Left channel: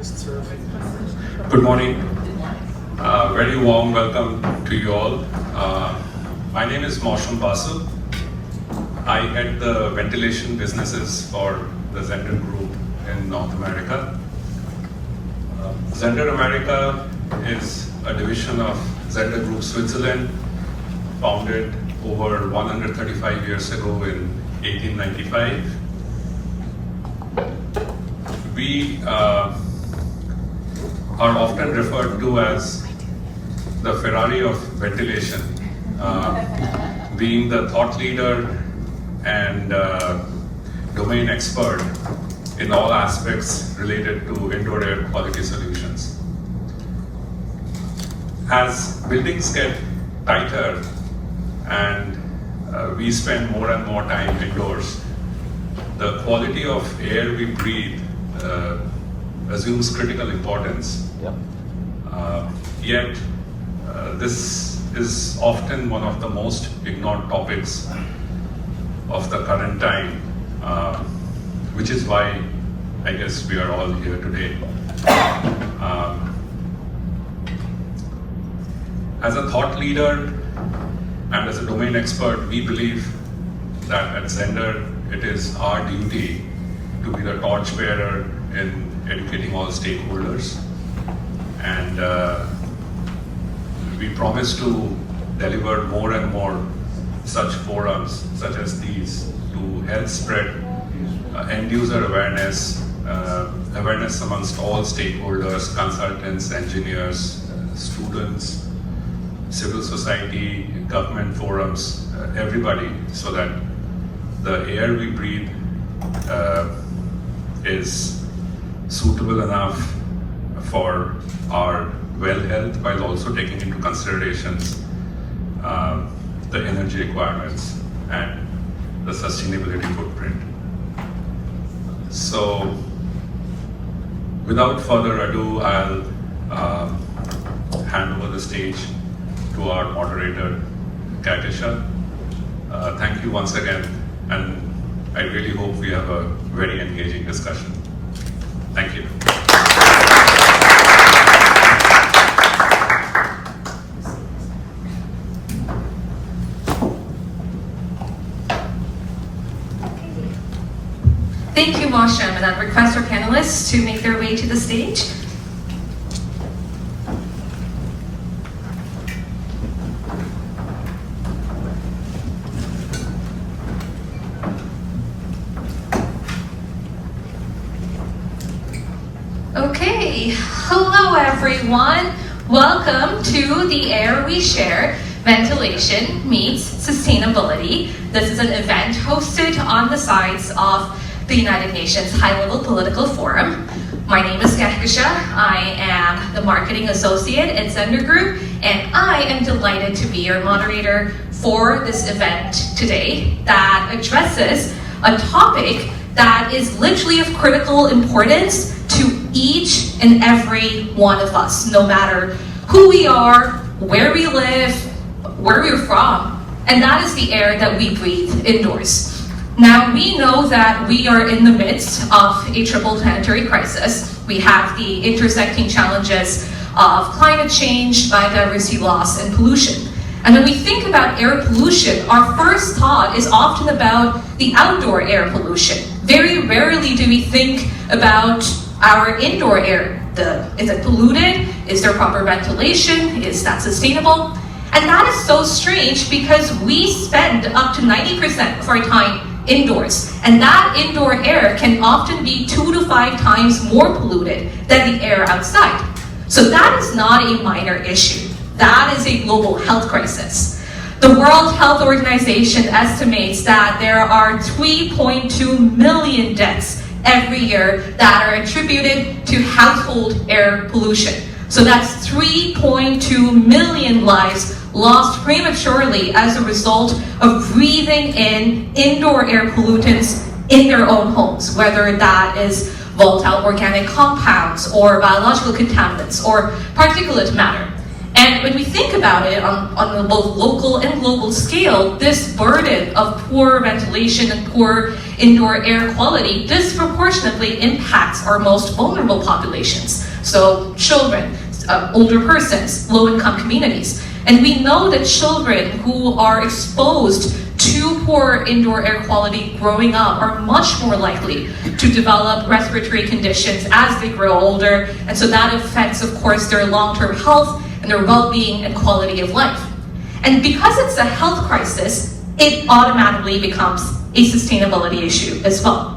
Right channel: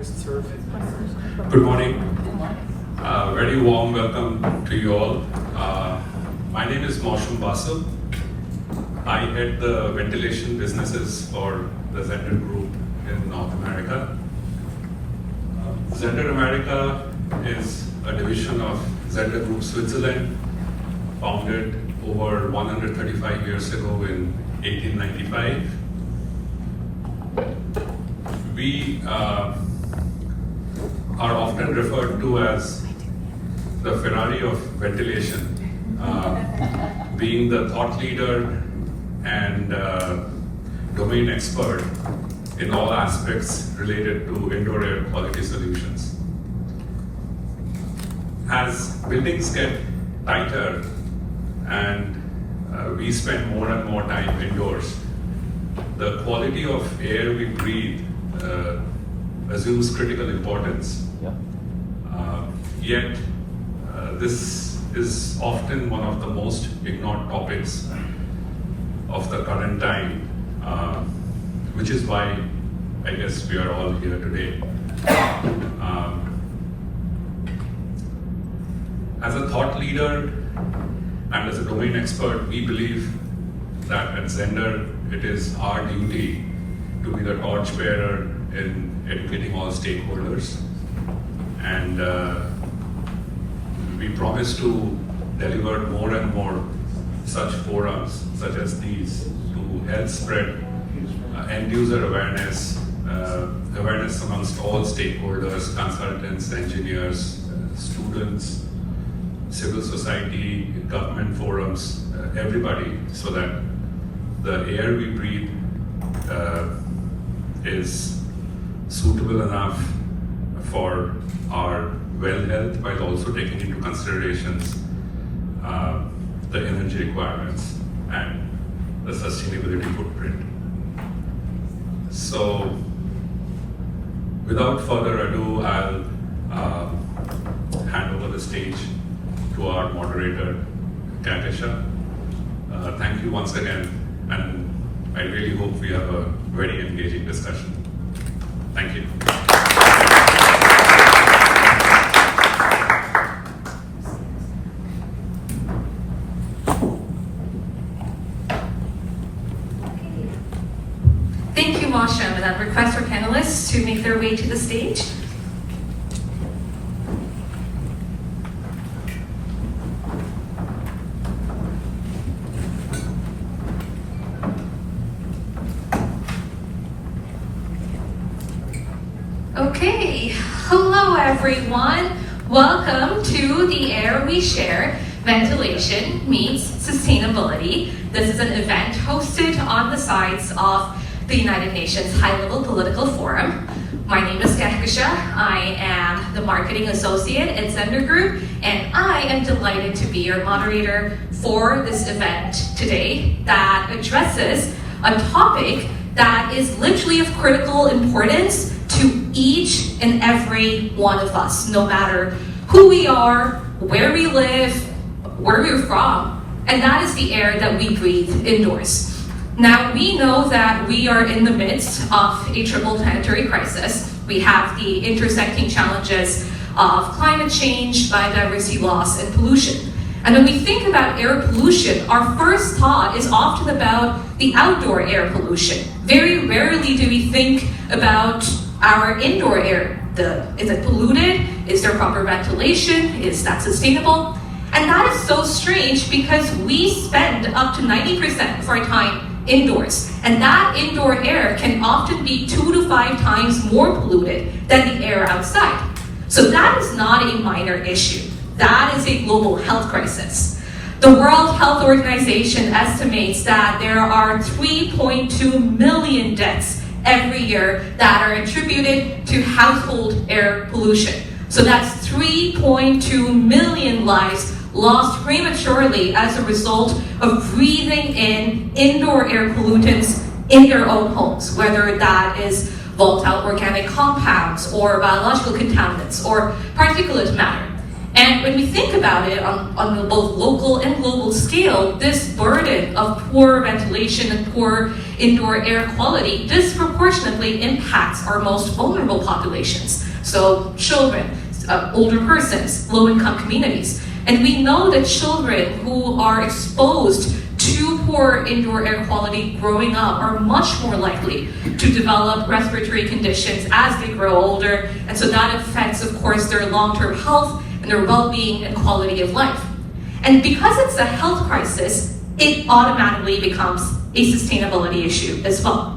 Good morning. Very warm welcome to you all. My name is Mausham Basu. I head the ventilation businesses for the Zehnder Group in North America. Zehnder America is a division of Zehnder Group Switzerland, founded over 135 years ago in 1895. We are often referred to as the Ferrari of ventilation, being the thought leader and domain expert in all aspects related to indoor air quality solutions. As buildings get tighter and we spend more and more time indoors, the quality of air we breathe assumes critical importance. Yet, this is often one of the most ignored topics of the current time, which is why I guess we are all here today. As a thought leader and as a domain expert, we believe that at Zehnder it is our duty to be the torchbearer in educating all stakeholders, and we promise to deliver more and more such forums such as these to help spread end user awareness, awareness amongst all stakeholders, consultants, engineers, students, civil society, government forums, everybody, so that the air we breathe is suitable enough for our well health, while also taking into considerations the energy requirements and the sustainability footprint. So, without further ado, I'll hand over the stage to our moderator, Kakisha. Thank you once again, and I really hope we have a very engaging discussion. Thank you. Thank you, Mausham, and I'd request our panelists to make their way to the stage. Okay, hello everyone. Welcome to The Air We Share, Ventilation Meets Sustainability. This is an event hosted on the sides of the United Nations High-Level Political Forum. My name is Kakisha. I am the Marketing Associate at Zehnder Group, and I am delighted to be your moderator for this event today that addresses a topic that is literally of critical importance to each and every one of us, no matter who we are, where we live, where we're from, and that is the air that we breathe indoors. Now, we know that we are in the midst of a triple planetary crisis. We have the intersecting challenges of climate change, biodiversity loss, and pollution. And when we think about air pollution, our first thought is often about the outdoor air pollution. Very rarely do we think about our indoor air. Is it polluted? Is there proper ventilation? Is that sustainable? And that is so strange because we spend up to 90% of our time indoors. And that indoor air can often be 2 to 5 times more polluted than the air outside. So that is not a minor issue. That is a global health crisis. The World Health Organization estimates that there are 3.2 million deaths every year that are attributed to household air pollution. So that's 3.2 million lives lost prematurely as a result of breathing in indoor air pollutants in their own homes, whether that is volatile organic compounds or biological contaminants or particulate matter. And when we think about it on both local and global scale, this burden of poor ventilation and poor indoor air quality disproportionately impacts our most vulnerable populations. So children, older persons, low-income communities. And we know that children who are exposed to poor indoor air quality growing up are much more likely to develop respiratory conditions as they grow older. And so that affects, of course, their long-term health and their well-being and quality of life. And because it's a health crisis, it automatically becomes a sustainability issue as well.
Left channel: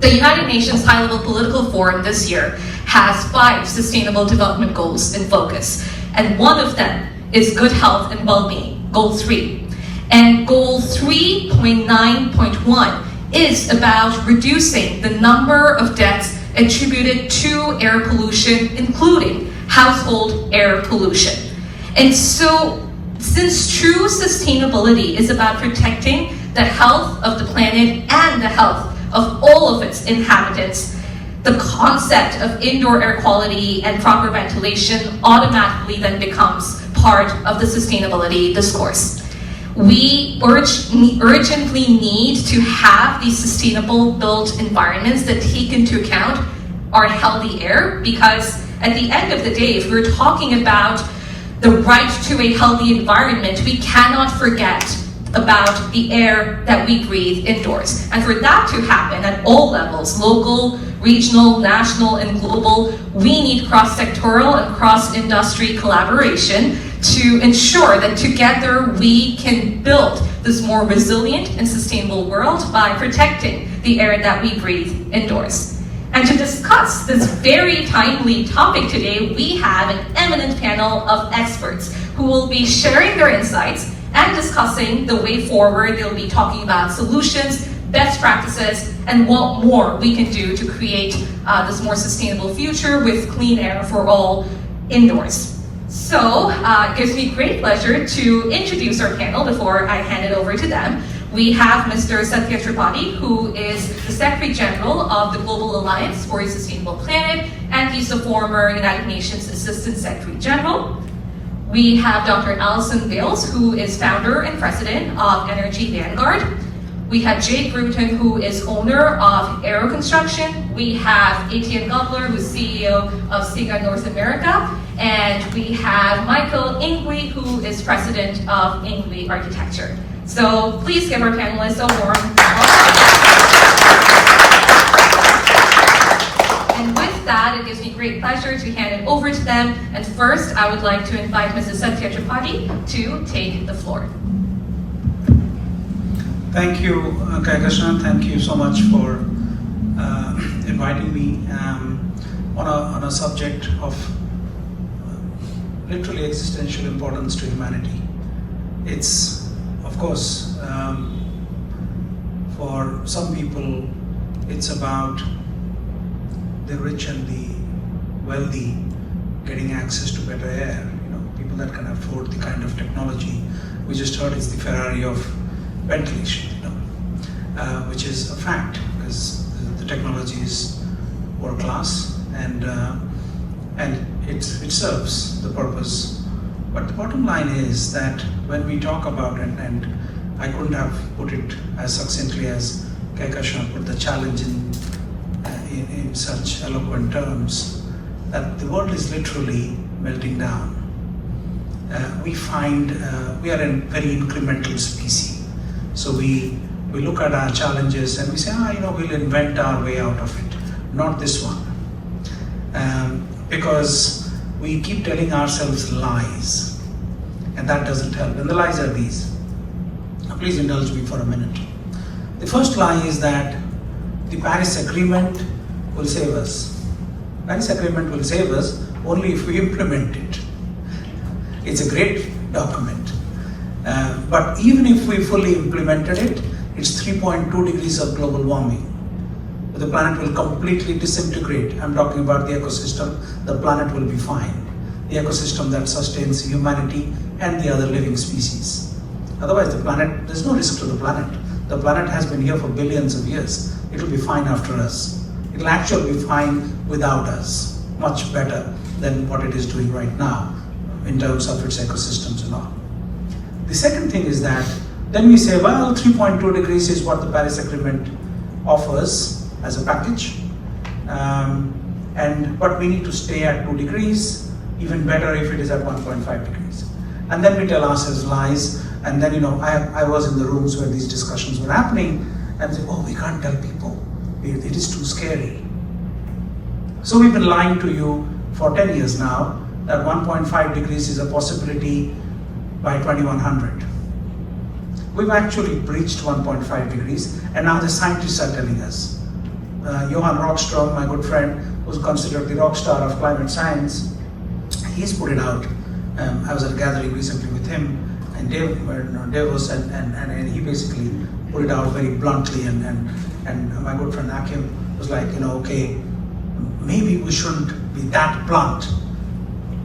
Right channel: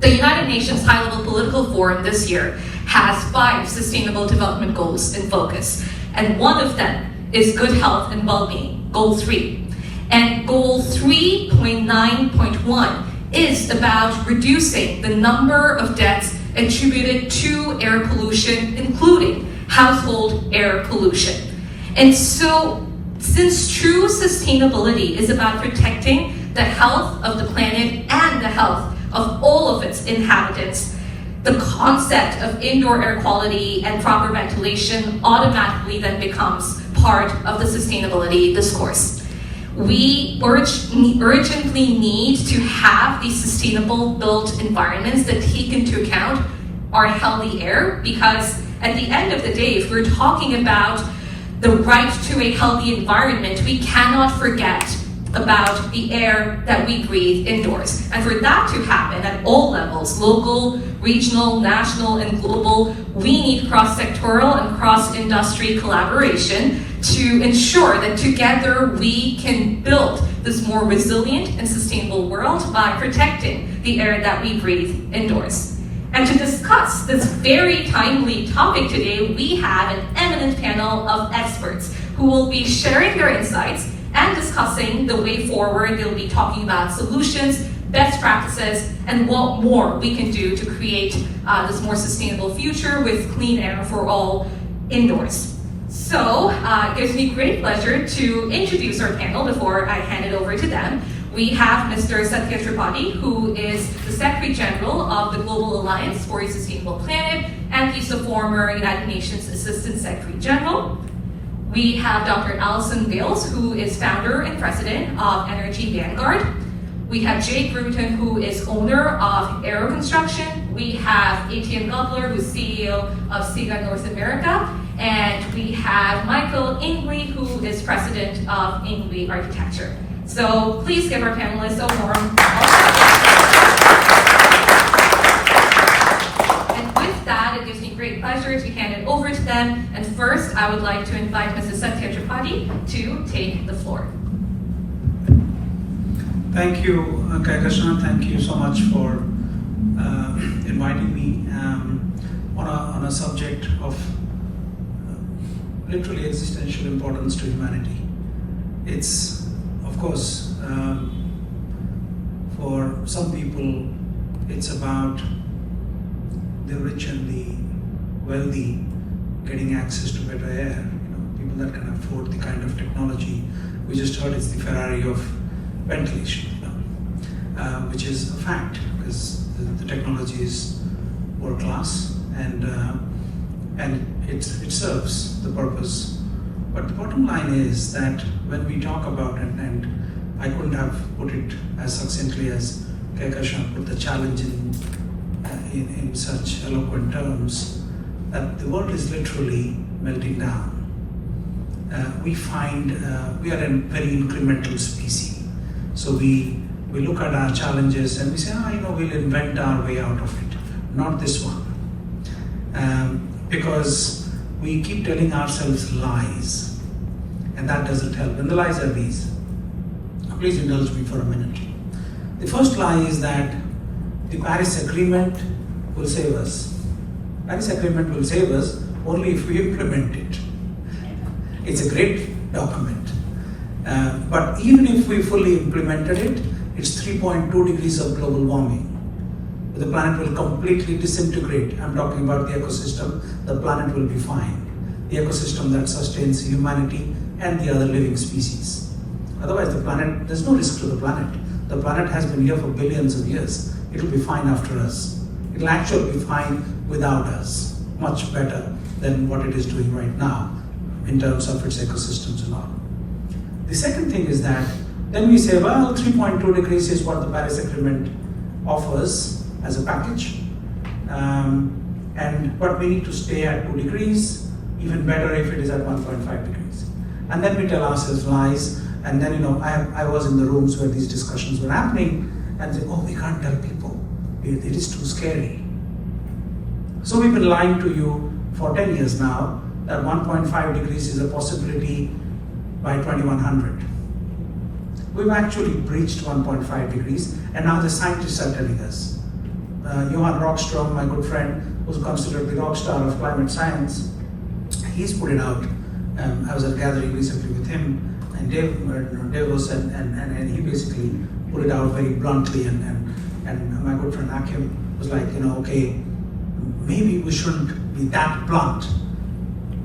The United Nations High-Level Political Forum this year has 5 Sustainable Development Goals in focus. And one of them is good health and well-being, Goal 3. And Goal 3.9.1 is about reducing the number of deaths attributed to air pollution, including household air pollution. And so, since true sustainability is about protecting the health of the planet and the health of all of its inhabitants, the concept of indoor air quality and proper ventilation automatically then becomes part of the sustainability discourse. We urgently need to have these sustainable built environments that take into account our healthy air, because at the end of the day, if we're talking about the right to a healthy environment, we cannot forget about the air that we breathe indoors. And for that to happen at all levels, local, regional, national, and global, we need cross-sectoral and cross-industry collaboration to ensure that together we can build this more resilient and sustainable world by protecting the air that we breathe indoors. And to discuss this very timely topic today, we have an eminent panel of experts who will be sharing their insights and discussing the way forward. They'll be talking about solutions, best practices, and what more we can do to create this more sustainable future with clean air for all indoors. So it gives me great pleasure to introduce our panel before I hand it over to them. We have Mr. Zehnder, who is the Secretary General of the Global Alliance for a Sustainable Planet, and he's a former United Nations Assistant Secretary General. We have Dr. Alison Bales, who is founder and president of Energy Vanguard. We have Jay Gruton, who is owner of Aero Construction. We have Etienne Gubler, who's CEO of SIGA North America. And we have Michael Ingui, who is president of Ingui Architecture. So please give our panelists a warm welcome. And with that, it gives me great pleasure to hand it over to them. And first, I would like to invite Mrs. Zehnder to take the floor. Thank you, Kaikashan. Thank you so much for inviting me on a subject of literally existential importance to humanity. It's, of course, for some people, it's about the rich and the wealthy getting access to better air. People that can afford the kind of technology we just heard is the Ferrari of ventilation, which is a fact because the technology is world class and it serves the purpose. But the bottom line is that when we talk about it, and I couldn't have put it as succinctly as Kaikashan put the challenge in such eloquent terms, that the world is literally melting down. We find we are a very incremental species. So we look at our challenges and we say, we'll invent our way out of it. Not this one. Because we keep telling ourselves lies. And that doesn't help. And the lies are these. Now please indulge me for a minute. The first lie is that the Paris Agreement will save us. Paris Agreement will save us only if we implement it. It's a great document. But even if we fully implemented it, it's 3.2 degrees of global warming. The planet will completely disintegrate. I'm talking about the ecosystem. The planet will be fine. The ecosystem that sustains humanity and the other living species. Otherwise, there's no risk to the planet. The planet has been here for billions of years. It will be fine after us. It will actually be fine without us. Much better than what it is doing right now. in terms of its ecosystems and all. The second thing is that then we say, well, 3.2 degrees is what the Paris Agreement offers as a package, but we need to stay at 2 degrees, even better if it is at 1.5 degrees. And then we tell ourselves lies, and then I was in the rooms where these discussions were happening, and say, oh, we can't tell people, it is too scary. So we've been lying to you for 10 years now, that 1.5 degrees is a possibility by 2100. We've actually breached 1.5 degrees, and now the scientists are telling us. Johan Rockström, my good friend, who's considered the rock star of climate science, he's put it out. I was at a gathering recently with him, and Davos, and he basically put it out very bluntly, and my good friend Akim was like, okay, maybe we shouldn't be that blunt.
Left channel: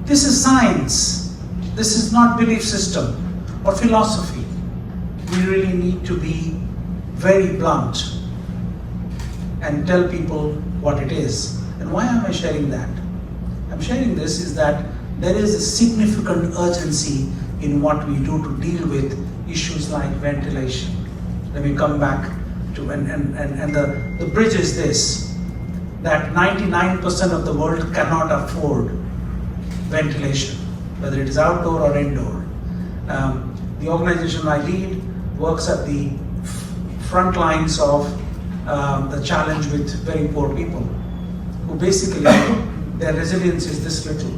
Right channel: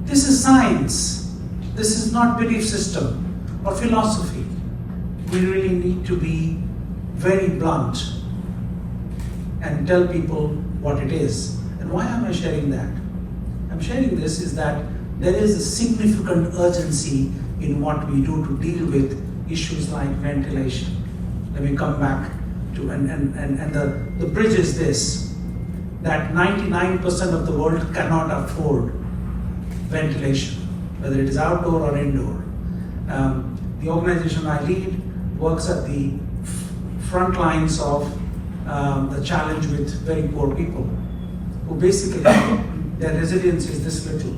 This is science. This is not belief system or philosophy. We really need to be very blunt and tell people what it is. And why am I sharing that? I'm sharing this is that there is a significant urgency in what we do to deal with issues like ventilation. Let me come back to, and the bridge is this, that 99% of the world cannot afford ventilation, whether it is outdoor or indoor. The organization I lead works at the front lines of the challenge with very poor people, who basically, their resilience is this little.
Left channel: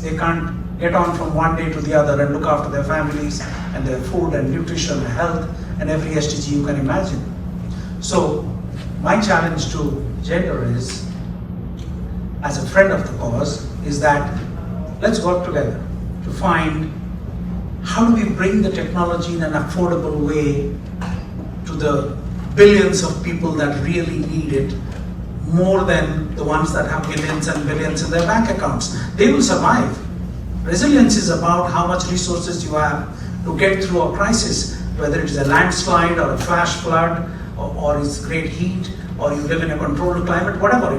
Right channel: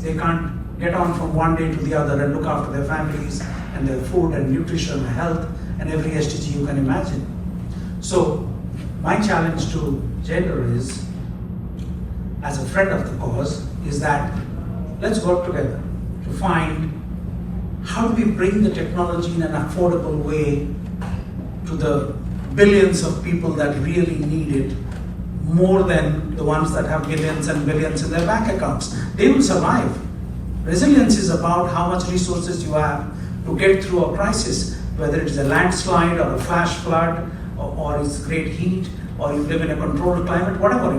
They can't get on from one day to the other and look after their families and their food and nutrition and health and every SDG you can imagine. So my challenge to Zehnder is, as a friend of the cause, is that let's work together to find how do we bring the technology in an affordable way to the billions of people that really need it, more than the ones that have billions and billions in their bank accounts. They will survive. Resilience is about how much resources you have to get through a crisis, whether it is a landslide or a flash flood, or it's great heat, or you live in a controlled climate, whatever,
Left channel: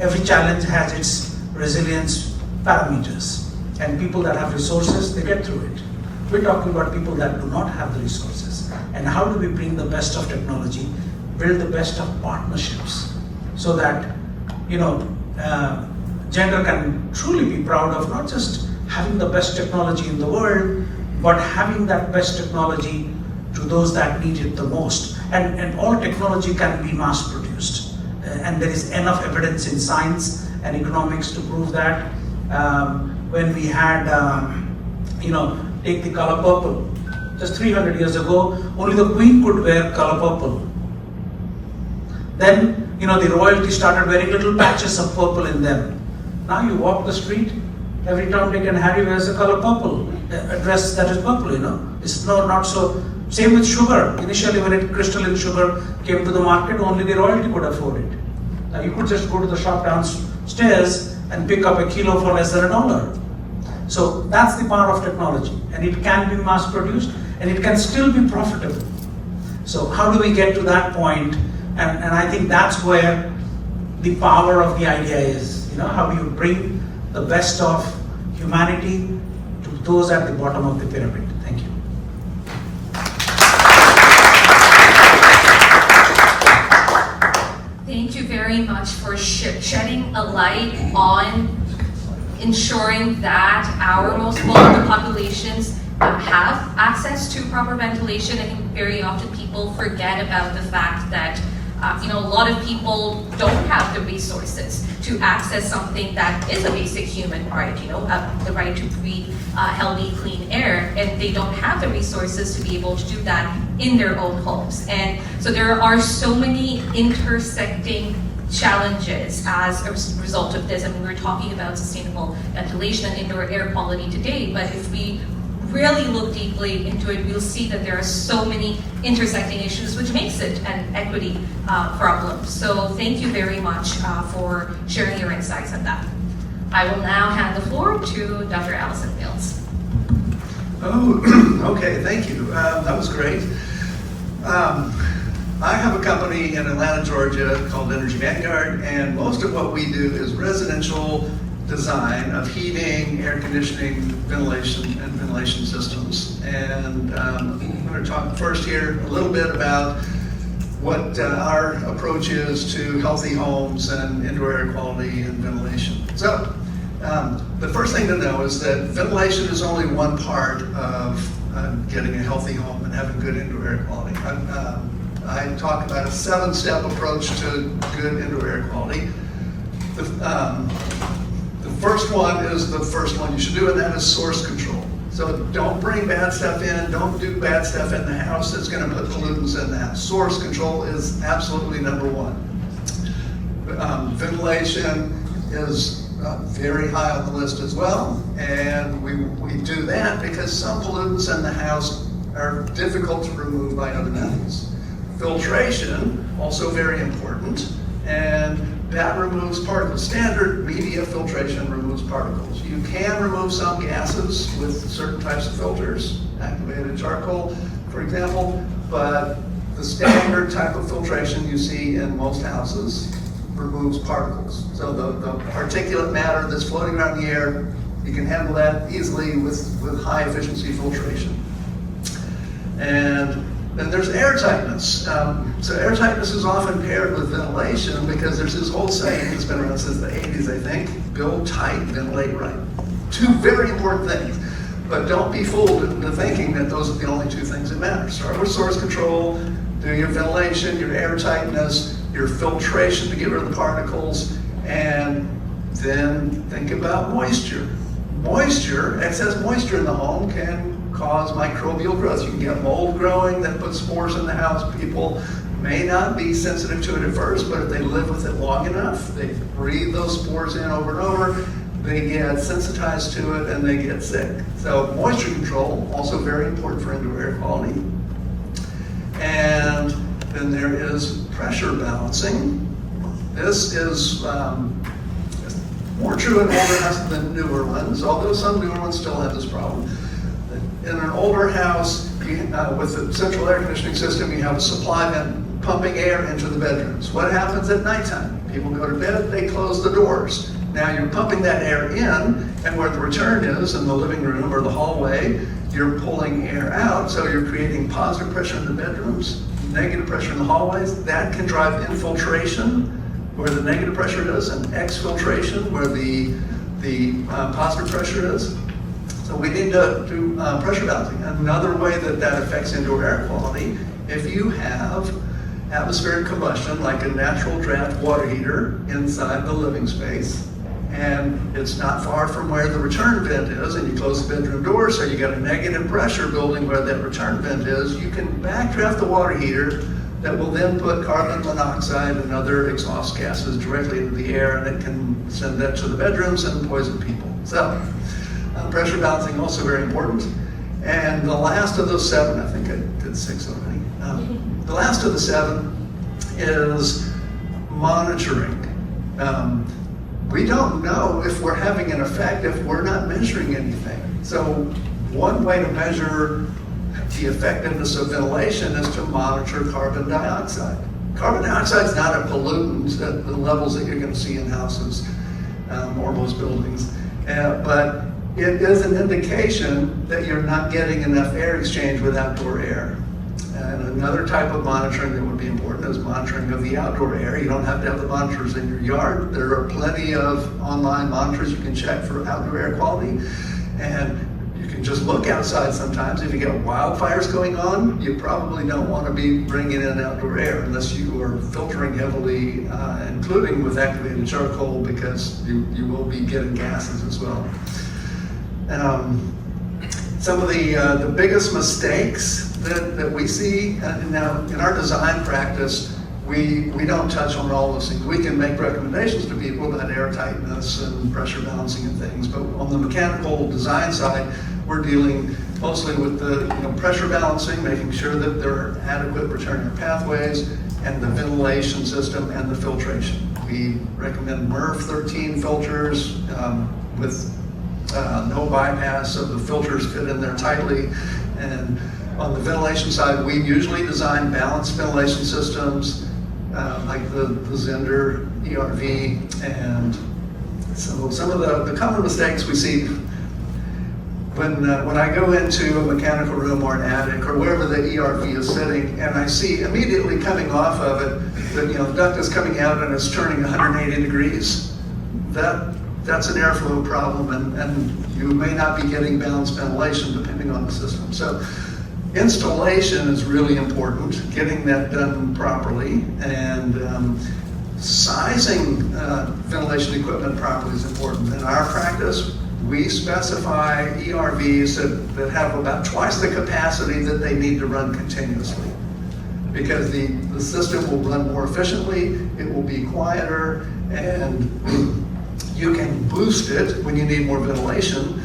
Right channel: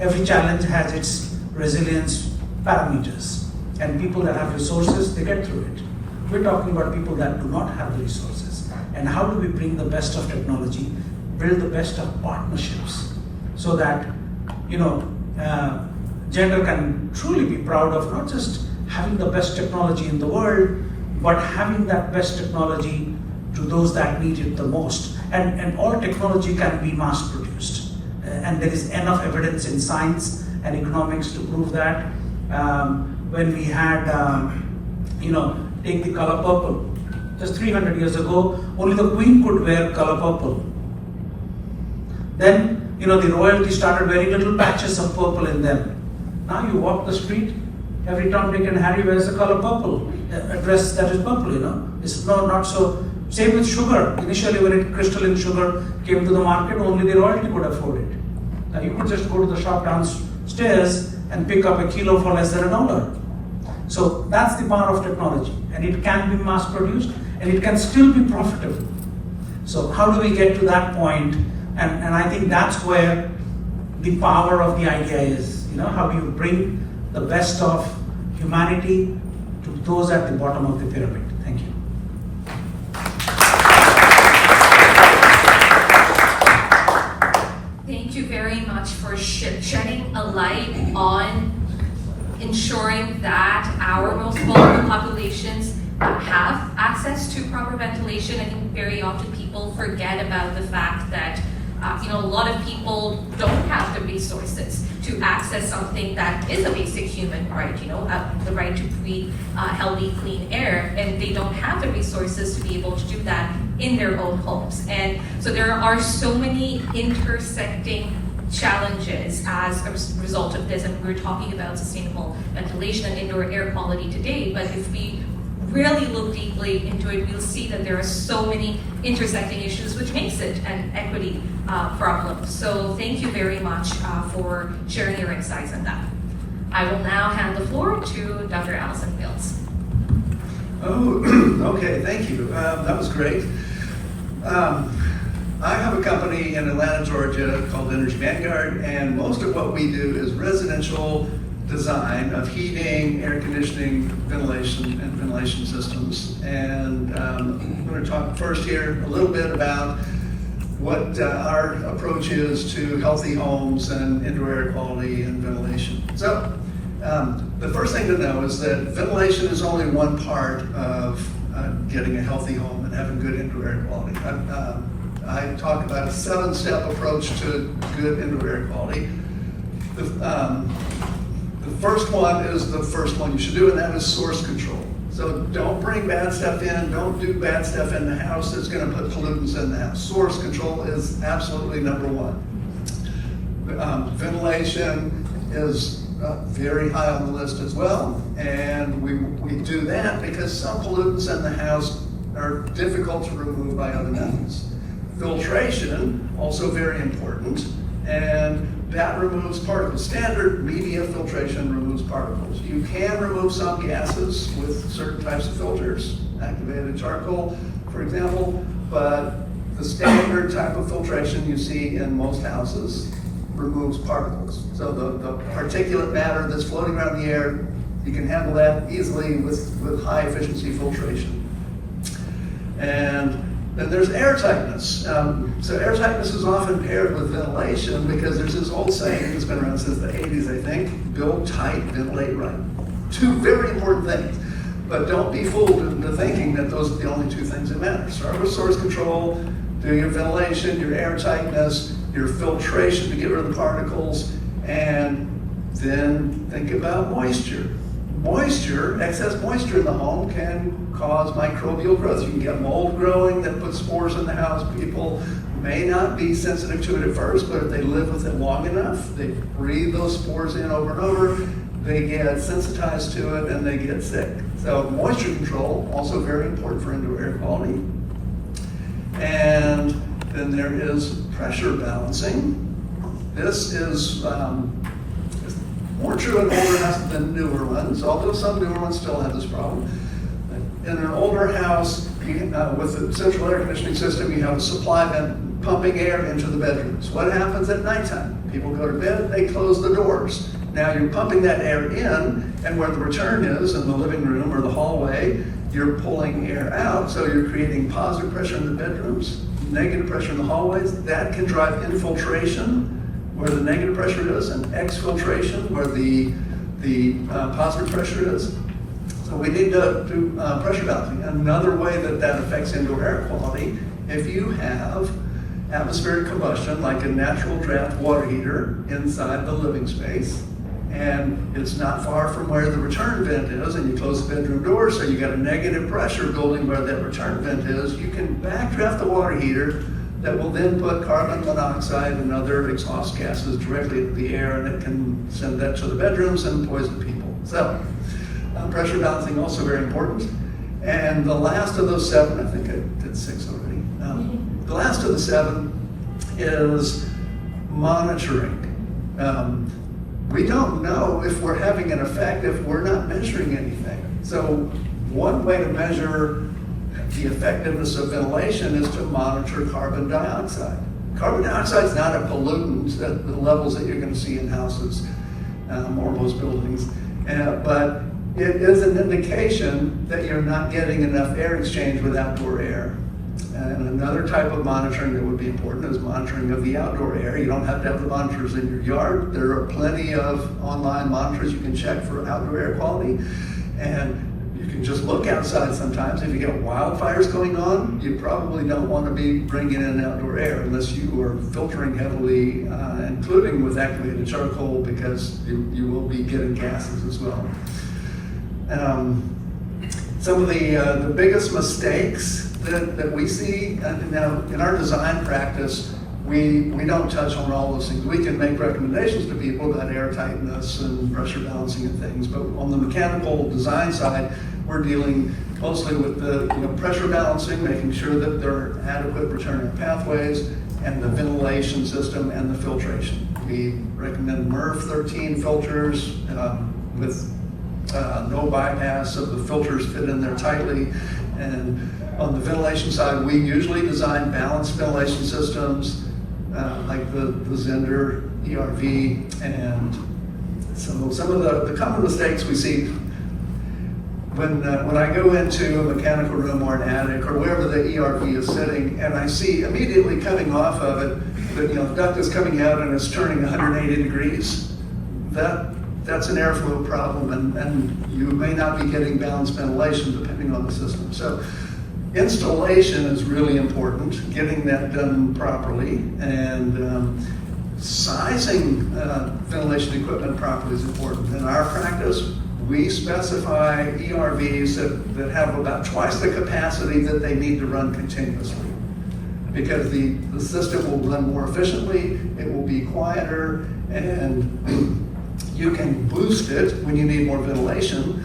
every challenge has its resilience parameters. And people that have resources, they get through it. We're talking about people that do not have the resources. And how do we bring the best of technology, build the best of partnerships, so that, Zehnder can truly be proud of not just having the best technology in the world, but having that best technology to those that need it the most. And all technology can be mass produced. And there is enough evidence in science and economics to prove that. When we had, take the color purple. Just 300 years ago, only the queen could wear color purple. Then, the royalty started wearing little patches of purple in them. Now you walk the street, every Tom, Dick and Harry wears a color purple, a dress that is purple, It's not so. Same with sugar. Initially, when crystalline sugar came to the market, only the royalty could afford it. Now you could just go to the shop downstairs and pick up a kilo for less than $1. So that's the power of technology, and it can be mass produced, and it can still be profitable. So how do we get to that point? And I think that's where the power of the idea is. How you bring the best of humanity to those at the bottom of the pyramid. Thank you. Thank you very much for shedding a light on ensuring that our most vulnerable populations have access to proper ventilation. I think very often people forget about the fact that a lot of people don't have the resources to access something that is a basic human right, the right to breathe healthy, clean air, and they don't have the resources to be able to do that in their own homes. And so there are so many intersecting challenges as a result of this. And we were talking about sustainable ventilation and indoor air quality today, but if we really look deeply into it, we'll see that there are so many intersecting issues, which makes it an equity problem. So thank you very much for sharing your insights on that. I will now hand the floor to Dr. Allison Fields. Oh, okay, thank you. That was great. I have a company in Atlanta, Georgia called Energy Vanguard, and most of what we do is residential design of heating, air conditioning, ventilation, and ventilation systems. And I'm going to talk first here a little bit about what our approach is to healthy homes and indoor air quality and ventilation. So the first thing to know is that ventilation is only one part of getting a healthy home and having good indoor air quality. I talk about a 7-step approach to good indoor air quality. The first one is the first one you should do, and that is source control. So don't bring bad stuff in, don't do bad stuff in the house that's going to put pollutants in the house. Source control is absolutely number one. Ventilation is very high on the list as well, and we do that because some pollutants in the house are difficult to remove by other methods. Filtration, also very important, and that removes particles. Standard media filtration removes particles. You can remove some gases with certain types of filters, activated charcoal, for example, but the standard type of filtration you see in most houses removes particles. So the particulate matter that's floating around the air, you can handle that easily with high efficiency filtration. And then there's air tightness. So air tightness is often paired with ventilation because there's this old saying that's been around since the 80s, I think, build tight, ventilate right. Two very important things, but don't be fooled into thinking that those are the only two things that matter. Start with source control, do your ventilation, your air tightness, your filtration to get rid of the particles, and then think about moisture. Moisture, excess moisture in the home can cause microbial growth. You can get mold growing that puts spores in the house. People may not be sensitive to it at first, but if they live with it long enough, they breathe those spores in over and over, they get sensitized to it and they get sick. So moisture control, also very important for indoor air quality. And then there is pressure balancing. This is more true in older houses than newer ones, although some newer ones still have this problem. In an older house, with a central air conditioning system, you have a supply vent pumping air into the bedrooms. What happens at nighttime? People go to bed, they close the doors. Now you're pumping that air in, and where the return is, in the living room or the hallway, you're pulling air out, so you're creating positive pressure in the bedrooms, negative pressure in the hallways. That can drive infiltration, where the negative pressure is, and exfiltration, where the positive pressure is. So we need to do pressure balancing. Another way that affects indoor air quality, if you have atmospheric combustion, like a natural draft water heater inside the living space, and it's not far from where the return vent is, and you close the bedroom door, so you got a negative pressure building where that return vent is, you can backdraft the water heater that will then put carbon monoxide and other exhaust gases directly into the air, and it can send that to the bedrooms and poison people. So pressure balancing also very important. And the last of those 7, I think I did 6 already. The last of the 7 is monitoring. We don't know if we're having an effect if we're not measuring anything. So one way to measure the effectiveness of ventilation is to monitor carbon dioxide. Carbon dioxide is not a pollutant at the levels that you're going to see in houses or most buildings, but it is an indication that you're not getting enough air exchange with outdoor air. And another type of monitoring that would be important is monitoring of the outdoor air. You don't have to have the monitors in your yard. There are plenty of online monitors you can check for outdoor air quality. And you can just look outside sometimes. If you get wildfires going on, you probably don't want to be bringing in outdoor air unless you are filtering heavily, including with activated charcoal, because you will be getting gases as well. Some of the biggest mistakes that we see now in our design practice, we don't touch on all those things. We can make recommendations to people about air tightness and pressure balancing and things, but on the mechanical design side, we're dealing mostly with the pressure balancing, making sure that there are adequate return air pathways, and the ventilation system and the filtration. We recommend MERV 13 filters with no bypass, so the filters fit in there tightly. And on the ventilation side, we usually design balanced ventilation systems like the Zehnder ERV and So some of the common mistakes we see when I go into a mechanical room or an attic or wherever the ERV is sitting, and I see immediately coming off of it that the duct is coming out and it's turning 180 degrees. That's an airflow problem, and you may not be getting balanced ventilation depending on the system. So installation is really important, getting that done properly, and sizing ventilation equipment properly is important. In our practice, we specify ERVs that have about twice the capacity that they need to run continuously, because the system will run more efficiently, it will be quieter, and you can boost it when you need more ventilation.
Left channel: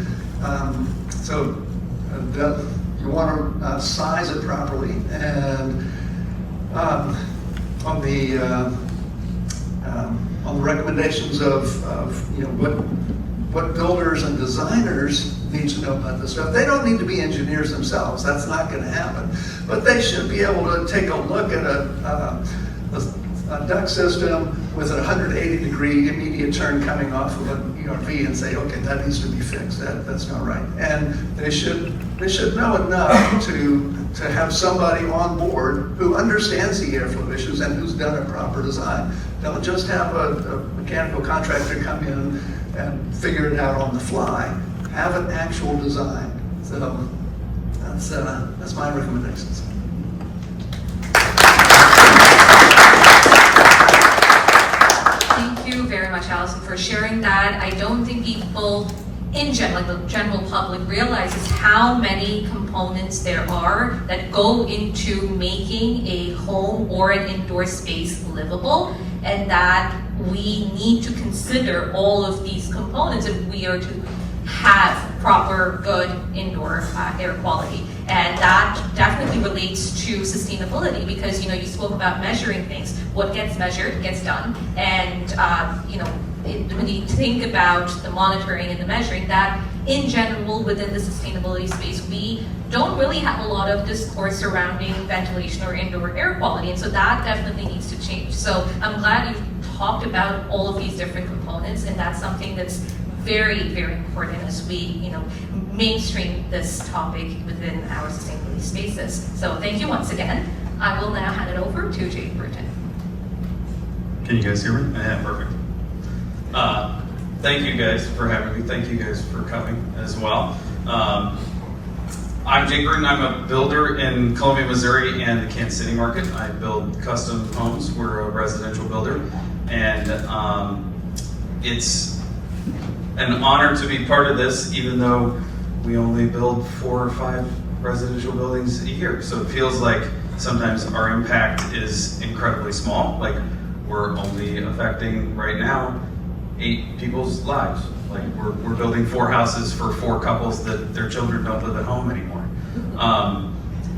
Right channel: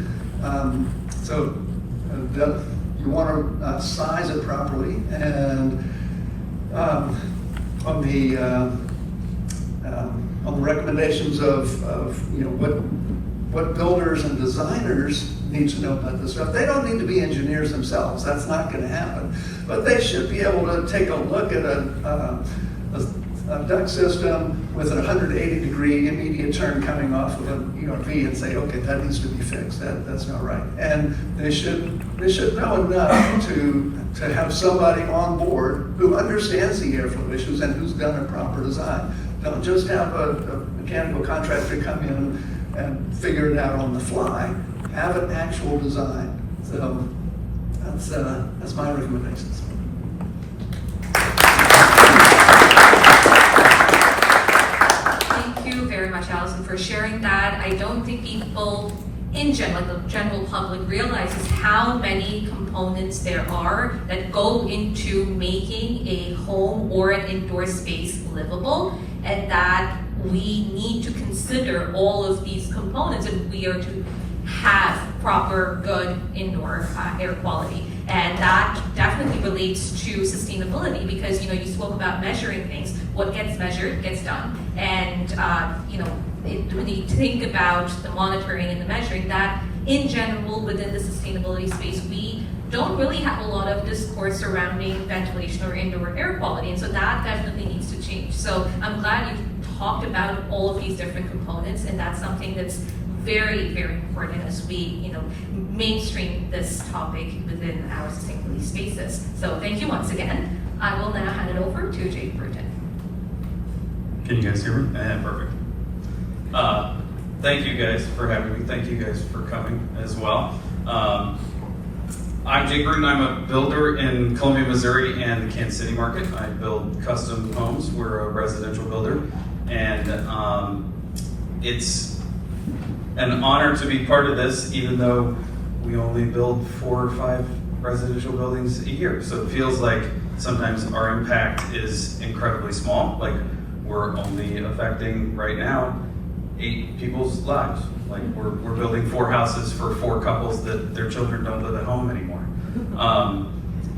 You want to size it properly, and on the recommendations of what builders and designers need to know about this stuff. They don't need to be engineers themselves. That's not going to happen. But they should be able to take a look at a duct system with a 180-degree immediate turn coming off of an ERV and say, okay, that needs to be fixed. That's not right. And they should know enough to have somebody on board who understands the airflow issues and who's done a proper design. Don't just have a mechanical contractor come in and figure it out on the fly. Have an actual design. So that's my recommendations. Thank you very much, Allison, for sharing that. I don't think people in general, the general public, realizes how many components there are that go into making a home or an indoor space livable, and that we need to consider all of these components if we are to have proper, good indoor air quality. And that definitely relates to sustainability, because you spoke about measuring things. What gets measured gets done, and when you think about the monitoring and the measuring, that in general within the sustainability space, we don't really have a lot of discourse surrounding ventilation or indoor air quality, and so that definitely needs to change. So I'm glad you talked about all of these different components, and that's something that's very, very important as we, mainstream this topic within our sustainability spaces. So thank you once again. I will now hand it over to Jake Bruton. Can you guys hear me? Yeah, perfect. Thank you guys for having me. Thank you guys for coming as well. I'm Jake Bruton. I'm a builder in Columbia, Missouri and the Kansas City market. I build custom homes. We're a residential builder, and it's an honor to be part of this, even though we only build 4 or 5 residential buildings a year. So it feels like sometimes our impact is incredibly small. Like, we're only affecting right now 8 people's lives. Like, we're building 4 houses for 4 couples that their children don't live at home anymore.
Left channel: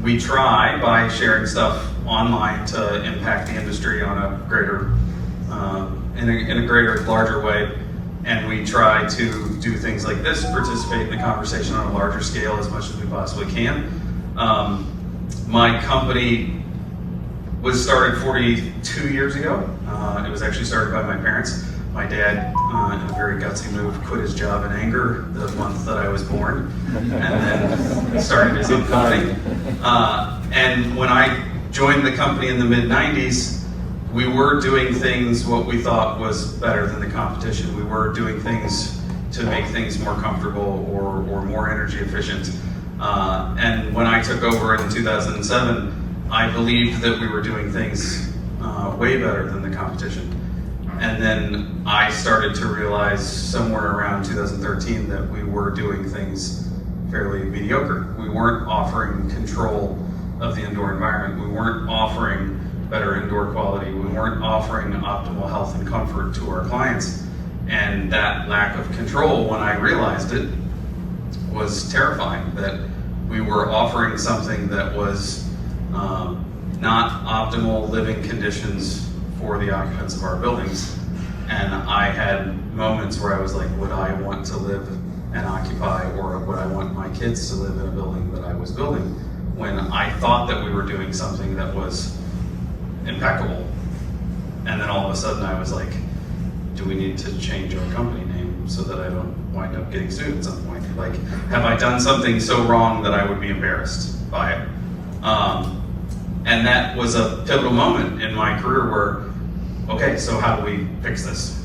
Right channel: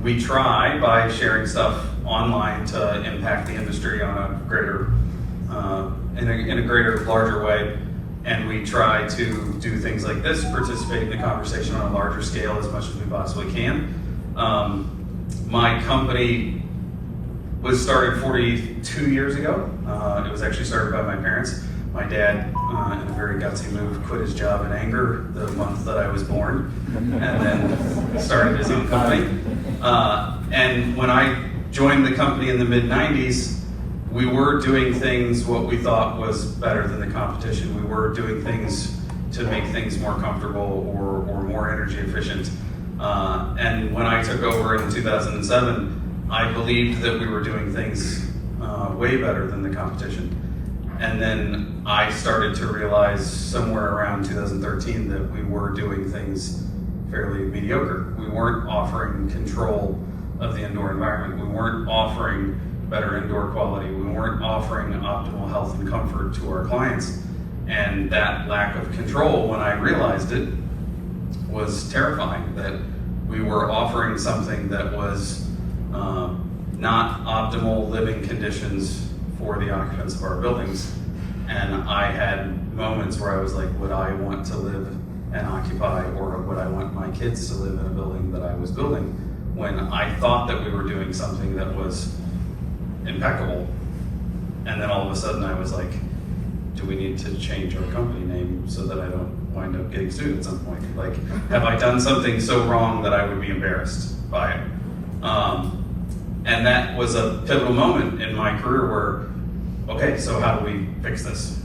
We try by sharing stuff online to impact the industry on a greater, in a greater, larger way. And we try to do things like this, participate in the conversation on a larger scale as much as we possibly can. My company was started 42 years ago. It was actually started by my parents. My dad, in a very gutsy move, quit his job in anger the month that I was born, and then started his own company. And when I joined the company in the mid-90s, we were doing things what we thought was better than the competition. We were doing things to make things more comfortable or more energy efficient. And when I took over in 2007, I believed that we were doing things way better than the competition. And then I started to realize somewhere around 2013 that we were doing things fairly mediocre. We weren't offering control of the indoor environment. We weren't offering better indoor quality. We weren't offering optimal health and comfort to our clients. And that lack of control, when I realized it, was terrifying. That we were offering something that was not optimal living conditions for the occupants of our buildings. And I had moments where I was like, would I want to live and occupy, or would I want my kids to live in a building that I was building, when I thought that we were doing something that was impeccable. And then all of a sudden I was like, do we need to change our company name so that I don't wind up getting sued at some point? Like, have I done something so wrong that I would be embarrassed by it? And that was a pivotal moment in my career where, okay, so how do we fix this?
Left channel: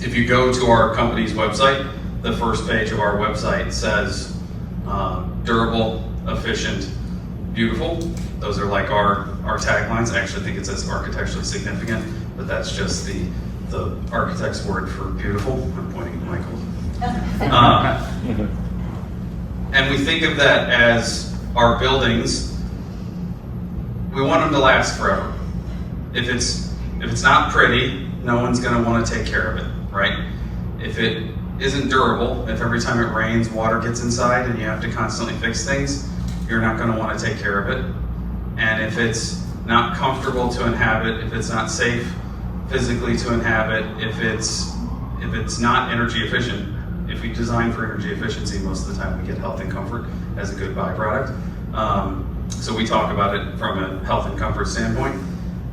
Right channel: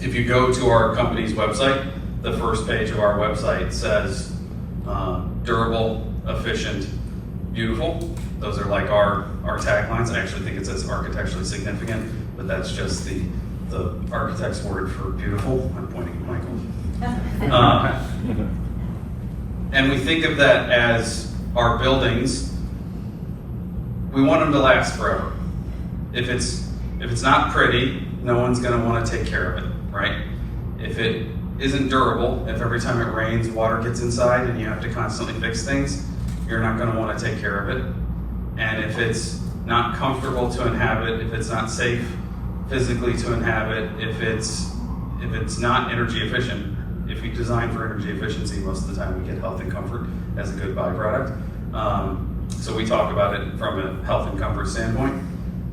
If you go to our company's website, the first page of our website says durable, efficient, beautiful. Those are like our taglines. I actually think it says architecturally significant, but that's just the architect's word for beautiful. I'm pointing at Michael. And we think of that as our buildings. We want them to last forever. If it's not pretty, no one's going to want to take care of it, right? If it isn't durable, if every time it rains, water gets inside and you have to constantly fix things, you're not going to want to take care of it. And if it's not comfortable to inhabit, if it's not safe physically to inhabit, if it's not energy efficient, if we design for energy efficiency, most of the time we get health and comfort as a good byproduct. So we talk about it from a health and comfort standpoint.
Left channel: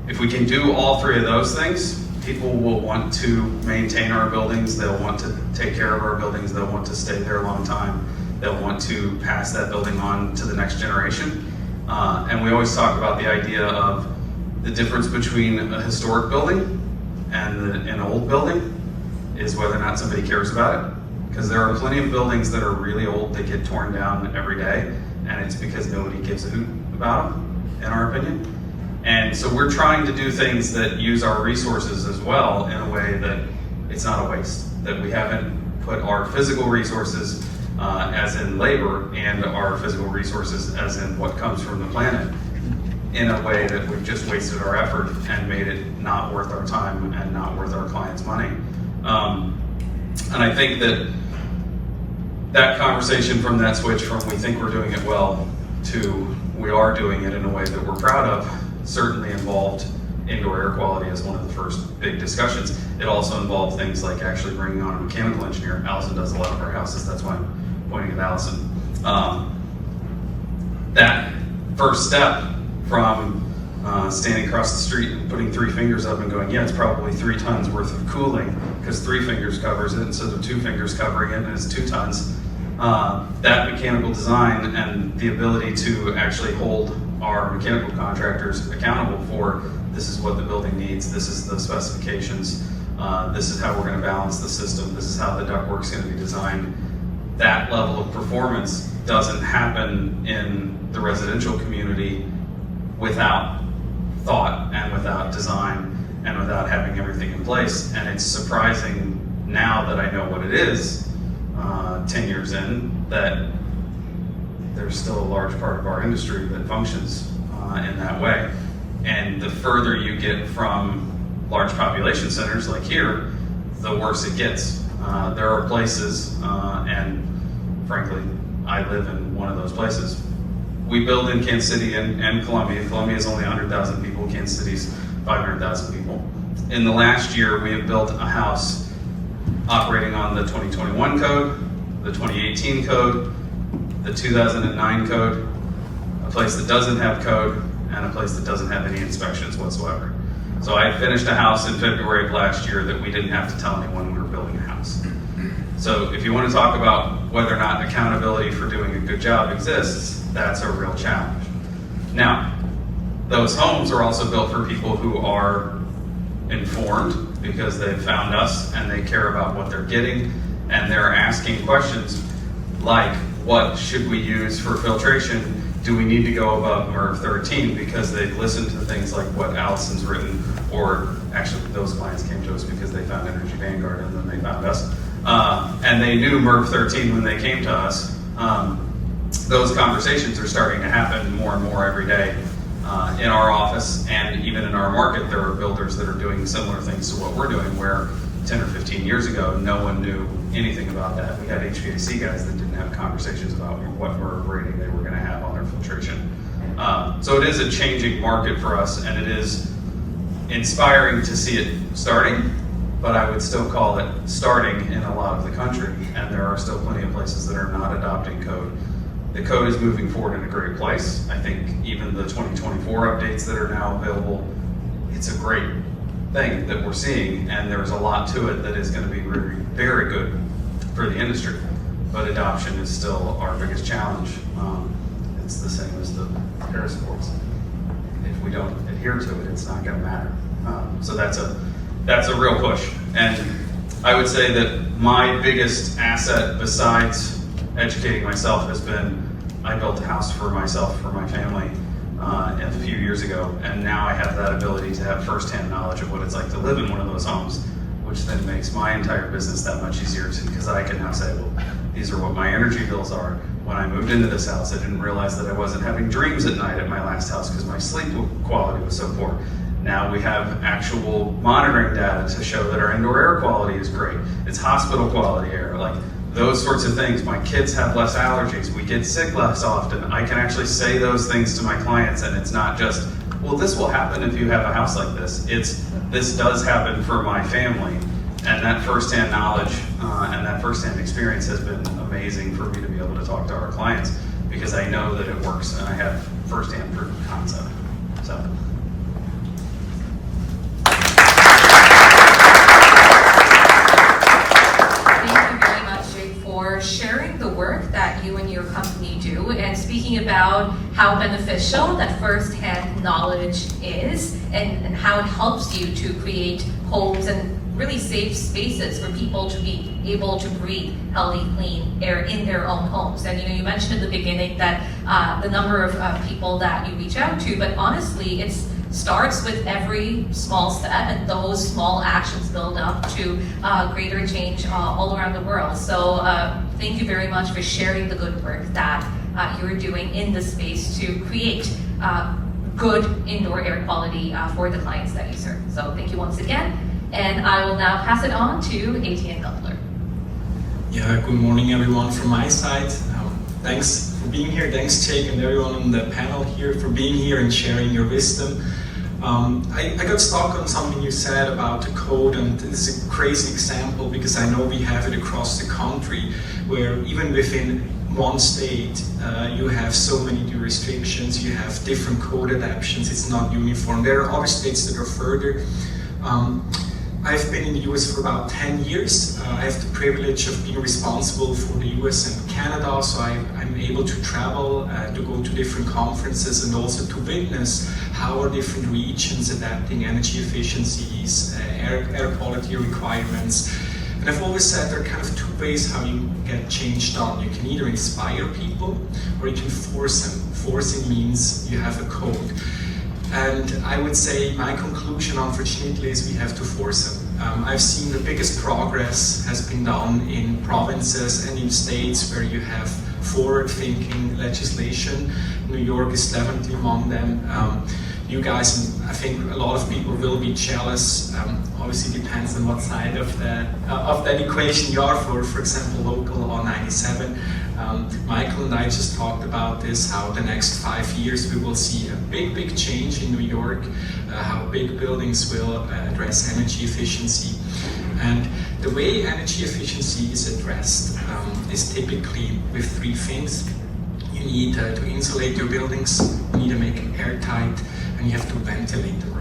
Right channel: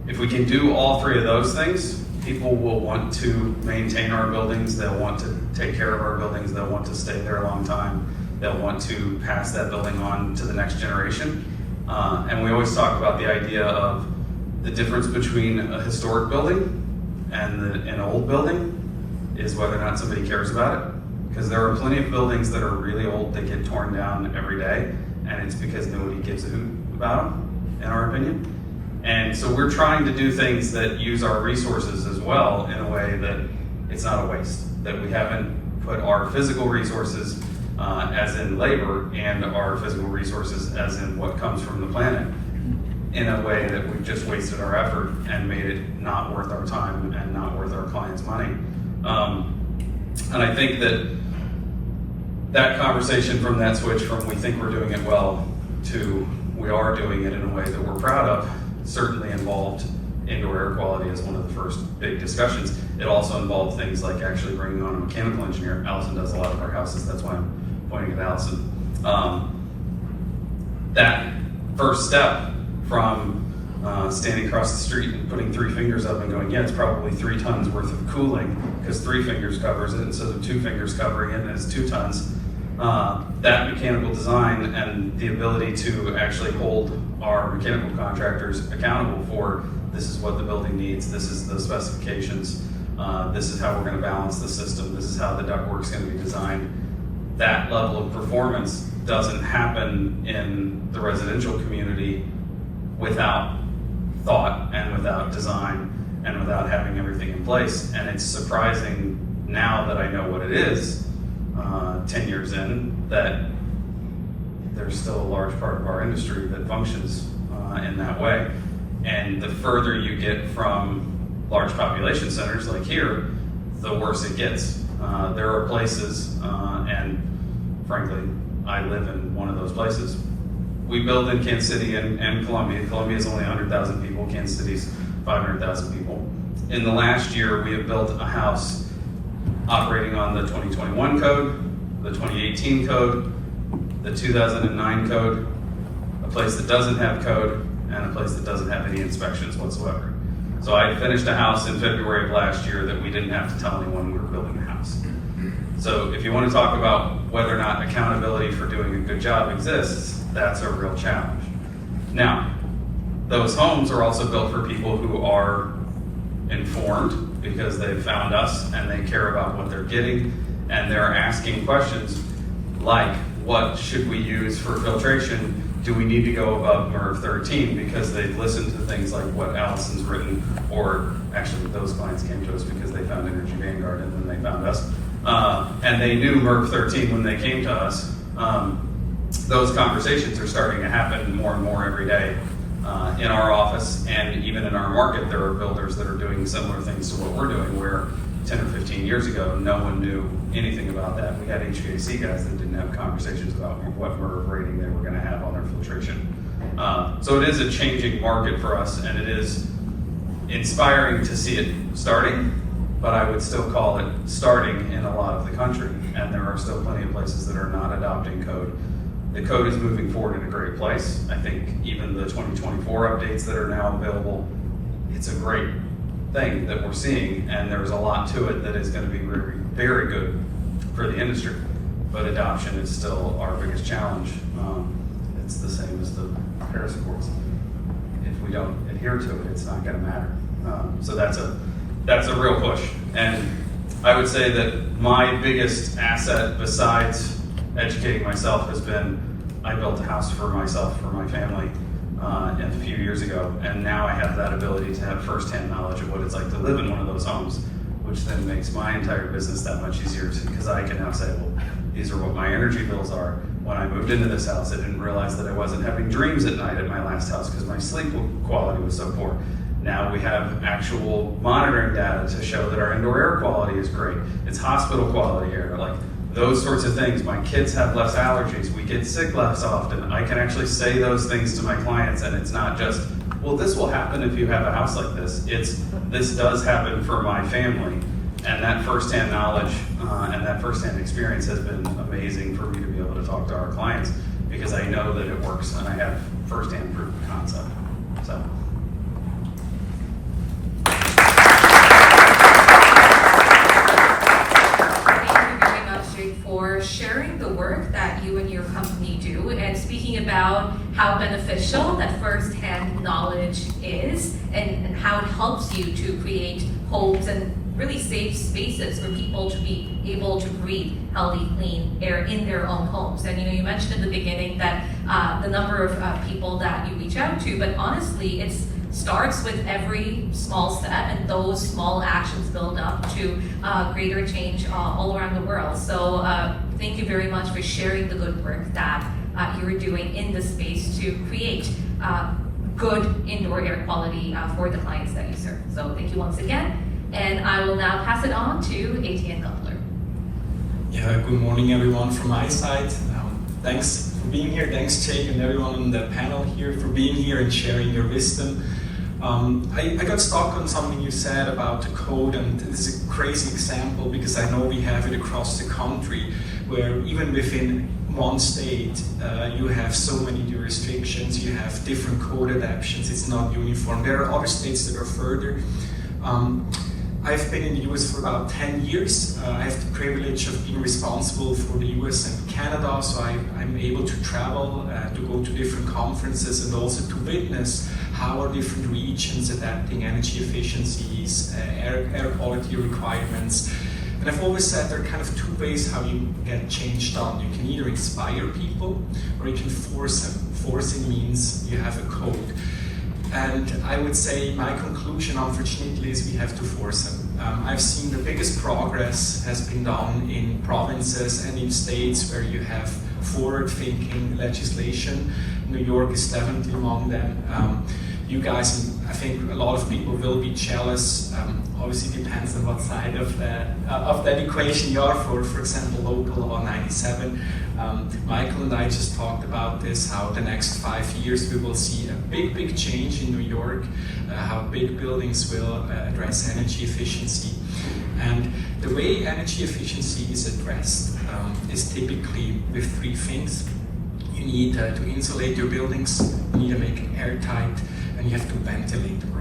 If we can do all three of those things, people will want to maintain our buildings, they'll want to take care of our buildings, they'll want to stay there a long time, they'll want to pass that building on to the next generation. And we always talk about the idea of the difference between a historic building and an old building is whether or not somebody cares about it. Because there are plenty of buildings that are really old that get torn down every day, and it's because nobody gives a hoot about them, in our opinion. And so we're trying to do things that use our resources as well in a way that it's not a waste, that we haven't put our physical resources as in labor and our physical resources as in what comes from the planet in a way that we've just wasted our effort and made it not worth our time and not worth our clients' money. And I think that conversation from that switch from we think we're doing it well to we are doing it in a way that we're proud of certainly involved indoor air quality as one of the first big discussions. It also involved things like actually bringing on a mechanical engineer. Allison does a lot of our houses, that's why I'm pointing at Allison. That first step from standing across the street and putting 3 fingers up and going, yeah, it's probably 3 tons worth of cooling because 3 fingers covers it instead of 2 fingers covering it, and it's 2 tons. That mechanical design and the ability to actually hold our mechanical contractors accountable for this is what the building needs, this is the specifications, this is how we're going to balance the system, this is how the ductwork's going to be designed. That level of performance doesn't happen in the residential community without thought and without design and without having everything in place. And it's surprising now that I know what it is, 10 years in, that there's still a large part of our industry that functions in that way. And the further you get from large population centers like here, the worse it gets. There are places, and frankly, I live in one of those places. We build in Kansas City and Columbia. Columbia is only 100,000 people, Kansas City's 500,000 people. In the last year, we have built a house operating on the 2021 code, the 2018 code, the 2009 code, a place that doesn't have code, and a place that doesn't have any inspections whatsoever. So I finished a house in February of last year that we didn't have to tell anyone we were building a house. So if you want to talk about whether or not accountability for doing a good job exists, that's a real challenge. Now, those homes are also built for people who are informed because they've found us and they care about what they're getting, and they're asking questions like, what should we use for filtration? Do we need to go above MERV 13? Because they've listened to things like what Allison's written, or actually those clients came to us because they found Energy Vanguard and then they found us. And they knew MERV 13 when they came to us. Those conversations are starting to happen more and more every day in our office, and even in our market there are builders that are doing similar things to what we're doing, where 10 or 15 years ago no one knew anything about that. We had HVAC guys that didn't have conversations about what MERV rating they were going to have on their filtration. So it is a changing market for us, and it is inspiring to see it starting, but I would still call it starting in a lot of the country, and there are still plenty of places that are not adopting code. The code is moving forward in a great place. I think even the 2024 updates that are now available, it's a great thing that we're seeing, and there's a lot to it that is going to be very, very good for the industry. But adoption is still our biggest challenge. It's the same as the Paris Accords. If we don't adhere to it, it's not going to matter. So that's a real push. And I would say that my biggest asset, besides educating myself, has been I built a house for myself, for my family, a few years ago, and now I have that ability to have firsthand knowledge of what it's like to live in one of those homes, which then makes my entire business that much easier because I can now say, well, these are what my energy bills are. When I moved into this house, I didn't realize that I wasn't having dreams at night at my last house because my sleep quality was so poor. Now we have actual monitoring data to show that our indoor air quality is great. It's hospital quality air, like those sorts of things. My kids have less allergies. We get sick less often. I can actually say those things to my clients, and it's not just, well, this will happen if you have a house like this. It's, this does happen for my family. And that firsthand knowledge and that firsthand experience has been amazing for me to be able to talk to our clients because I know that it works and I have firsthand proof of concept. So. Sharing the work that you and your company do and speaking about how beneficial that first-hand knowledge is and how it helps you to create homes and really safe spaces for people to be able to breathe healthy, clean air in their own homes. And you mentioned in the beginning that the number of people that you reach out to, but honestly, it starts with every small step, and those small actions build up to greater change all around the world. So thank you very much for sharing the good work that you're doing in this space to create good indoor air quality for the clients that you serve. So thank you once again. And I will now pass it on to Etienne Gutler. Yeah, good morning everyone from my side. Thanks for being here. Thanks Jake and everyone on the panel here for being here and sharing your wisdom. I got stuck on something you said about the code, and it's a crazy example because I know we have it across the country where even within one state you have so many restrictions, you have different code adaptations, it's not uniform. There are other states that are further. I've been in the US for about 10 years. I have the privilege of being responsible for the US and Canada, so I'm able to travel, to go to different conferences and also to witness how are different regions adapting energy efficiencies, air quality requirements. And I've always said there are kind of two ways how you get change done. You can either inspire people or you can force them. Forcing means you have a code. And I would say my conclusion, unfortunately, is we have to force them. I've seen the biggest progress has been done in provinces and in states where you have forward-thinking legislation. New York is definitely among them. You guys, and I think a lot of people will be jealous. Obviously, depends on what side of that equation you are. For example, local law 97. Michael and I just talked about this, how the next 5 years we will see a big change in New York, how big buildings will address energy efficiency. And the way energy efficiency is addressed is typically with three things. You need to insulate your buildings, you need to make it airtight, and you have to ventilate them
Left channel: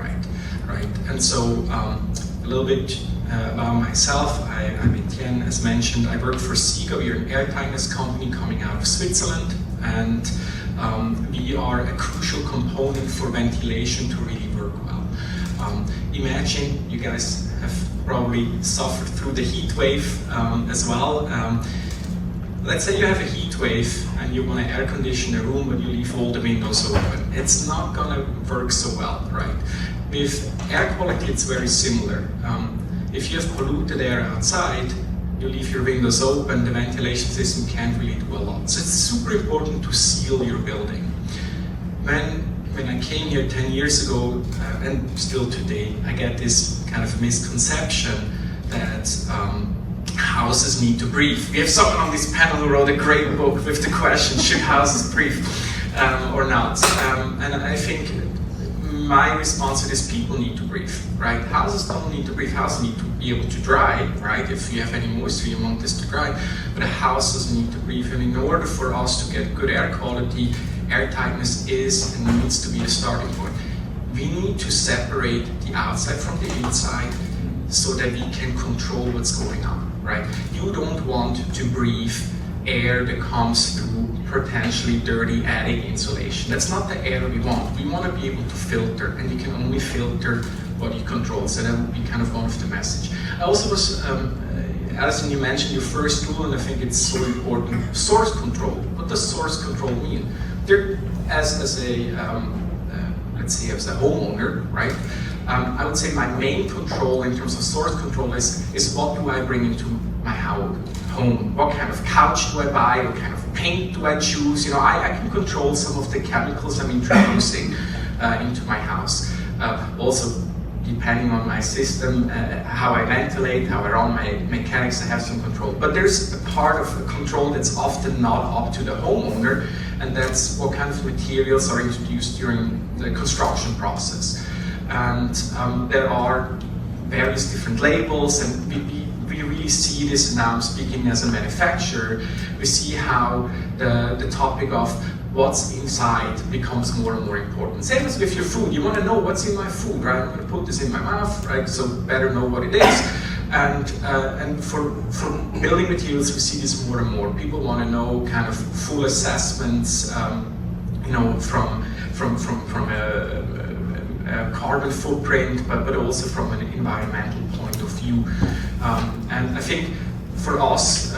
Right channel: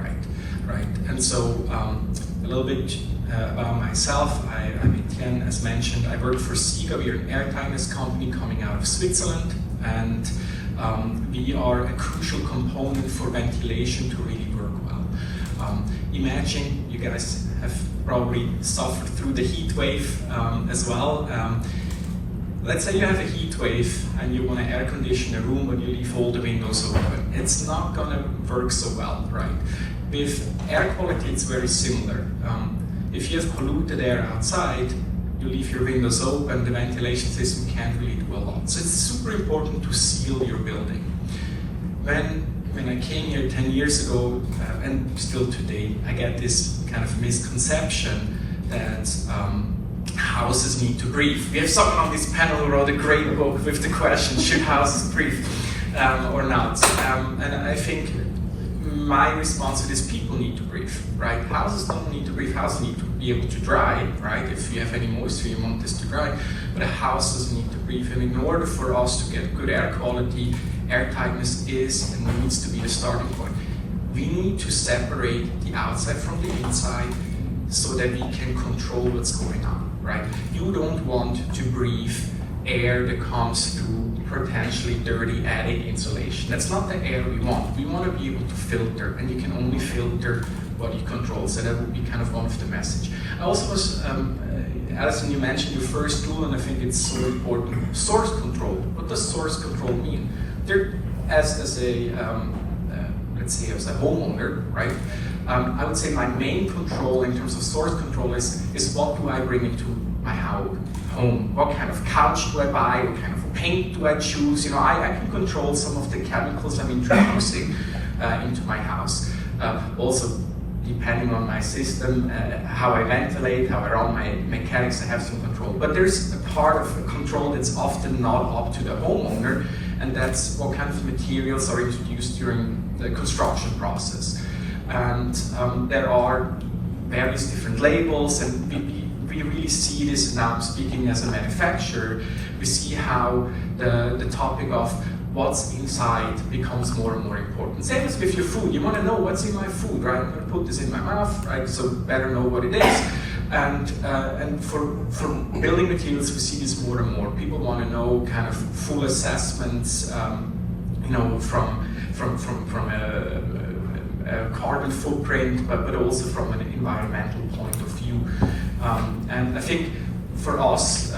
right? And so a little bit about myself, I'm Etienne, as mentioned. I work for SIGA. We're an airtightness company coming out of Switzerland, and we are a crucial component for ventilation to really work well. Imagine, you guys have probably suffered through the heat wave as well. Let's say you have a heat wave and you want to air condition a room, but you leave all the windows open. It's not gonna work so well, right? With air quality, it's very similar. If you have polluted air outside, you leave your windows open, the ventilation system can't really do a lot. So it's super important to seal your building. When I came here 10 years ago, and still today, I get this kind of misconception that houses need to breathe. We have someone on this panel who wrote a great book with the question, should houses breathe or not? And I think my response to this, people need to breathe, right? Houses don't need to breathe, houses need to be able to dry, right? If you have any moisture, you want this to dry, but houses need to breathe. And in order for us to get good air quality, air tightness is and needs to be the starting point. we need to separate the outside from the inside so that we can control what's going on, right? You don't want to breathe air that comes through potentially dirty attic insulation. That's not the air we want. We want to be able to filter, and you can only filter what you control. So that would be kind of one of the message. I also was, Alison, you mentioned your first tool, and I think it's so important. Source control. What does source control mean? There, as a let's say as a homeowner, right? I would say my main control in terms of source control is what do I bring into my home? What kind of couch do I buy? What kind of paint do I choose? You know, I can control some of the chemicals I'm introducing into my house. Also, depending on my system, how I ventilate, how I run my mechanics, I have some control. But there's a part of the control that's often not up to the homeowner, and that's what kind of materials are introduced during the construction process. And there are various different labels, and we really see this now. Speaking as a manufacturer, we see how the topic of what's inside becomes more and more important. Same as with your food. You want to know what's in my food, right? I'm going to put this in my mouth, right? So better know what it is. And for building materials, we see this more and more. People want to know kind of full assessments, you know, from a carbon footprint, but also from an environmental point of view. And I think for us,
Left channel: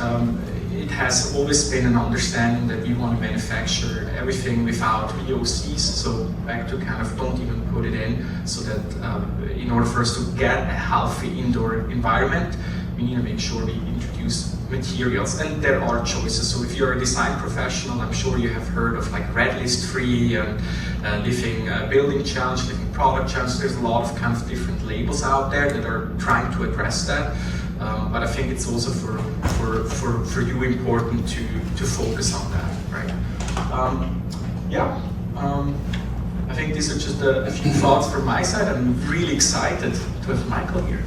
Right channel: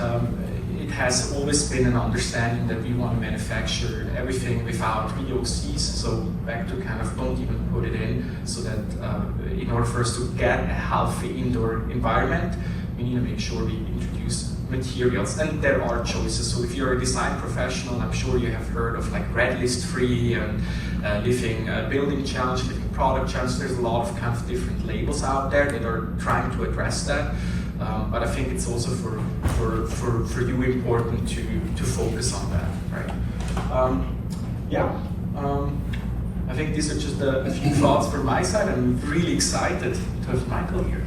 it has always been an understanding that we want to manufacture everything without VOCs, so back to kind of don't even put it in, so that in order for us to get a healthy indoor environment, we need to make sure we introduce materials, and there are choices. So if you're a design professional, I'm sure you have heard of like Red List Free and Living Building Challenge, Living Product Challenge. There's a lot of kind of different labels out there that are trying to address that. But I think it's also for you important to focus on that, right? I think these are just a few thoughts from my side. I'm really excited to have Michael here.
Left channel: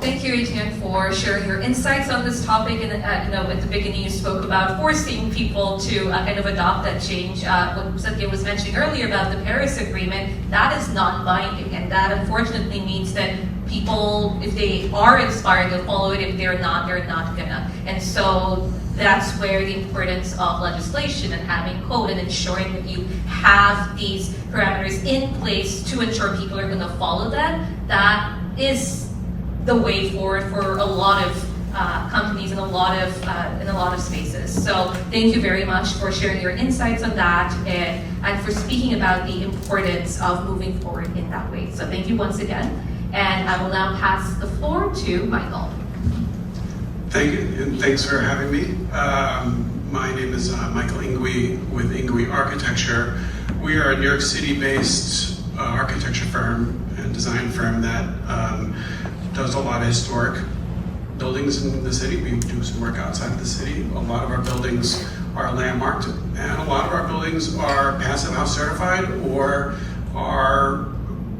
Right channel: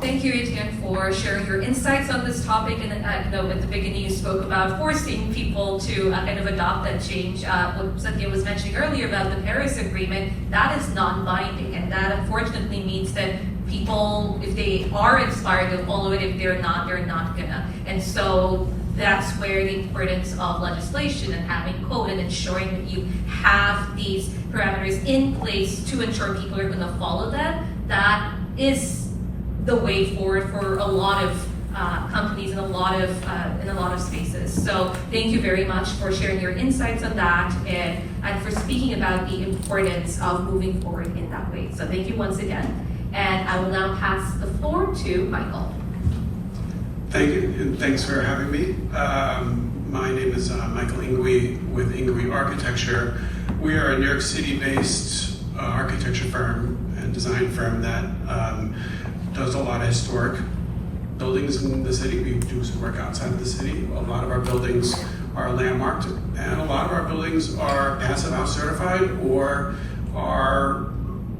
Thank you, Etienne, for sharing your insights on this topic. And at the beginning, you spoke about forcing people to kind of adopt that change. What Cynthia was mentioning earlier about the Paris Agreement, that is non-binding, and that unfortunately means that people, if they are inspired, they'll follow it. If they're not gonna. And so that's where the importance of legislation and having code and ensuring that you have these parameters in place to ensure people are going to follow that. That is the way forward for a lot of companies in a lot of spaces. So thank you very much for sharing your insights on that and for speaking about the importance of moving forward in that way. So thank you once again. And I will now pass the floor to Michael. Thank you, and thanks for having me. My name is Michael Ingui with Ingui Architecture. We are a New York City-based architecture firm and design firm that does a lot of historic buildings in the city. We do some work outside of the city. A lot of our buildings are landmarked, and a lot of our buildings are Passive House certified or are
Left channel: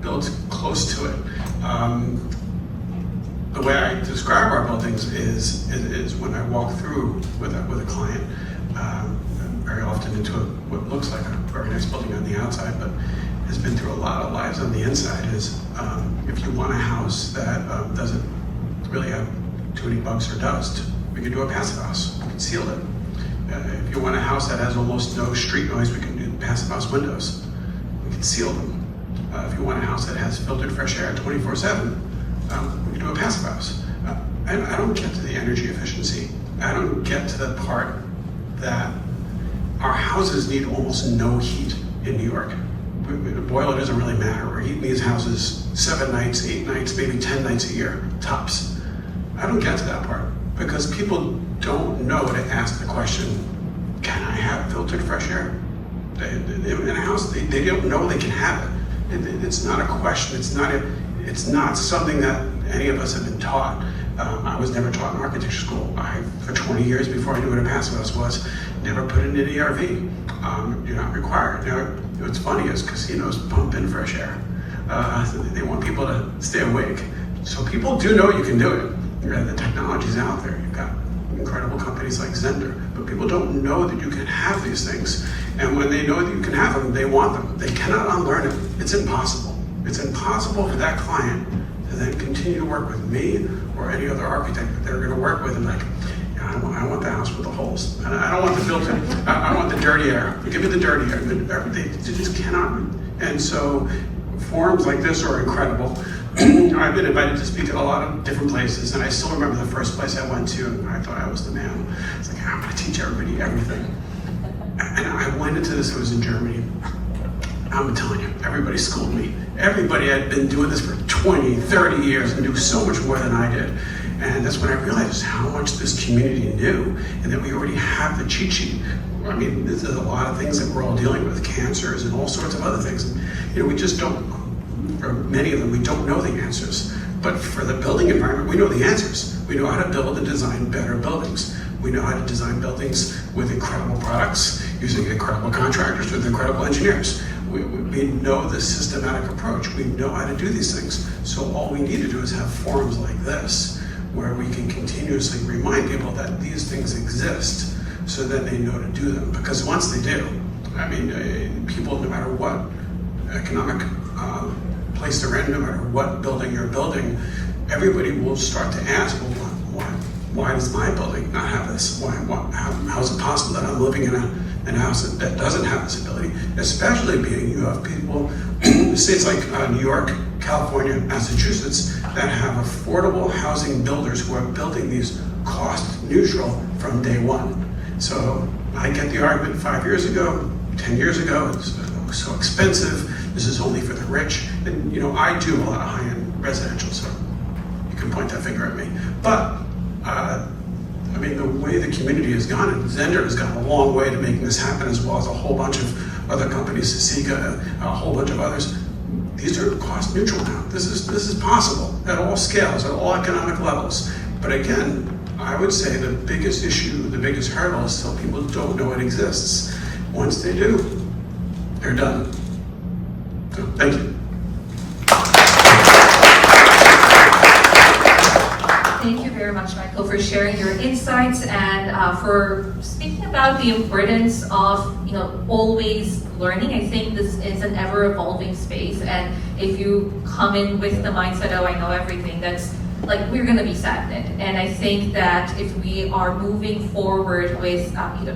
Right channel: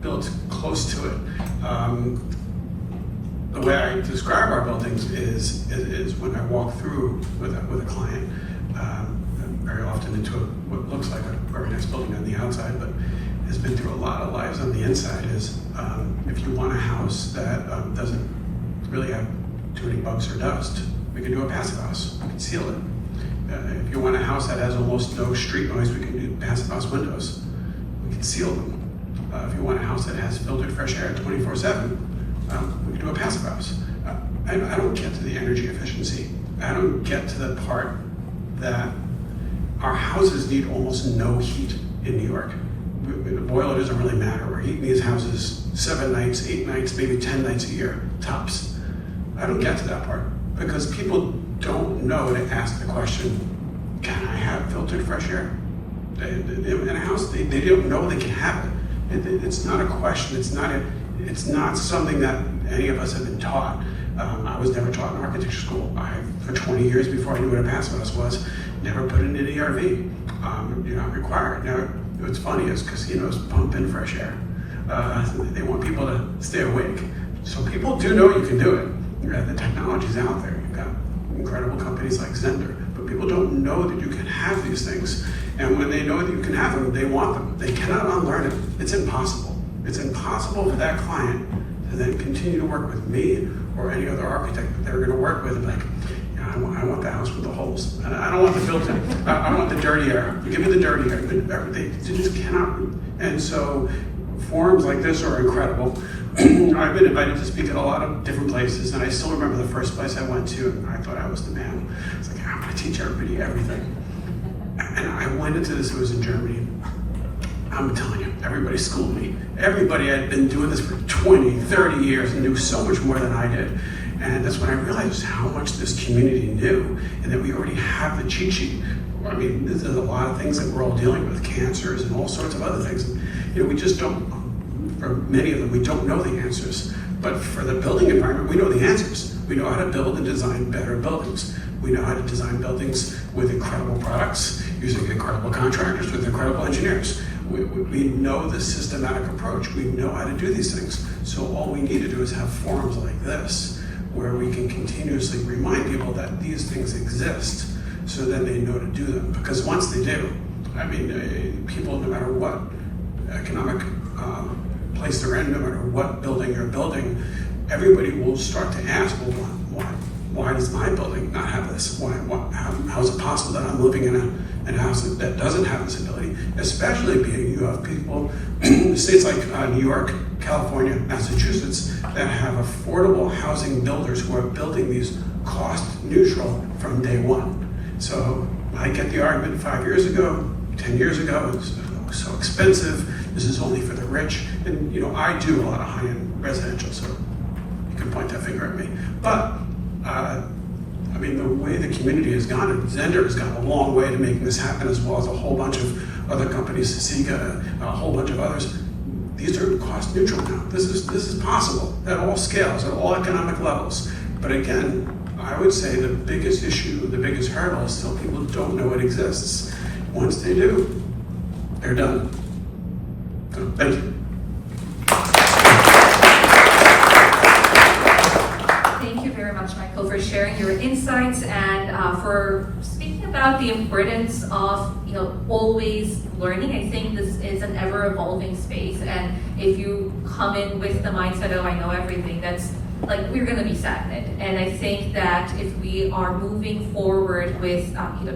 built close to it. The way I describe our buildings is when I walk through with a client, very often into what looks like a very nice building on the outside, but has been through a lot of lives on the inside, is if you want a house that doesn't really have too many bugs or dust, we can do a passive house. We can seal it. If you want a house that has almost no street noise, we can do passive house windows. We can seal them. If you want a house that has filtered fresh air 24/7, we can do a passive house. And I don't get to the energy efficiency. I don't get to the part that our houses need almost no heat in New York. The boiler doesn't really matter. We're heating these houses 7 nights, 8 nights, maybe 10 nights a year, tops. I don't get to that part because people don't know to ask the question, can I have filtered fresh air? In a house, they don't know they can have it. It's not a question. It's not something that any of us have been taught. I was never taught in architecture school. For 20 years before I knew what a passive house was, never put in an ERV. You're not required. Now, what's funny is casinos pump in fresh air. They want people to stay awake. So people do know you can do it. The technology's out there. You've got incredible companies like Zehnder, but People don't know that you can have these things. And when they know that you can have them, they want them. They cannot unlearn it. It's impossible. It's impossible for that client to then continue to work with me or any other architect that they're going to work with and like, I want the house with the holes. And I don't want the filter. I want the dirty air. Give me the dirty air. They just cannot. And so forums like this are incredible. I've been invited to speak at a lot of different places, and I still remember the first place I went to, and I thought I was the man. It's like, I'm going to teach everybody everything. And I went into this, it was in Germany. I'm telling you, everybody schooled me. Everybody had been doing this for 20, 30 years and knew so much more than I did. And that's when I realized how much this community knew, and that we already have the cheat sheet. I mean, there's a lot of things that we're all dealing with, cancers and all sorts of other things. And, we just don't, or many of them, we don't know the answers. But for the building environment, we know the answers. We know how to build and design better buildings. We know how to design buildings with incredible products, using incredible contractors, with incredible engineers. We know the systematic approach. We know how to do these things. So all we need to do is have forums like this, where we can continuously remind people that these things exist, so that they know to do them. Because once they do, I mean, people, no matter what economic place they're in, no matter what building they're building, everybody will start to ask, well, why does my building not have this? How is it possible that I'm living in a house that doesn't have this ability? Especially being you have people in states like New York, California, Massachusetts, that have affordable housing builders who are building these cost neutral from day one. So I get the argument 5 years ago, 10 years ago, it was so expensive, this is only for the rich. And I do a lot of high-end residential, so you can point that finger at me. But I mean, the way the community has gone, and Zehnder has gone a long way to making this happen, as well as a whole bunch of other companies, Sika, a whole bunch of others. These are cost neutral now. This is possible at all scales, at all economic levels. But again, I would say the biggest issue, the biggest hurdle is still people don't know it exists. Once they do, they're done. So, thank you. Thank you very much, Michael, for sharing your insights and for speaking about the importance of always learning. I think this is an ever-evolving space, and if you come in with the mindset, oh, I know everything, that's like we're going to be stagnant. And I think that if we are moving forward with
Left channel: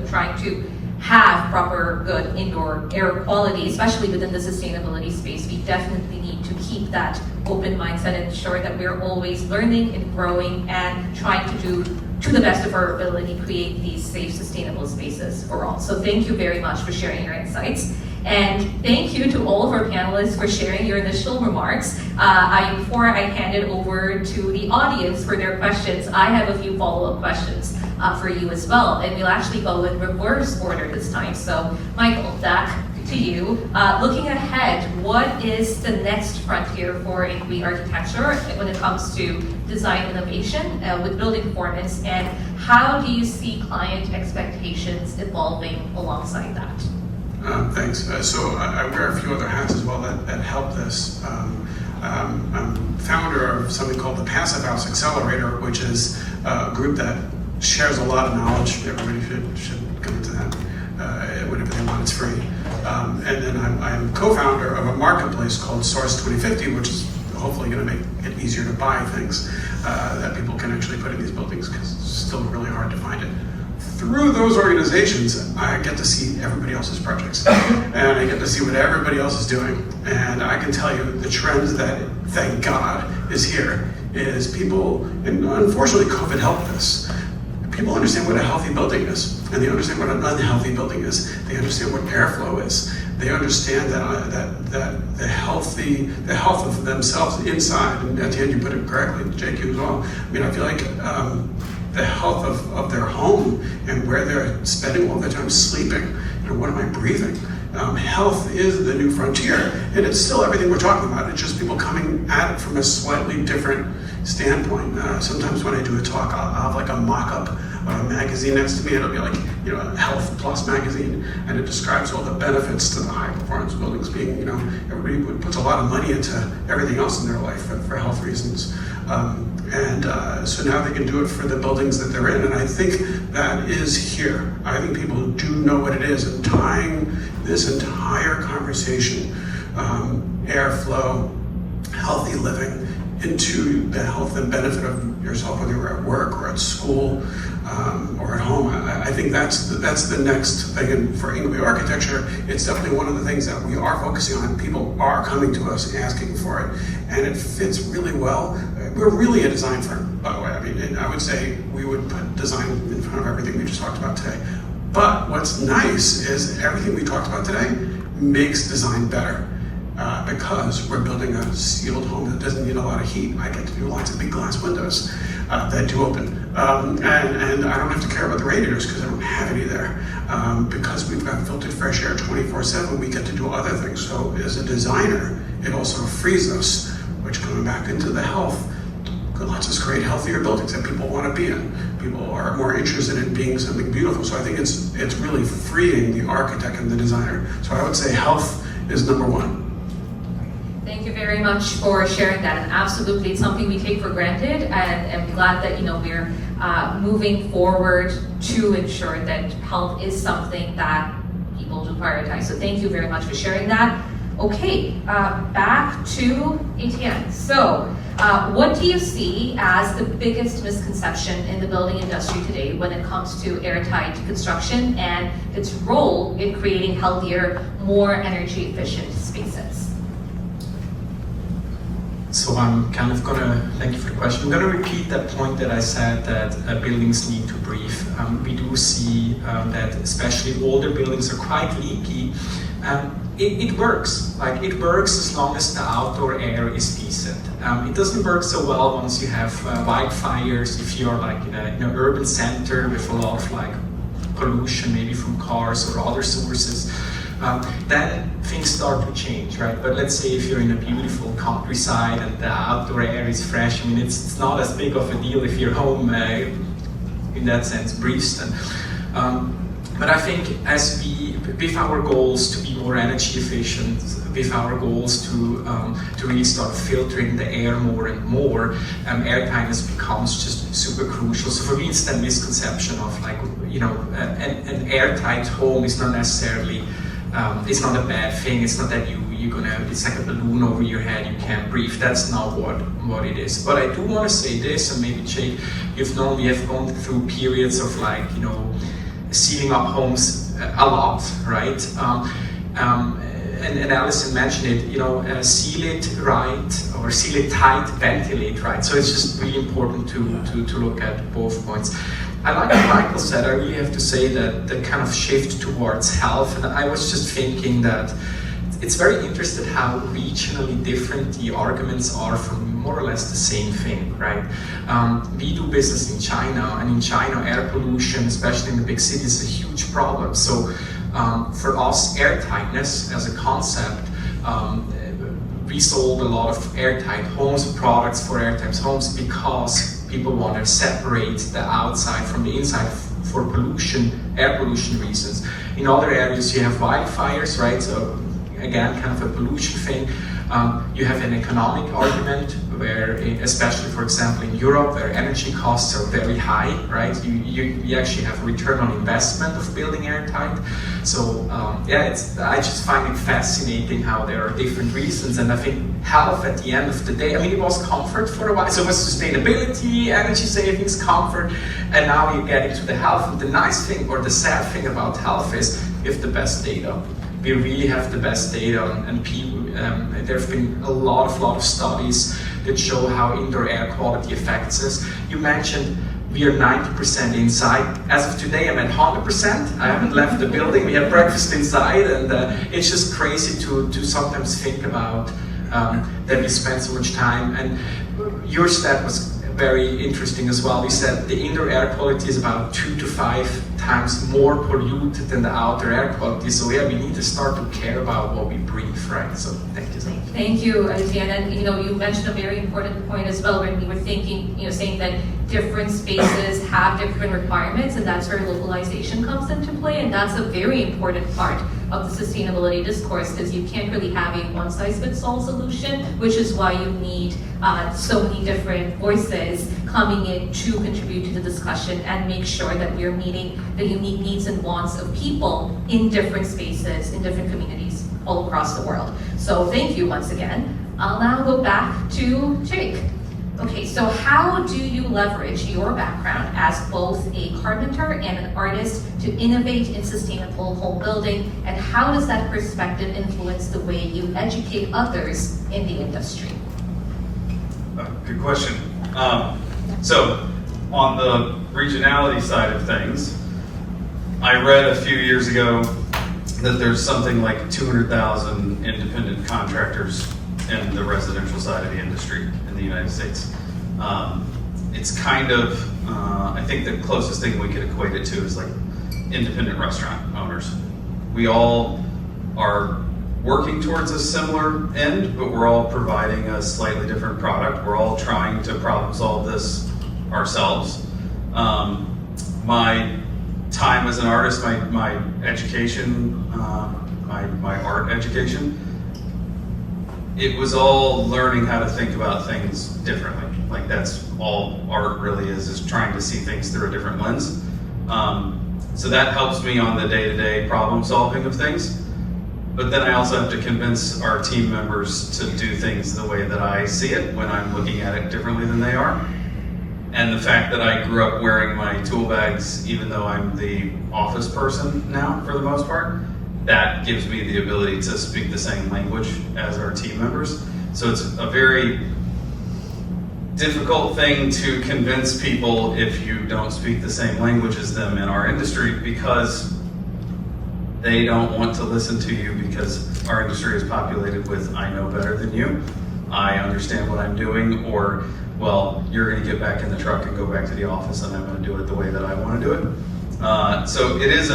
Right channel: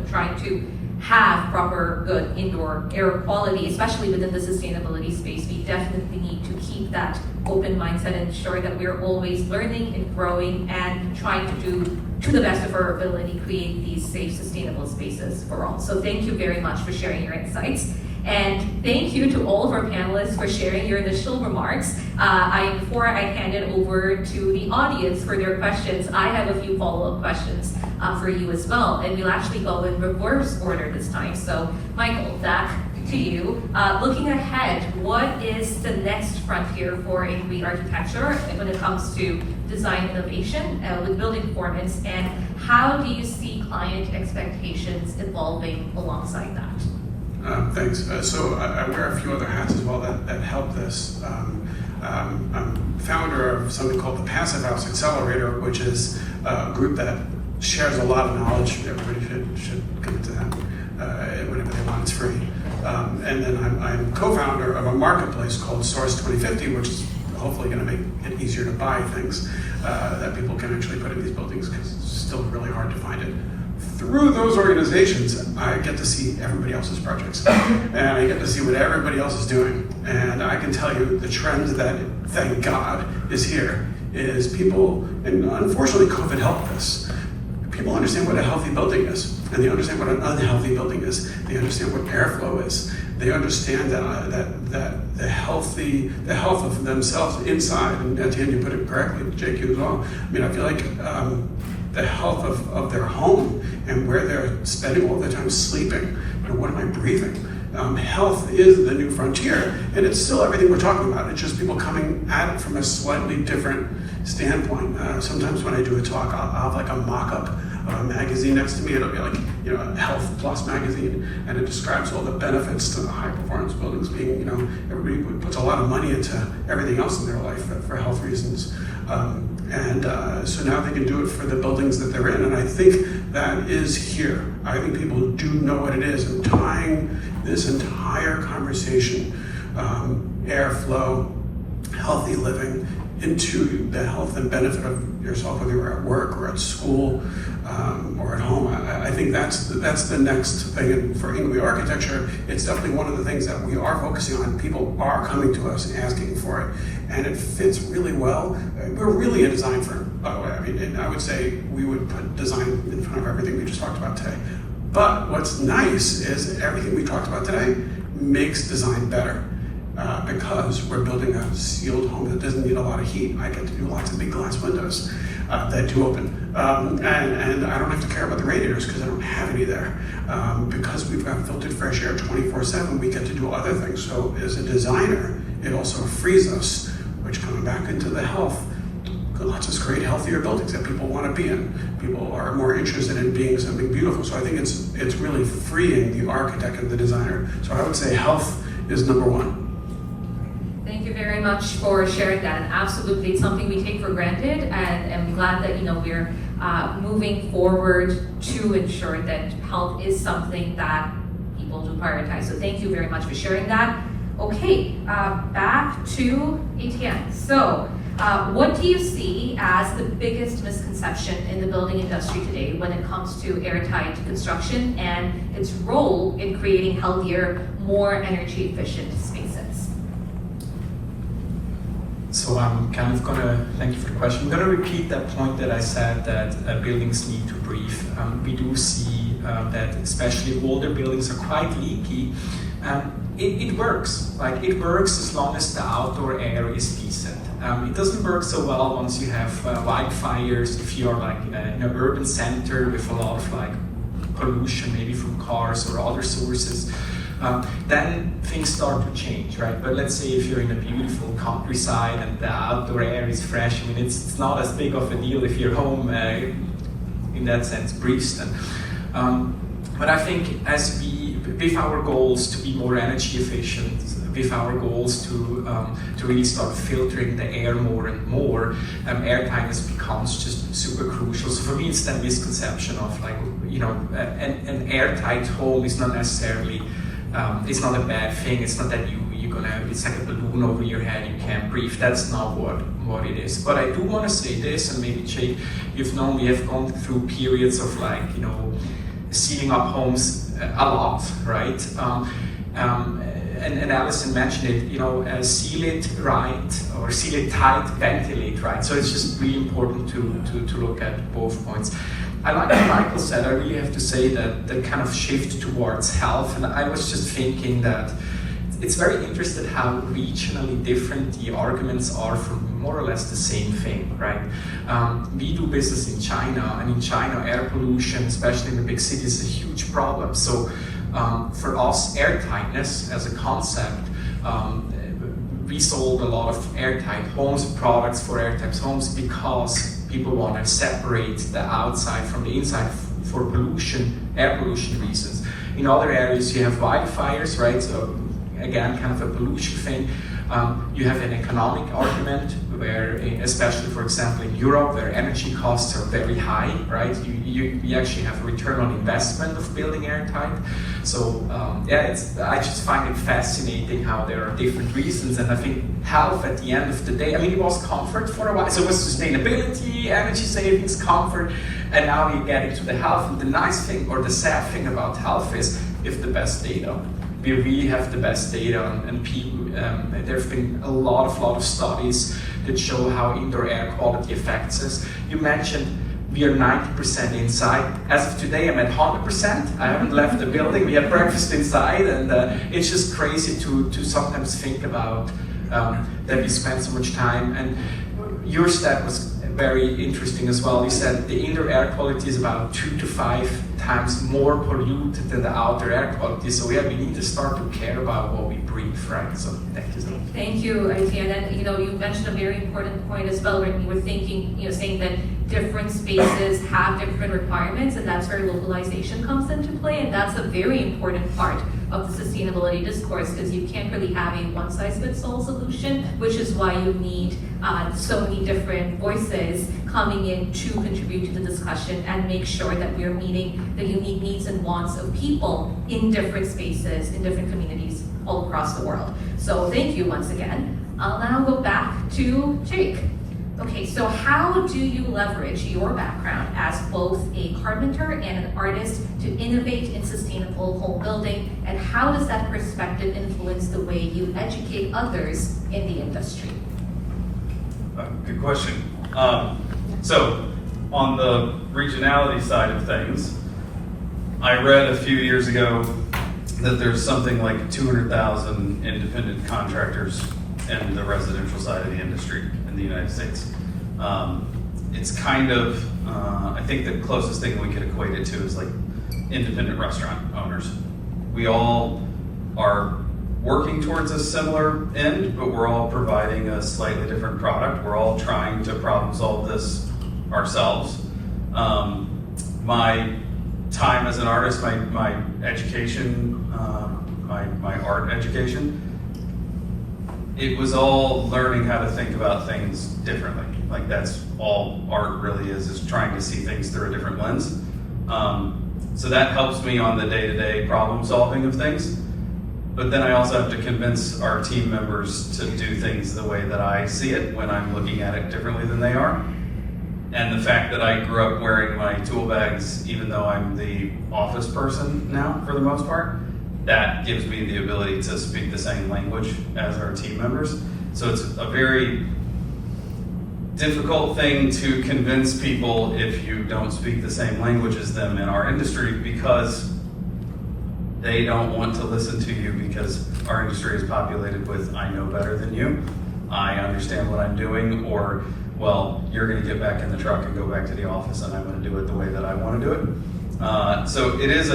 trying to have proper good indoor air quality, especially within the sustainability space, we definitely need to keep that open mindset and ensure that we're always learning and growing and trying to do, to the best of our ability, create these safe, sustainable spaces for all. So thank you very much for sharing your insights. And thank you to all of our panelists for sharing your initial remarks. Before I hand it over to the audience for their questions, I have a few follow-up questions for you as well. And we'll actually go in reverse order this time. So Michael, back to you. Looking ahead, what is the next frontier for Inui architecture when it comes to design innovation with building performance, and how do you see client expectations evolving alongside that? Thanks. So I wear a few other hats as well that help this. I'm founder of something called the Passive House Accelerator, which is a group that shares a lot of knowledge. Everybody should come to that. Whatever they want, it's free. And then I'm co-founder of a marketplace called Source 2050, which is hopefully going to make it easier to buy things that people can actually put in these buildings, because it's still really hard to find it. Through those organizations, I get to see everybody else's projects, and I get to see what everybody else is doing. And I can tell you the trends that, thank God, is here, is people, and unfortunately COVID helped this, people understand what a healthy building is, and they understand what an unhealthy building is. They understand what airflow is. They understand that the health of themselves inside, and at the end you put it correctly, JQ as well. I mean, I feel like the health of their home and where they're spending all their time sleeping, what am I breathing? Health is the new frontier, and it's still everything we're talking about. It's just people coming at it from a slightly different standpoint. Sometimes when I do a talk, I'll have like a mock-up magazine next to me. It'll be like, Health Plus magazine, and it describes all the benefits to the high performance buildings being, everybody puts a lot of money into everything else in their life for health reasons. So now they can do it for the buildings that they're in, and I think that is here. I think people do know what it is, and tying this entire conversation, airflow, healthy living, into the health and benefit of yourself, whether you're at work or at school or at home. I think that's the next thing. And for Inglewood Architecture, it's definitely one of the things that we are focusing on. People are coming to us and asking for it, and it fits really well. We're really a design firm, by the way. I mean, I would say we would put design in front of everything we just talked about today. But what's nice is everything we talked about today makes design better. Because we're building a sealed home that doesn't need a lot of heat. I get to do lots of big glass windows that do open. And I don't have to care about the radiators because I don't have any there. Because we've got filtered fresh air 24/7, we get to do other things. So as a designer, it also frees us, which coming back into the health, lets us create healthier buildings that people want to be in. People are more interested in being something beautiful. So I think it's really freeing the architect and the designer. So I would say health is number one. Thank you very much for sharing that, and absolutely it's something we take for granted, and I'm glad that we're moving forward to ensure that health is something that people do prioritize. So thank you very much for sharing that. Okay, back to Etienne. So what do you see as the biggest misconception in the building industry today when it comes to airtight construction and its role in creating healthier, more energy efficient spaces? So I'm kind of thank you for the question. I'm gonna repeat that point that I said that buildings need to breathe. We do see that especially older buildings are quite leaky. It works. Like it works as long as the outdoor air is decent. It doesn't work so well once you have wildfires. If you're like in an urban center with a lot of like pollution, maybe from cars or other sources. Then things start to change, right? But let's say if you're in a beautiful countryside and the outdoor air is fresh, I mean, it's not as big of a deal if your home, in that sense, breathes then. But I think with our goals to be more energy efficient, with our goals to really start filtering the air more and more, airtightness becomes just super crucial. So for me, it's that misconception of like, an airtight home is not necessarily it's not a bad thing. It's not that it's like a balloon over your head, you can't breathe. That's not what it is. But I do want to say this, and maybe Jake, we have gone through periods of like, sealing up homes a lot, right? And Alison mentioned it, seal it right, or seal it tight, ventilate right. So it's just really important to look at both points. I like what Michael said. I really have to say that the kind of shift towards health, and I was just thinking that it's very interesting how regionally different the arguments are for more or less the same thing, right? We do business in China, and in China, air pollution, especially in the big cities, is a huge problem. So for us, airtightness as a concept, we sold a lot of airtight homes, products for airtight homes, because people want to separate the outside from the inside for air pollution reasons. In other areas you have wildfires, right? So again, kind of a pollution thing. You have an economic argument where, especially for example in Europe, where energy costs are very high, right? You actually have a return on investment of building airtight. So I just find it fascinating how there are different reasons, and I think health at the end of the day, I mean, it was comfort for a while, so it was sustainability, energy savings, comfort, and now you get into the health. And the nice thing, or the sad thing about health is you have the best data. We really have the best data, and people, there have been a lot of studies that show how indoor air quality affects us. You mentioned we are 90% inside. As of today, I'm at 100%. I haven't left the building. We had breakfast inside, and it's just crazy to sometimes think about that we spend so much time. And your stat was very interesting as well. You said the indoor air quality is about 2 to 5 times more polluted than the outdoor air quality. So yeah, we need to start to care about what we breathe, right? So thank you. Thank you, Etienne. And you mentioned a very important point as well when you were thinking, saying that different spaces have different requirements, and that's where localization comes into play. And that's a very important part of the sustainability discourse, because you can't really have a one-size-fits-all solution, which is why you need so many different voices coming in to contribute to the discussion and make sure that we're meeting the unique needs and wants of people in different spaces, in different communities all across the world. So thank you once again. I'll now go back to Jake. Okay, so how do you leverage your background as both a carpenter and an artist to innovate in sustainable home building, and how does that perspective influence the way you educate others in the industry? Good question. So on the regionality side of things, I read a few years ago that there's something like 200,000 independent contractors in the residential side of the industry in the United States. It's kind of, I think the closest thing we could equate it to is like independent restaurant owners. We all are working towards a similar end, but we're all providing a slightly different product. We're all trying to problem solve this ourselves. My time as an artist, my education, my art education, it was all learning how to think about things differently. Like that's all art really is trying to see things through a different lens. So that helps me on the day-to-day problem solving of things. But then I also have to convince our team members to do things the way that I see it when I'm looking at it differently than they are. And the fact that I grew up wearing my tool bags, even though I'm the office person now for the most part, that gives me the ability to speak the same language as our team members. So it's a very difficult thing to convince people if you don't speak the same language as them in our industry, because they don't want to listen to you, because our industry is populated with I know better than you, I understand what I'm doing, or well, you're going to get back in the truck and go back to the office and I'm going to do it the way that I want to do it. So it is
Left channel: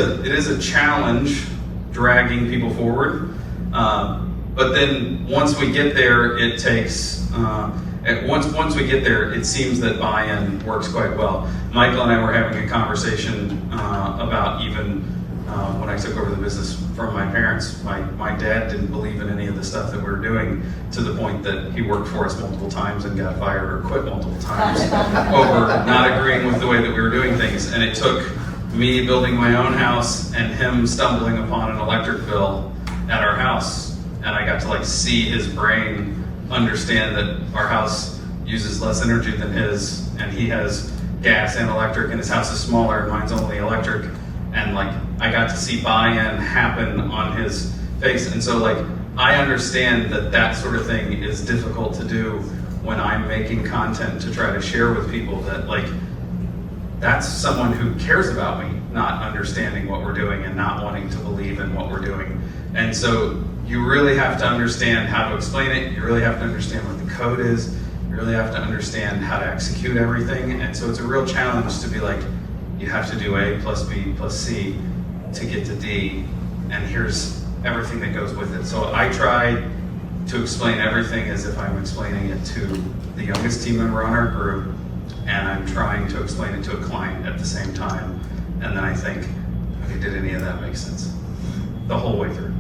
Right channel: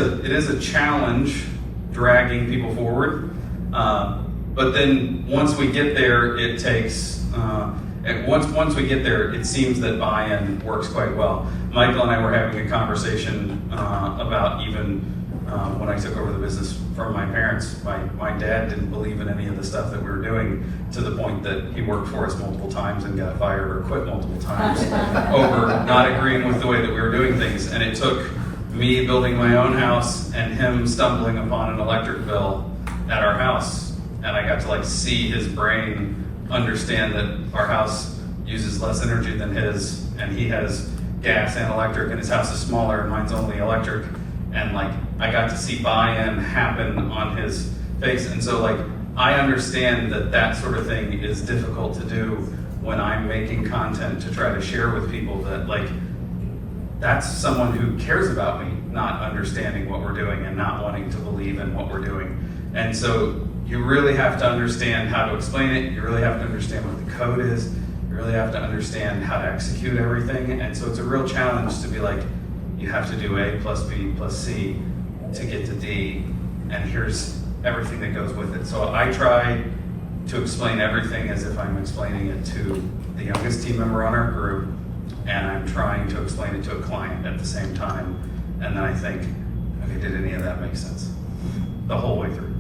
a challenge dragging people forward. But then once we get there, it takes, once we get there, it seems that buy-in works quite well. Michael and I were having a conversation about even when I took over the business from my parents. My dad didn't believe in any of the stuff that we were doing, to the point that he worked for us multiple times and got fired or quit multiple times over not agreeing with the way that we were doing things. And it took me building my own house and him stumbling upon an electric bill at our house. And I got to like see his brain understand that our house uses less energy than his, and he has gas and electric, and his house is smaller and mine's only electric. And like, I got to see buy-in happen on his face. And so like, I understand that that sort of thing is difficult to do when I'm making content to try to share with people, that like, that's someone who cares about me not understanding what we're doing and not wanting to believe in what we're doing. And so you really have to understand how to explain it. You really have to understand what the code is. You really have to understand how to execute everything. And so it's a real challenge to be like, you have to do A plus B plus C to get to D, and here's everything that goes with it. So I try to explain everything as if I'm explaining it to the youngest team member on our group, and I'm trying to explain it to a client at the same time. And then I think, okay, did any of that make sense? The whole way through.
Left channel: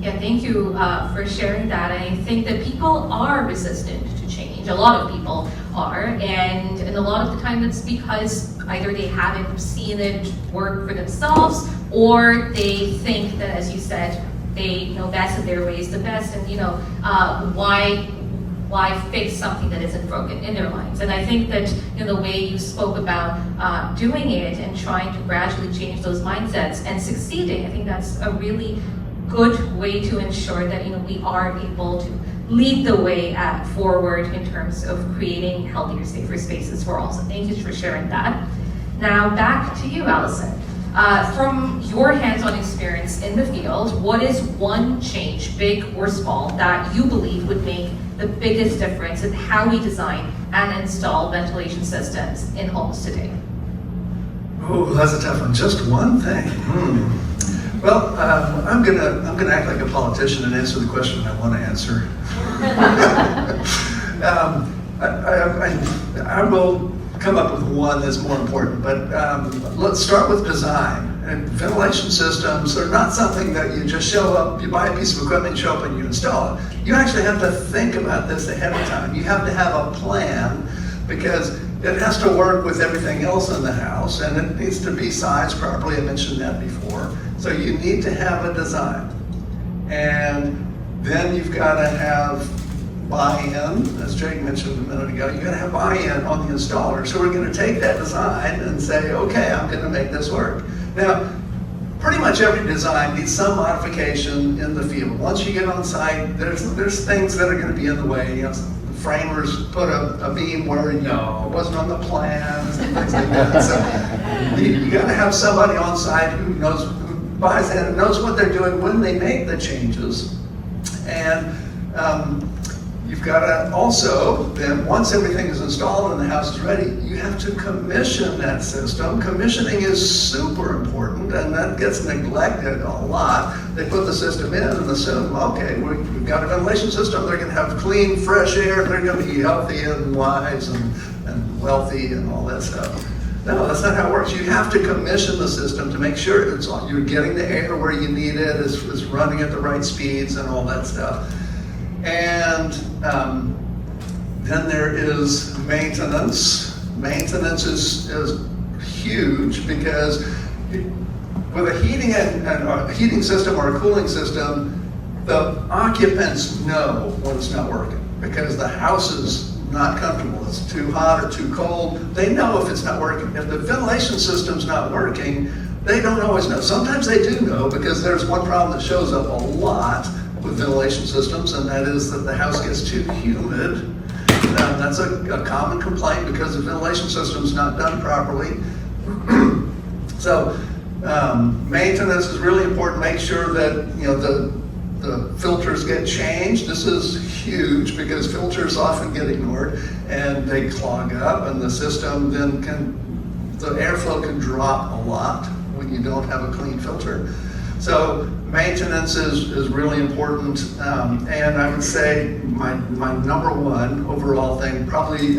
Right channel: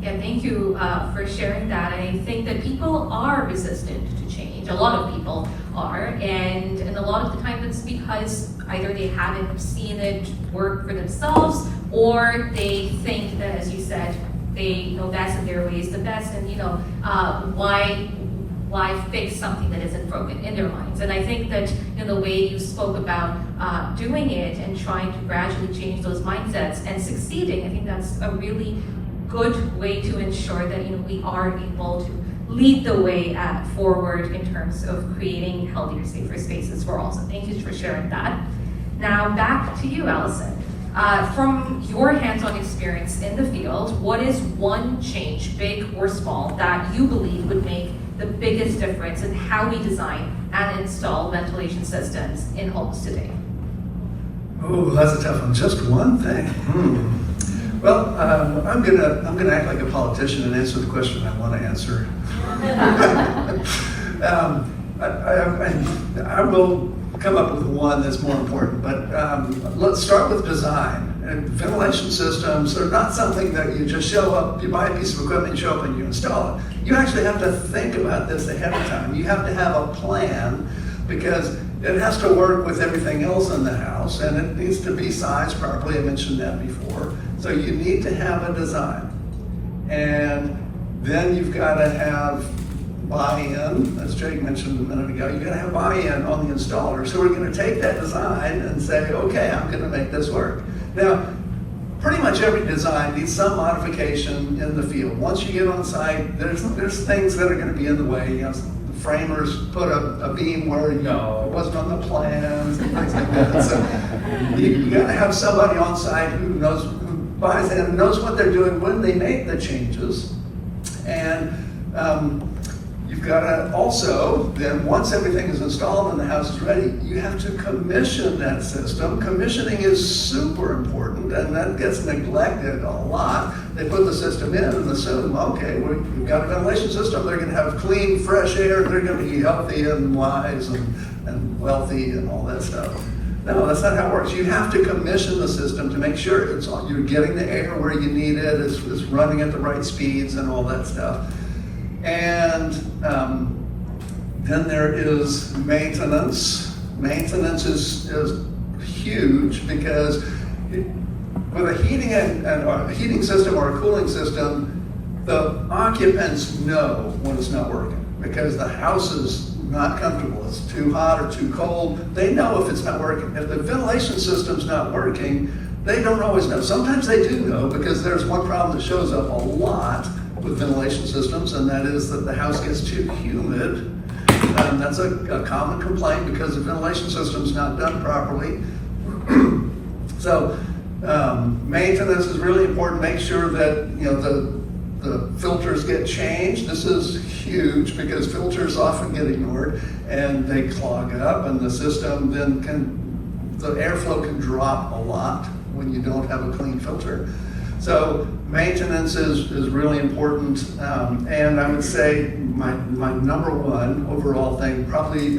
Yeah, thank you for sharing that. And I think that people are resistant to change. A lot of people are, and a lot of the time it's because either they haven't seen it work for themselves, or they think that, as you said, they that's in their way is the best, and why fix something that isn't broken in their minds? And I think that in the way you spoke about doing it and trying to gradually change those mindsets and succeeding, I think that's a really good way to ensure that we are able to lead the way forward in terms of creating healthier, safer spaces for all. So thank you for sharing that. Now back to you, Allison. From your hands-on experience in the field, what is one change, big or small, that you believe would make the biggest difference in how we design and install ventilation systems in homes today? Oh, that's a tough one. Just one thing. Well, I'm gonna act like a politician and answer the question I want to answer. I will come up with one that's more important, but let's start with design. And ventilation systems are not something that you just show up, you buy a piece of equipment, show up and you install it. You actually have to think about this ahead of time. You have to have a plan because it has to work with everything else in the house and it needs to be sized properly. I mentioned that before. So you need to have a design. And then you've got to have buy-in, as Jake mentioned a minute ago, you've got to have buy-in on the installer. So we're going to take that design and say, okay, I'm going to make this work. Now, pretty much every design needs some modification in the field. Once you get on site, there's things that are going to be in the way. You know, the framers put a beam where it wasn't on the plans and things like that. So you got to have somebody on site who buys in and knows what they're doing when they make the changes. And you've got to also, then once everything is installed and the house is ready, you have to commission that system. Commissioning is super important and that gets neglected a lot. They put the system in and assume, okay, we've got a ventilation system, they're going to have clean, fresh air, they're going to be healthy and wise and wealthy and all that stuff. No, that's not how it works. You have to commission the system to make sure you're getting the air where you need it, it's running at the right speeds and all that stuff. And then there is maintenance. Maintenance is huge because with a heating system or a cooling system, the occupants know when it's not working because the house is not comfortable. It's too hot or too cold. They know if it's not working. If the ventilation system's not working, they don't always know. Sometimes they do know because there's one problem that shows up a lot with ventilation systems, and that is that the house gets too humid. And that's a common complaint because the ventilation system's not done properly. So maintenance is really important. Make sure that the filters get changed. This is huge because filters often get ignored and they clog up, and the system then the airflow can drop a lot when you don't have a clean filter. So maintenance is really important, and I would say my number one overall thing, probably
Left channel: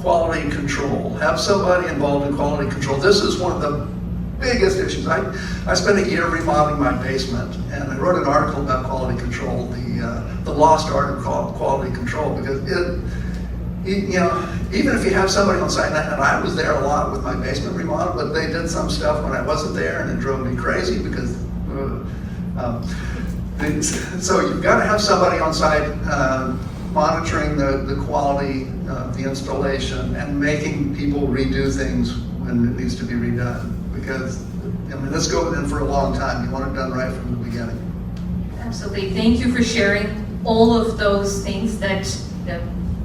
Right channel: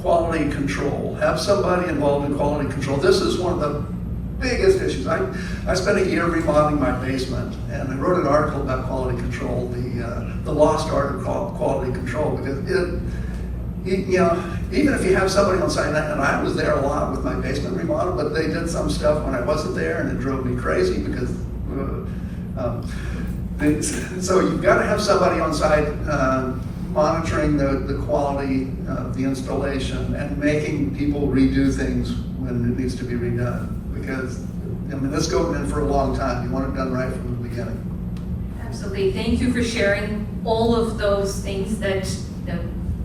quality control. Have somebody involved in quality control. This is one of the biggest issues. I spent a year remodeling my basement, and I wrote an article about quality control, the lost art of quality control, because even if you have somebody on site, and I was there a lot with my basement remodel, but they did some stuff when I wasn't there, and it drove me crazy because. So you've got to have somebody on site monitoring the quality of the installation and making people redo things when it needs to be redone. Because this goes in for a long time. You want it done right from the beginning. Absolutely. Thank you for sharing all of those things that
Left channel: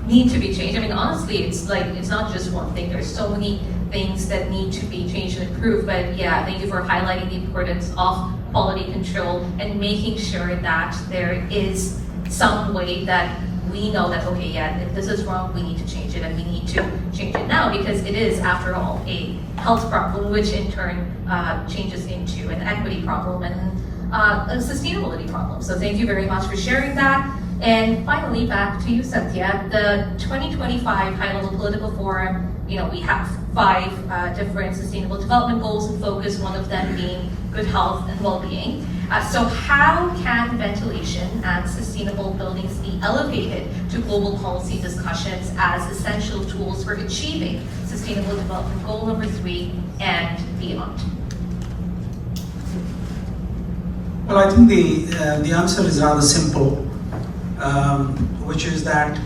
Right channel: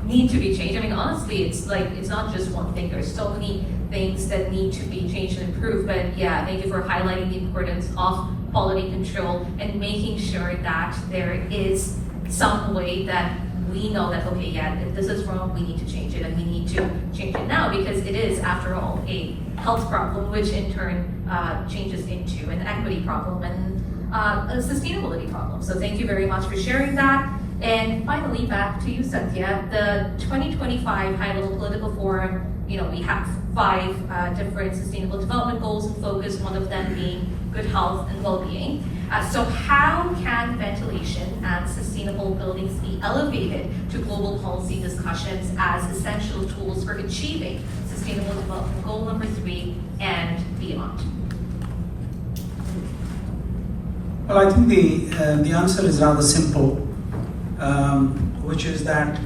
need to be changed. I mean, honestly, it's not just one thing. There's so many things that need to be changed and improved. But yeah, thank you for highlighting the importance of quality control and making sure that there is some way that we know that, okay, yeah, if this is wrong, we need to change it, and we need to change it now because it is, after all, a health problem, which in turn changes into an equity problem and a sustainability problem. So thank you very much for sharing that. And finally, back to you, Satya. The 2025 High Level Political Forum, we have 5 different sustainable development goals in focus, one of them being good health and well-being. So how can ventilation and sustainable buildings be elevated to global policy discussions as essential tools for achieving Sustainable Development Goal number 3 and beyond? Well, I think the answer is rather simple, which is that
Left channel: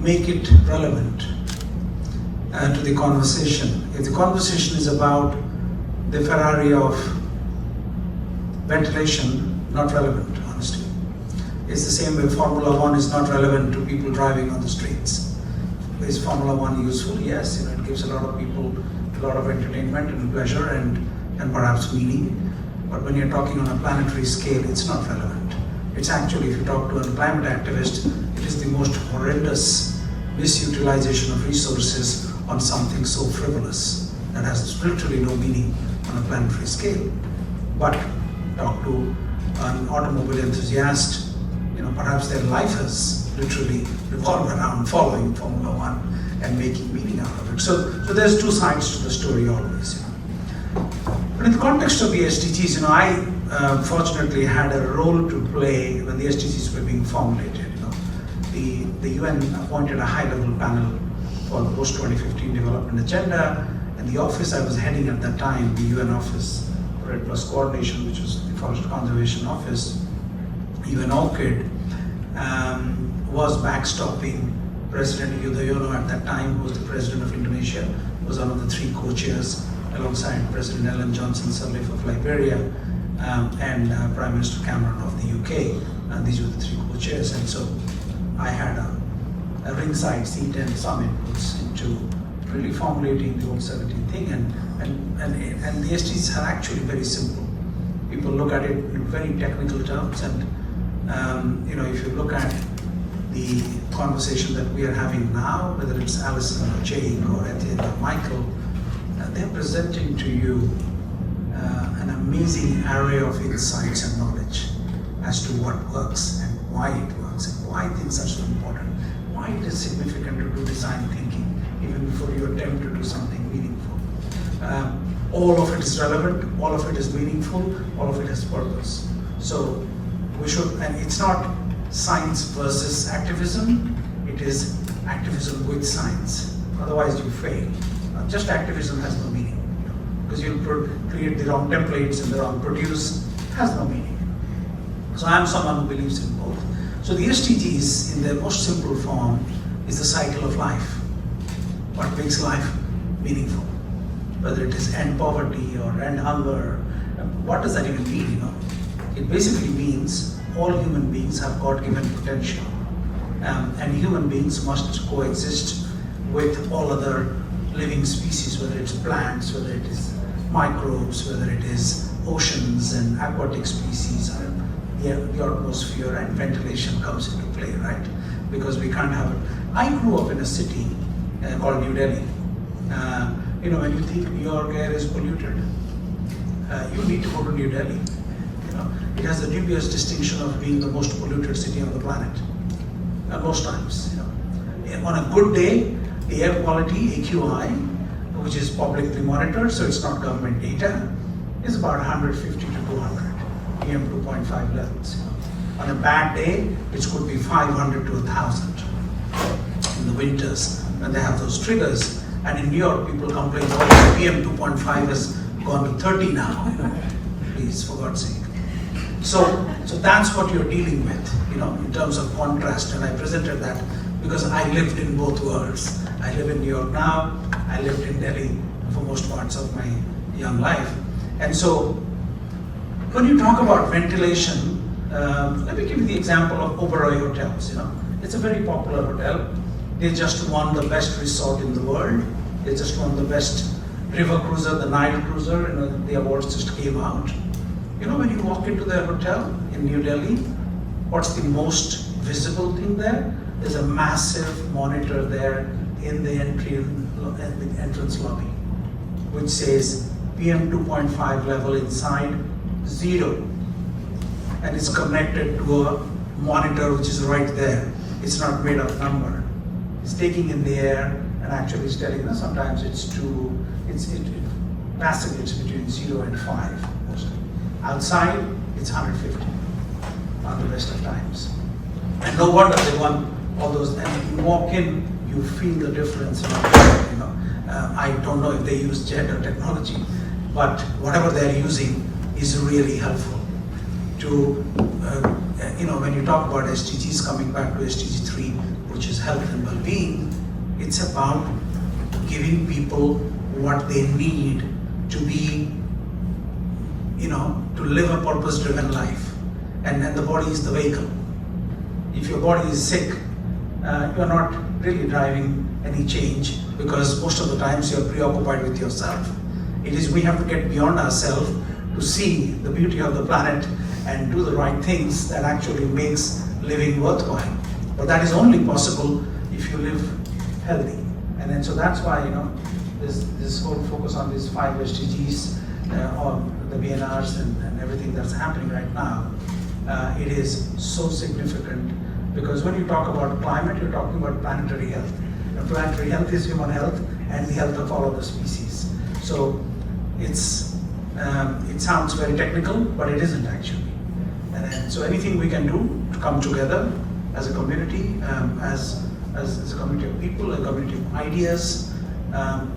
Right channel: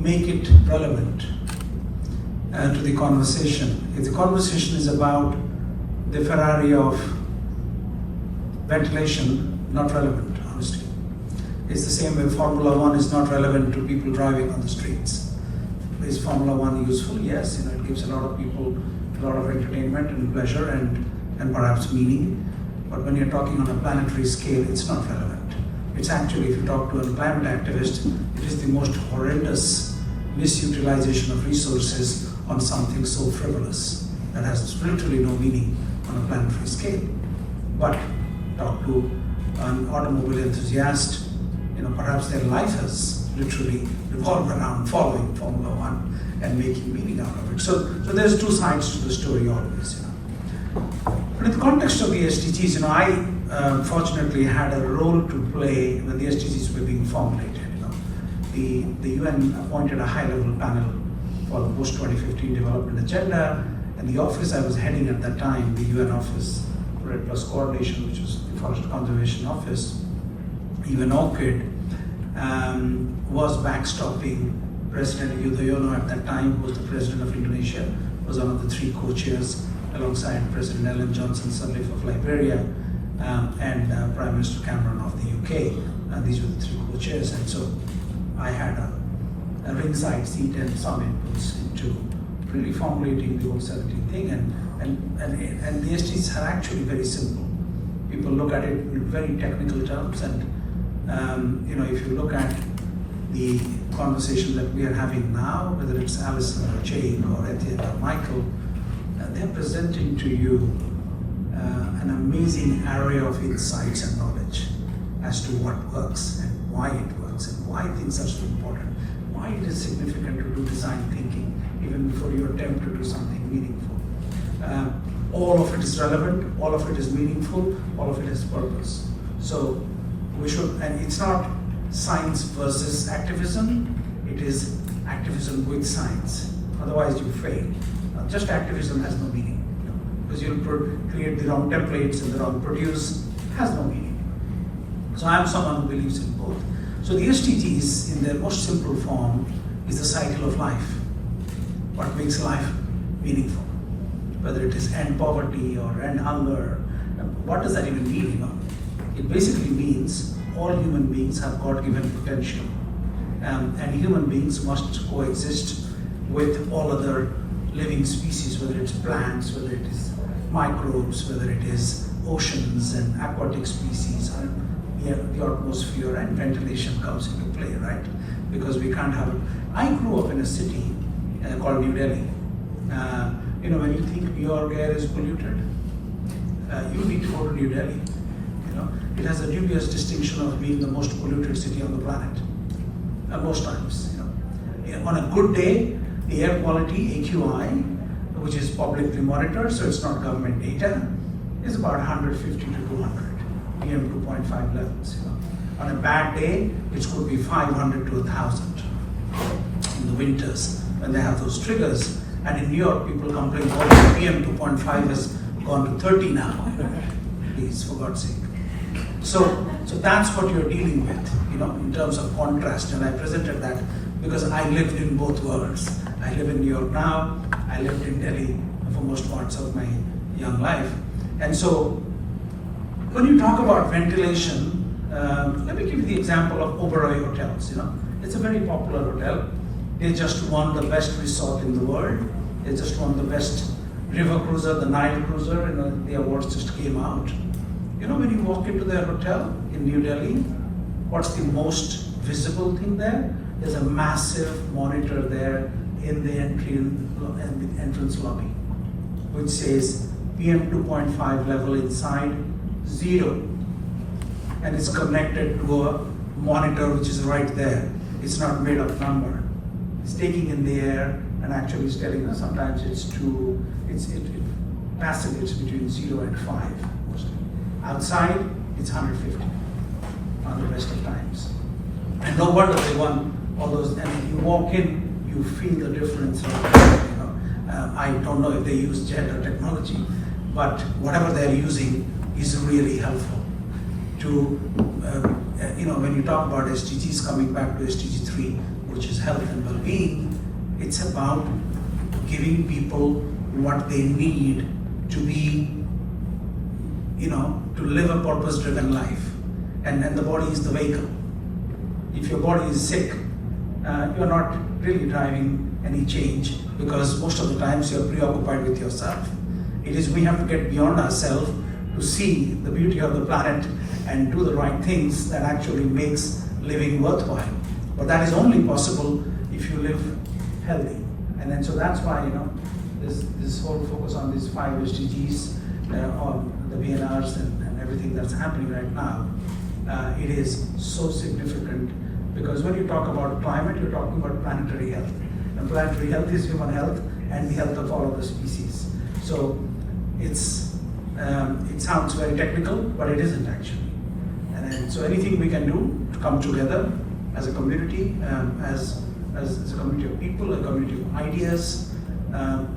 make it relevant to the conversation. If the conversation is about the Ferrari of ventilation, not relevant, honestly. It's the same way Formula 1 is not relevant to people driving on the streets. Is Formula 1 useful? Yes, it gives a lot of people a lot of entertainment and pleasure and perhaps meaning. But when you're talking on a planetary scale, it's not relevant. It's actually, if you talk to a climate activist, it is the most horrendous misutilization of resources on something so frivolous that has literally no meaning on a planetary scale. But talk to an automobile enthusiast, perhaps their life has literally revolved around following Formula One and making meaning out of it. So there's two sides to the story always. But in the context of the SDGs, I fortunately had a role to play when the SDGs were being formulated. The UN appointed a high-level panel for the post-2015 development agenda, and the office I was heading at that time, the UN office, Red Plus Coordination, which was the Forest Conservation Office, UN ORCID, was backstopping President Yudhoyono at that time, who was the President of Indonesia, was one of the three co-chairs, alongside President Ellen Johnson Sirleaf of Liberia, and Prime Minister Cameron of the UK. And these were the three co-chairs. And so I had a ringside seat and some inputs into really formulating the old 17 thing. And the SDGs are actually very simple. People look at it in very technical terms, and if you look at the conversation that we are having now, whether it's Alison or Jake or Etienne or Michael, they're presenting to you an amazing array of insights and knowledge as to what works and why it works and why things are so important, why it is significant to do design thinking even before you attempt to do something meaningful. All of it is relevant, all of it is meaningful, all of it has purpose. So we should, and it's not science versus activism, it is activism with science. Otherwise you fail. Just activism has no meaning, because you'll create the wrong templates and the wrong produce, has no meaning. So I am someone who believes in both. So the SDGs, in their most simple form, is the cycle of life. What makes life meaningful? Whether it is end poverty or end hunger, what does that even mean? It basically means all human beings have God-given potential, and human beings must coexist with all other living species, whether it's plants, whether it is microbes, whether it is oceans and aquatic species, and the atmosphere and ventilation comes into play, right? Because we can't have it. I grew up in a city called New Delhi. When you think New York air is polluted, you need to go to New Delhi. It has a dubious distinction of being the most polluted city on the planet. Most times. On a good day, the air quality, AQI, which is publicly monitored, so it's not government data, is about 150 to 200 PM 2.5 levels. On a bad day, it could be 500 to 1,000 in the winters when they have those triggers. And in New York, people complain, oh, PM 2.5 has gone to 30 now. Please, for God's sake. So that's what you're dealing with, in terms of contrast. And I presented that because I lived in both worlds. I live in New York now. I lived in Delhi for most parts of my young life. And so when you talk about ventilation, let me give you the example of Oberoi Hotels. It's a very popular hotel. They just won the best resort in the world. They just won the best river cruiser, the Nile cruiser. The awards just came out. When you walk into their hotel in New Delhi, what's the most visible thing there? There's a massive monitor there in the entrance lobby, which says PM 2.5 level inside 0, and it's connected to a monitor which is right there. It's not made of number. It's taking in the air and actually is telling us sometimes it's passively it's between 0 and 5. Outside, it's 150 on the rest of times. And no wonder they won all those. And if you walk in, you feel the difference. I don't know if they use Zehnder technology, but whatever they're using is really helpful. When you talk about SDGs, coming back to SDG 3, which is health and well-being, it's about giving people what they need to be, to live a purpose-driven life. And the body is the vehicle. If your body is sick, you're not really driving any change, because most of the times you're preoccupied with yourself. We have to get beyond ourselves to see the beauty of the planet and do the right things that actually makes living worthwhile. But that is only possible if you live healthy. And then so that's why, this whole focus on these 5 SDGs, on the VNRs and everything that's happening right now, it is so significant, because when you talk about climate, you're talking about planetary health. And planetary health is human health and the health of all other species. So it sounds very technical, but it isn't actually. And so anything we can do to come together as a community, as a community of people, a community of ideas,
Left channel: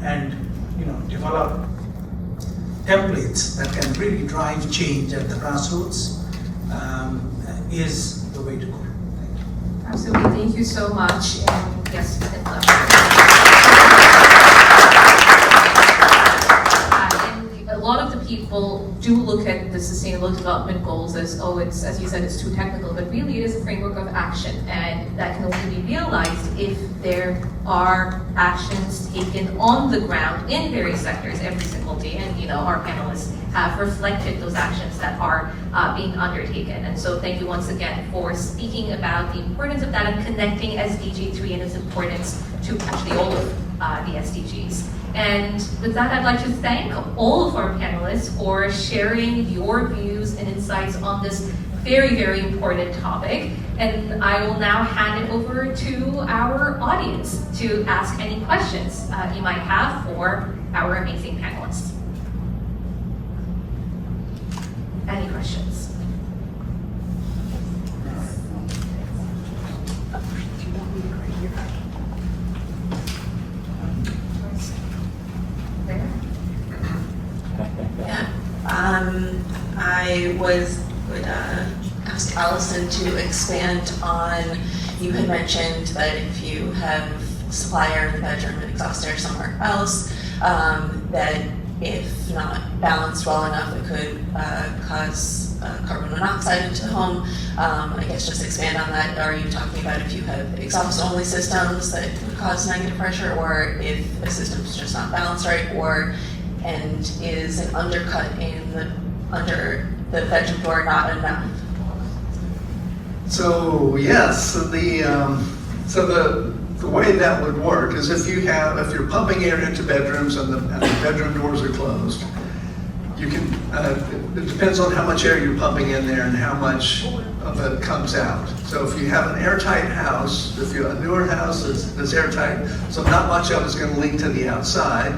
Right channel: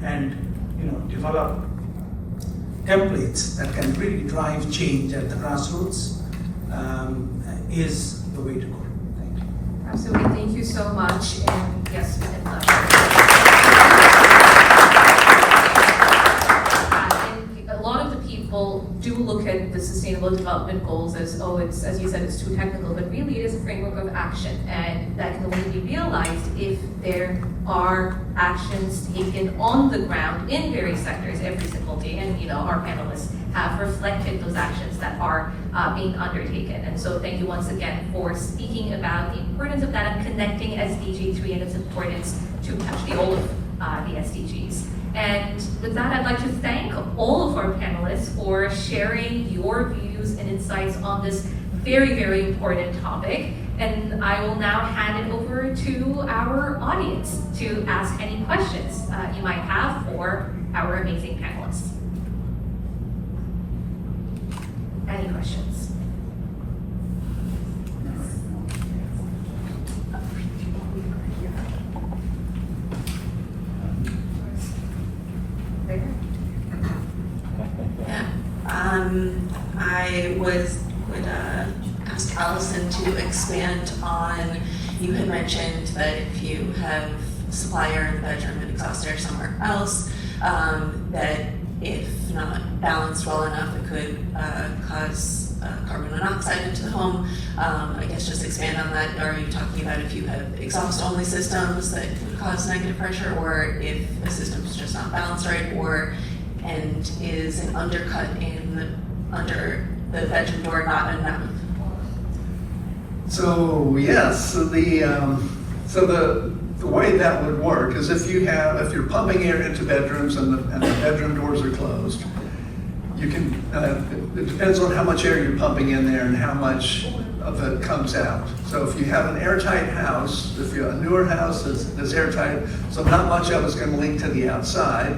and develop templates that can really drive change at the grassroots, is the way to go. Thank you. Absolutely, thank you so much. And yes, and a lot of the people do look at the Sustainable Development Goals as, it's, as you said, it's too technical, but really it is a framework of action, and that can only be realized if there are actions taken on the ground in various sectors every single day, and our panelists have reflected those actions that are being undertaken. And so thank you once again for speaking about the importance of that and connecting SDG 3 and its importance to actually all of the SDGs. And with that, I'd like to thank all of our panelists for sharing your views and insights on this very, very important topic. And I will now hand it over to our audience to ask any questions you might have for our amazing panelists. Any questions? I would ask Allison to expand on, you had mentioned that if you have supply air in the bedroom and exhaust air somewhere else, that if not balanced well enough, it could cause carbon monoxide into the home. I guess just expand on that. Are you talking about if you have exhaust-only systems that would cause negative pressure, or if the system is just not balanced right, and is an undercut under the bedroom door not enough? So yes, the way that would work is if you're pumping air into bedrooms and the bedroom doors are closed, you can. It depends on how much air you're pumping in there and how much of it comes out. So if you have an airtight house, if you're a newer house that's airtight, so not much of it's going to leak to the outside.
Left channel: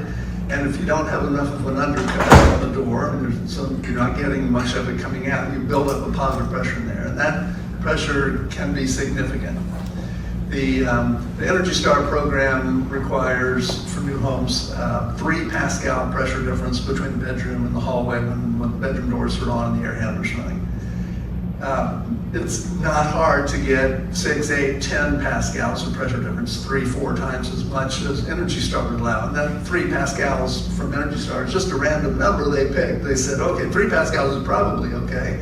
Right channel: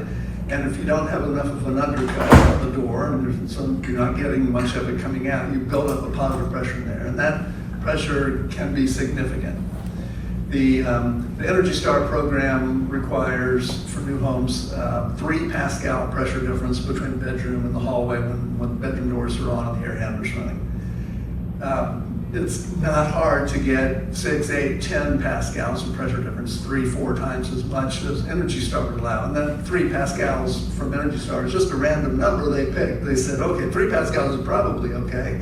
And if you don't have enough of an undercut at the door, and you're not getting much of it coming out, you build up a positive pressure in there, and that pressure can be significant. The Energy Star program requires, for new homes, 3 Pascal pressure difference between the bedroom and the hallway when the bedroom doors are on and the air handler's running. It's not hard to get 6, 8, 10 Pascals of pressure difference, 3-4 times as much as Energy Star would allow. And that 3 Pascals from Energy Star is just a random number they picked. They said, okay, 3 Pascals is probably okay.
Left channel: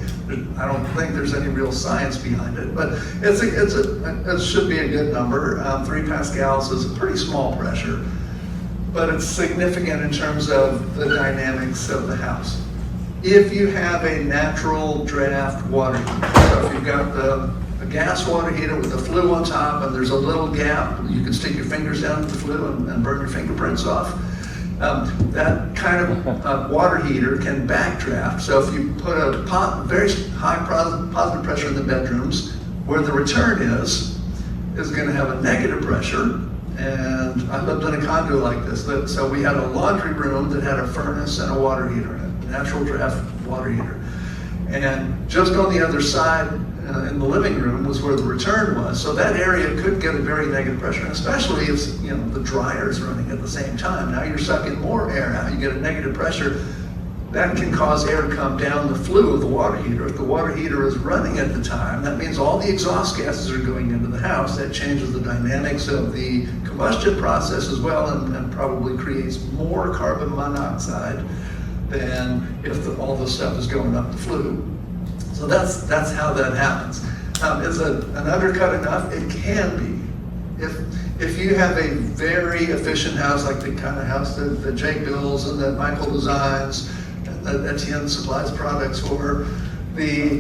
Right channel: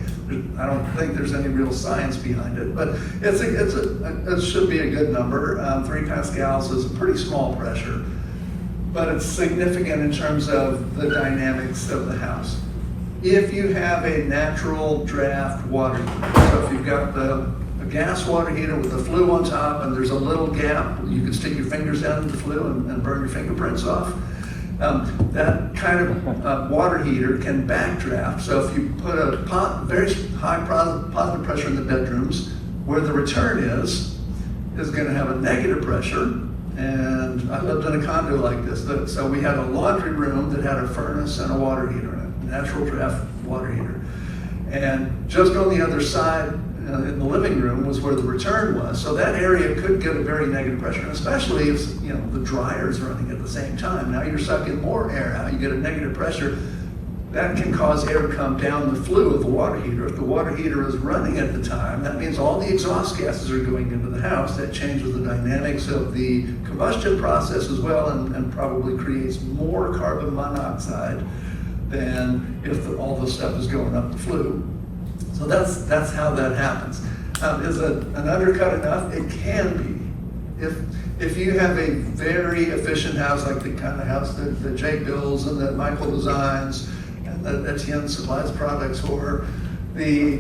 I don't think there's any real science behind it, but it should be a good number. 3 Pascals is a pretty small pressure, but it's significant in terms of the dynamics of the house. If you have a natural draft water heater, so if you've got a gas water heater with a flue on top and there's a little gap, you can stick your fingers down in the flue and burn your fingerprints off. That kind of water heater can backdraft. So if you put a very high positive pressure in the bedrooms, where the return is going to have a negative pressure. And I lived in a condo like this. So we had a laundry room that had a furnace and a water heater in it, natural draft water heater. And just on the other side in the living room was where the return was. So that area could get a very negative pressure, and especially if the dryer is running at the same time. Now you're sucking more air out. You get a negative pressure. That can cause air to come down the flue of the water heater. If the water heater is running at the time, that means all the exhaust gases are going into the house. That changes the dynamics of the combustion process as well, and probably creates more carbon monoxide than if all this stuff is going up the flue. So that's how that happens. Is an undercut enough? It can be. If you have a very efficient house, like the kind of house that Jay builds and that Michael designs, and that Etienne supplies products for, the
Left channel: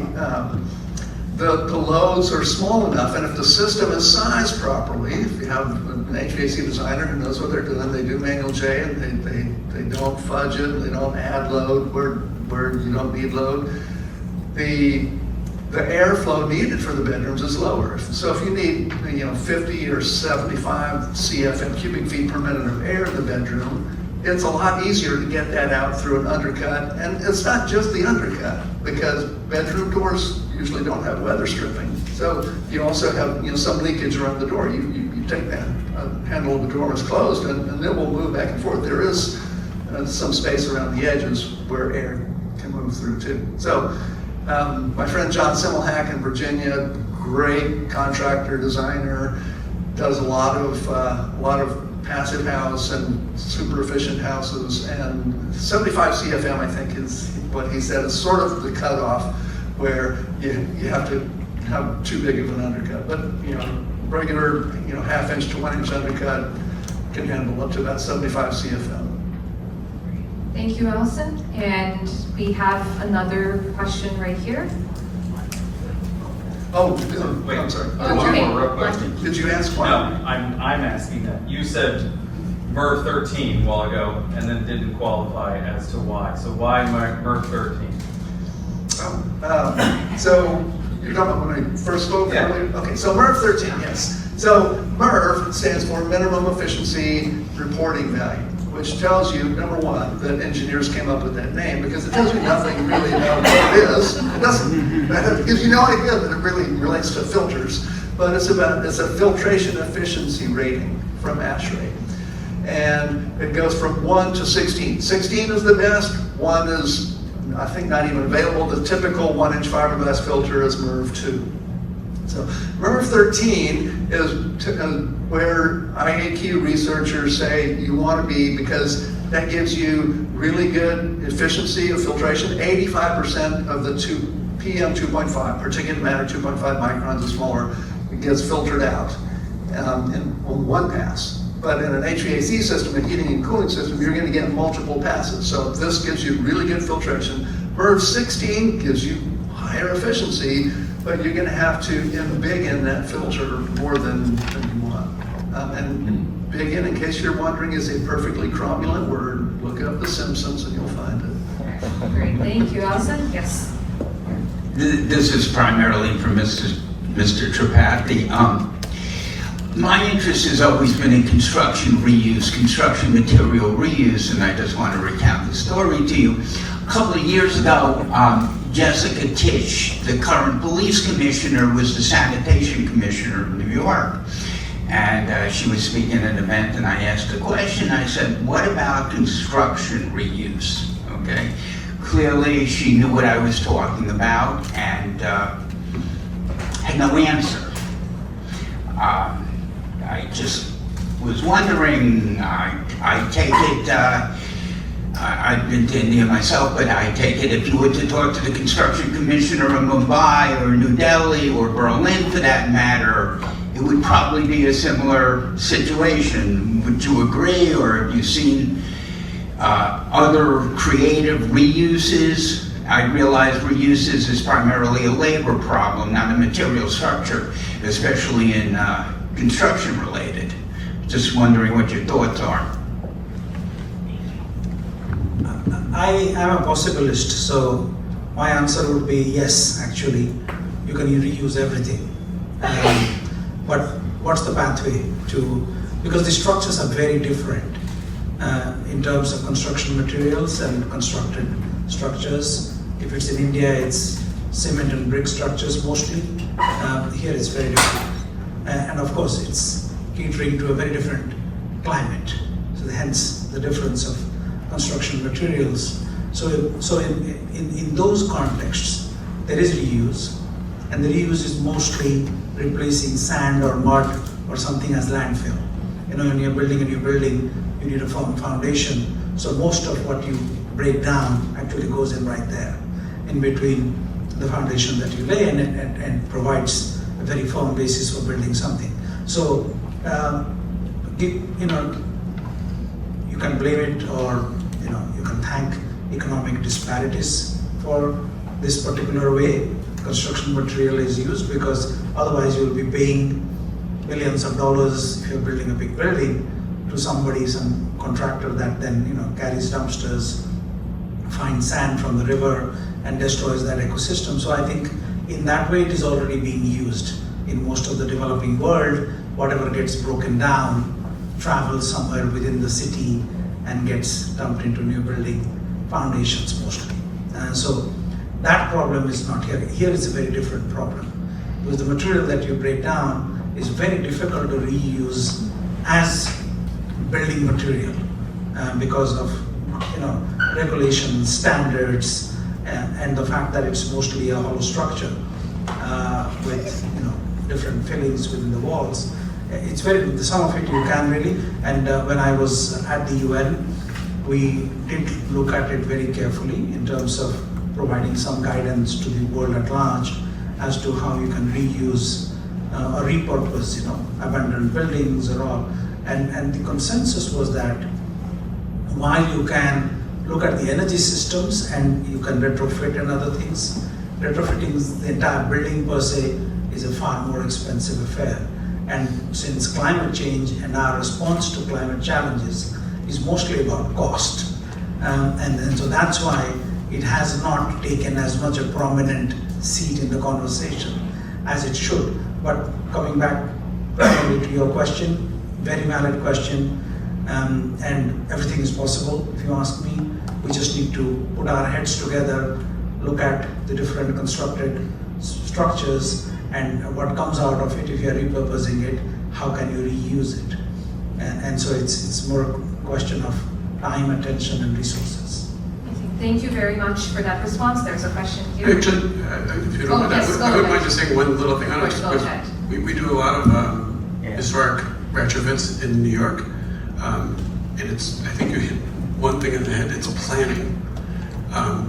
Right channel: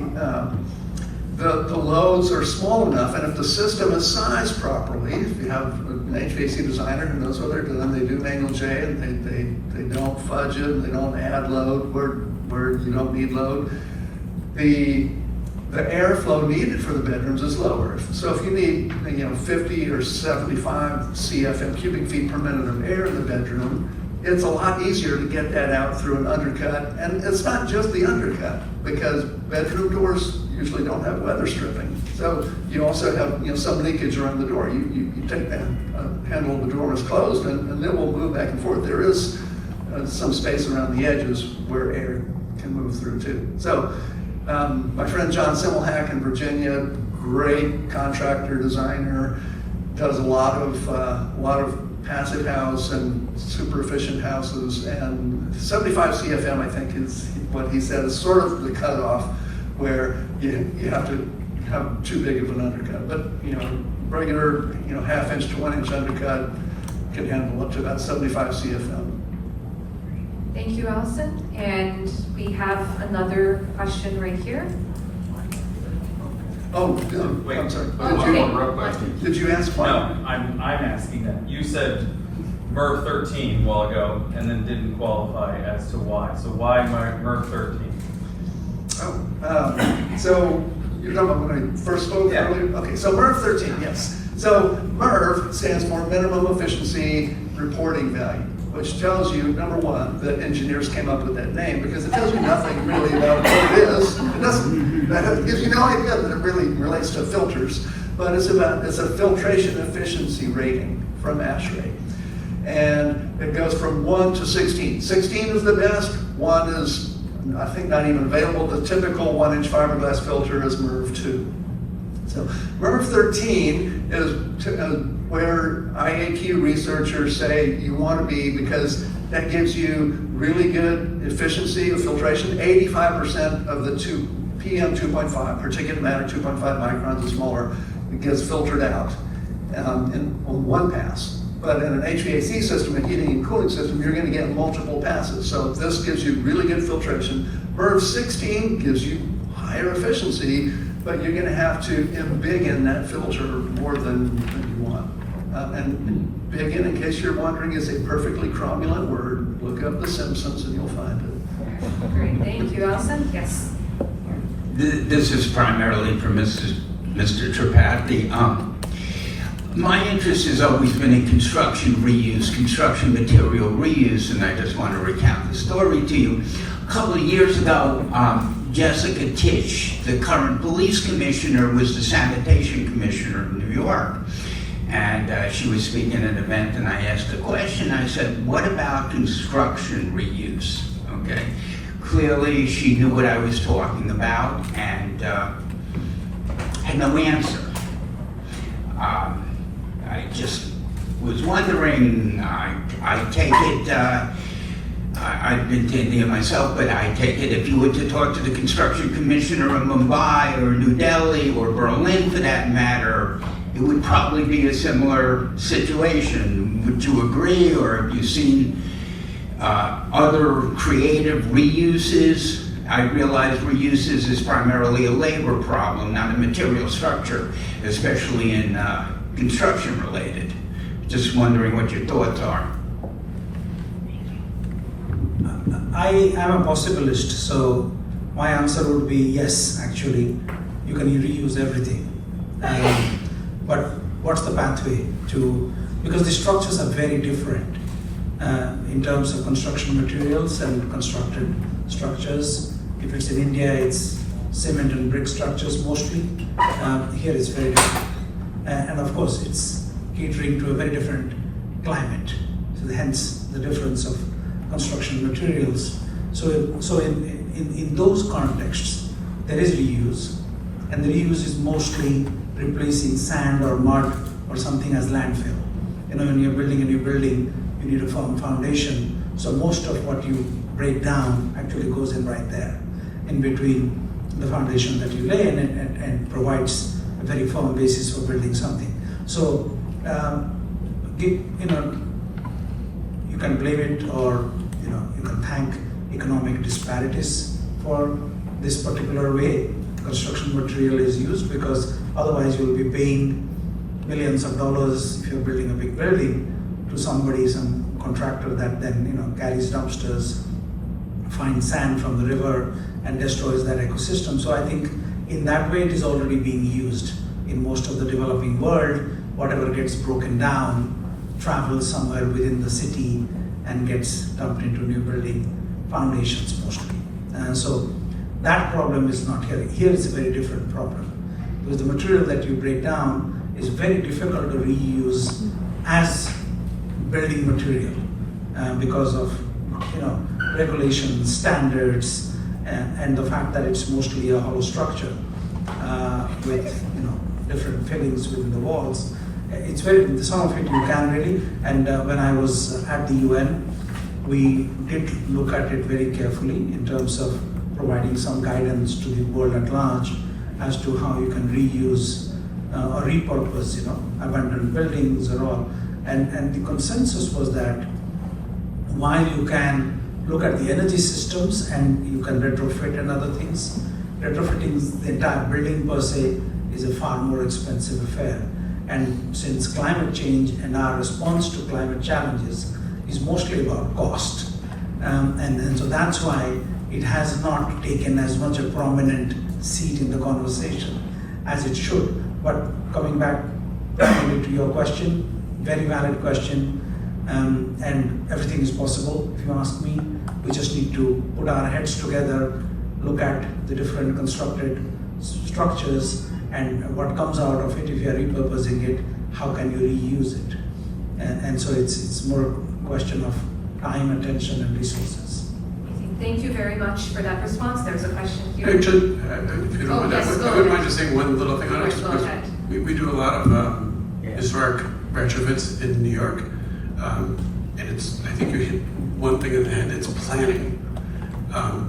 loads are small enough, and if the system is sized properly, if you have an HVAC designer who knows what they're doing, they do manual J, and they don't fudge it, they don't add load where you don't need load. The airflow needed for the bedrooms is lower. So if you need 50 or 75 CFM cubic feet per minute of air in the bedroom, it's a lot easier to get that out through an undercut. And it's not just the undercut, because bedroom doors usually don't have weather stripping. So you also have some leakage around the door. You take that handle of the door is closed, and it will move back and forth. There is some space around the edges where air can move through too. So my friend John Simmelhack in Virginia, great contractor, designer, does a lot of passive house and super efficient houses, and 75 CFM I think is what he said is sort of the cutoff where you have to have too big of an undercut. But regular half-inch to 1-inch undercut can handle up to about 75 CFM. Thank you, Elson. And we have another question right here. Oh, Wait. I'm sorry. Oh, One okay. more real question. Did you ask one? No, I'm asking that. You said MERV 13 a while ago and then didn't qualify as to why. So why MERV 13? So you're talking about when I first spoke? Yeah. Okay, so MERV 13, yes. So MERV stands for Minimum Efficiency Reporting Value, which tells you, number one, that engineers came up with that name because it tells you nothing really about what it is. It doesn't give you no idea that it really relates to filters, but it's a filtration efficiency rating from ASHRAE. And it goes from 1 to 16. 16 is the best, 1 is, I think, not even available. The typical 1-inch fiberglass filter is MERV 2. So MERV 13 is where IAQ researchers say you want to be, because that gives you really good efficiency of filtration. 85% of the PM 2.5, particulate matter 2.5 microns or smaller, it gets filtered out on one pass. But in an HVAC system, a heating and cooling system, you're going to get multiple passes. So this gives you really good filtration. MERV 16 gives you higher efficiency, but you're going to have to embiggen that filter more than you want. And biggin, in case you're wondering, is a perfectly cromulent word. Look up The Simpsons and you'll find it. Great. Thank you, Elson. Yes. This is primarily for Mr. Tripathi. My interest has always been in construction reuse, construction material reuse, and I just want to recount the story to you. A couple of years ago, Jessica Tisch, the current police commissioner, was the sanitation commissioner of New York. And she was speaking at an event, and I asked a question. I said, what about construction reuse? Okay. Clearly, she knew what I was talking about and had no answer. I just was wondering, I take it, I've been to India myself, but I take it if you were to talk to the construction commissioner in Mumbai or New Delhi or Berlin for that matter, it would probably be a similar situation. Would you agree, or have you seen other creative reuses? I realize reuses is primarily a labor problem, not a material structure, especially in construction related. Just wondering what your thoughts are. I am a possibilist, so my answer would be yes, actually. You can reuse everything. But what's the pathway to, because the structures are very different in terms of construction materials and constructed structures. If it's in India, it's cement and brick structures mostly. Here it's very different. And of course, it's catering to a very different climate. So hence the difference of construction materials. So in those contexts, there is reuse, and the reuse is mostly replacing sand or mud or something as landfill. When you're building a new building, you need a firm foundation. So most of what you break down actually goes in right there, in between the foundation that you lay and provides a very firm basis for building something. So, you can blame it, or you can thank economic disparities for this particular way construction material is used, because otherwise you'll be paying millions of dollars if you're building a big building to somebody, some contractor that then carries dumpsters, finds sand from the river and destroys that ecosystem. So I think in that way it is already being used in most of the developing world. Whatever gets broken down travels somewhere within the city and gets dumped into new building foundations mostly. So that problem is not here. Here is a very different problem, because the material that you break down is very difficult to reuse as building material because of regulations, standards, and the fact that it's mostly a hollow structure with different fillings within the walls. It's very, some of it you can really, and when I was at the UN, we did look at it very carefully in terms of providing some guidance to the world at large as to how you can reuse or repurpose, abandoned buildings or all. And the consensus was that while you can look at the energy systems and you can retrofit and other things, retrofitting the entire building per se is a far more expensive affair. And since climate change and our response to climate challenges is mostly about cost, and so that's why it has not taken as much a prominent seat in the conversation as it should. But coming back to your question, very valid question, and everything is possible if you ask me. We just need to put our heads together, look at the different constructed structures and what comes out of it. If you are repurposing it, how can you reuse it? And so it's more a question of time, attention, and resources. Thank you very much for that response. There's a question here. Hey, if you don't mind, I wouldn't mind just saying one little thing on it. Go ahead. We do a lot of historic retrofits in New York, and it's, I think you hit one thing in the head, it's planning.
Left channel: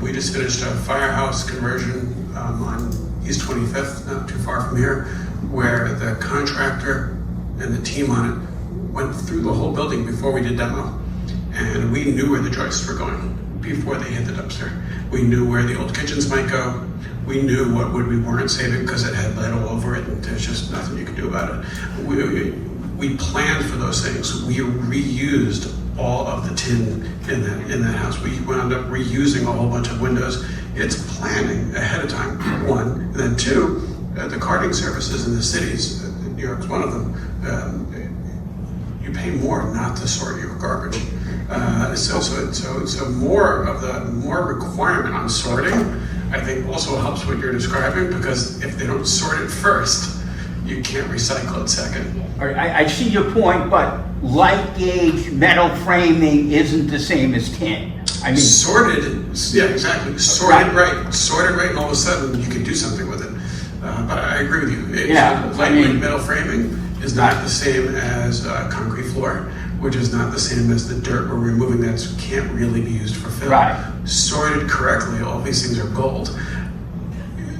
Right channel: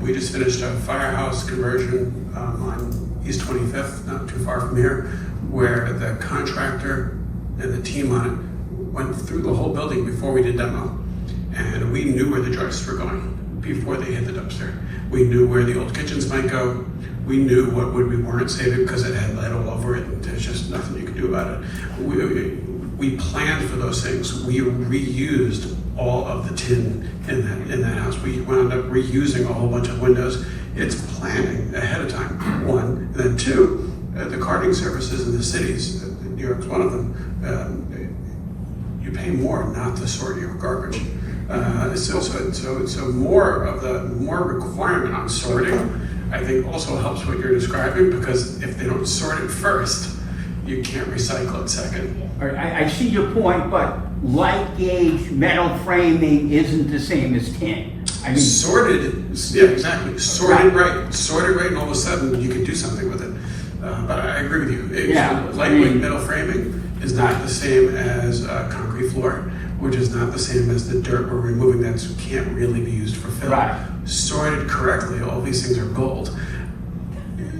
We just finished a firehouse conversion on East 25th, not too far from here, where the contractor and the team on it went through the whole building before we did demo. And we knew where the joists were going before they hit the dumpster. We knew where the old kitchens might go. We knew what would we weren't saving because it had lead all over it and there's just nothing you could do about it. We planned for those things. We reused all of the tin in that house. We wound up reusing a whole bunch of windows. It's planning ahead of time, one. Then two, the carting services in the cities, New York's one of them, you pay more not to sort your garbage. So more requirement on sorting, I think also helps what you're describing, because if they don't sort it first, you can't recycle it second. I see your point, but light gauge metal framing isn't the same as tin. I mean, sorted, yeah, exactly. Sorted right. Sorted right, and all of a sudden you can do something with it. But I agree with you. Yeah, Lightweight metal framing is not the same as concrete floor, which is not the same as the dirt we're removing that can't really be used for fill. Right. Sorted correctly, all these things are gold.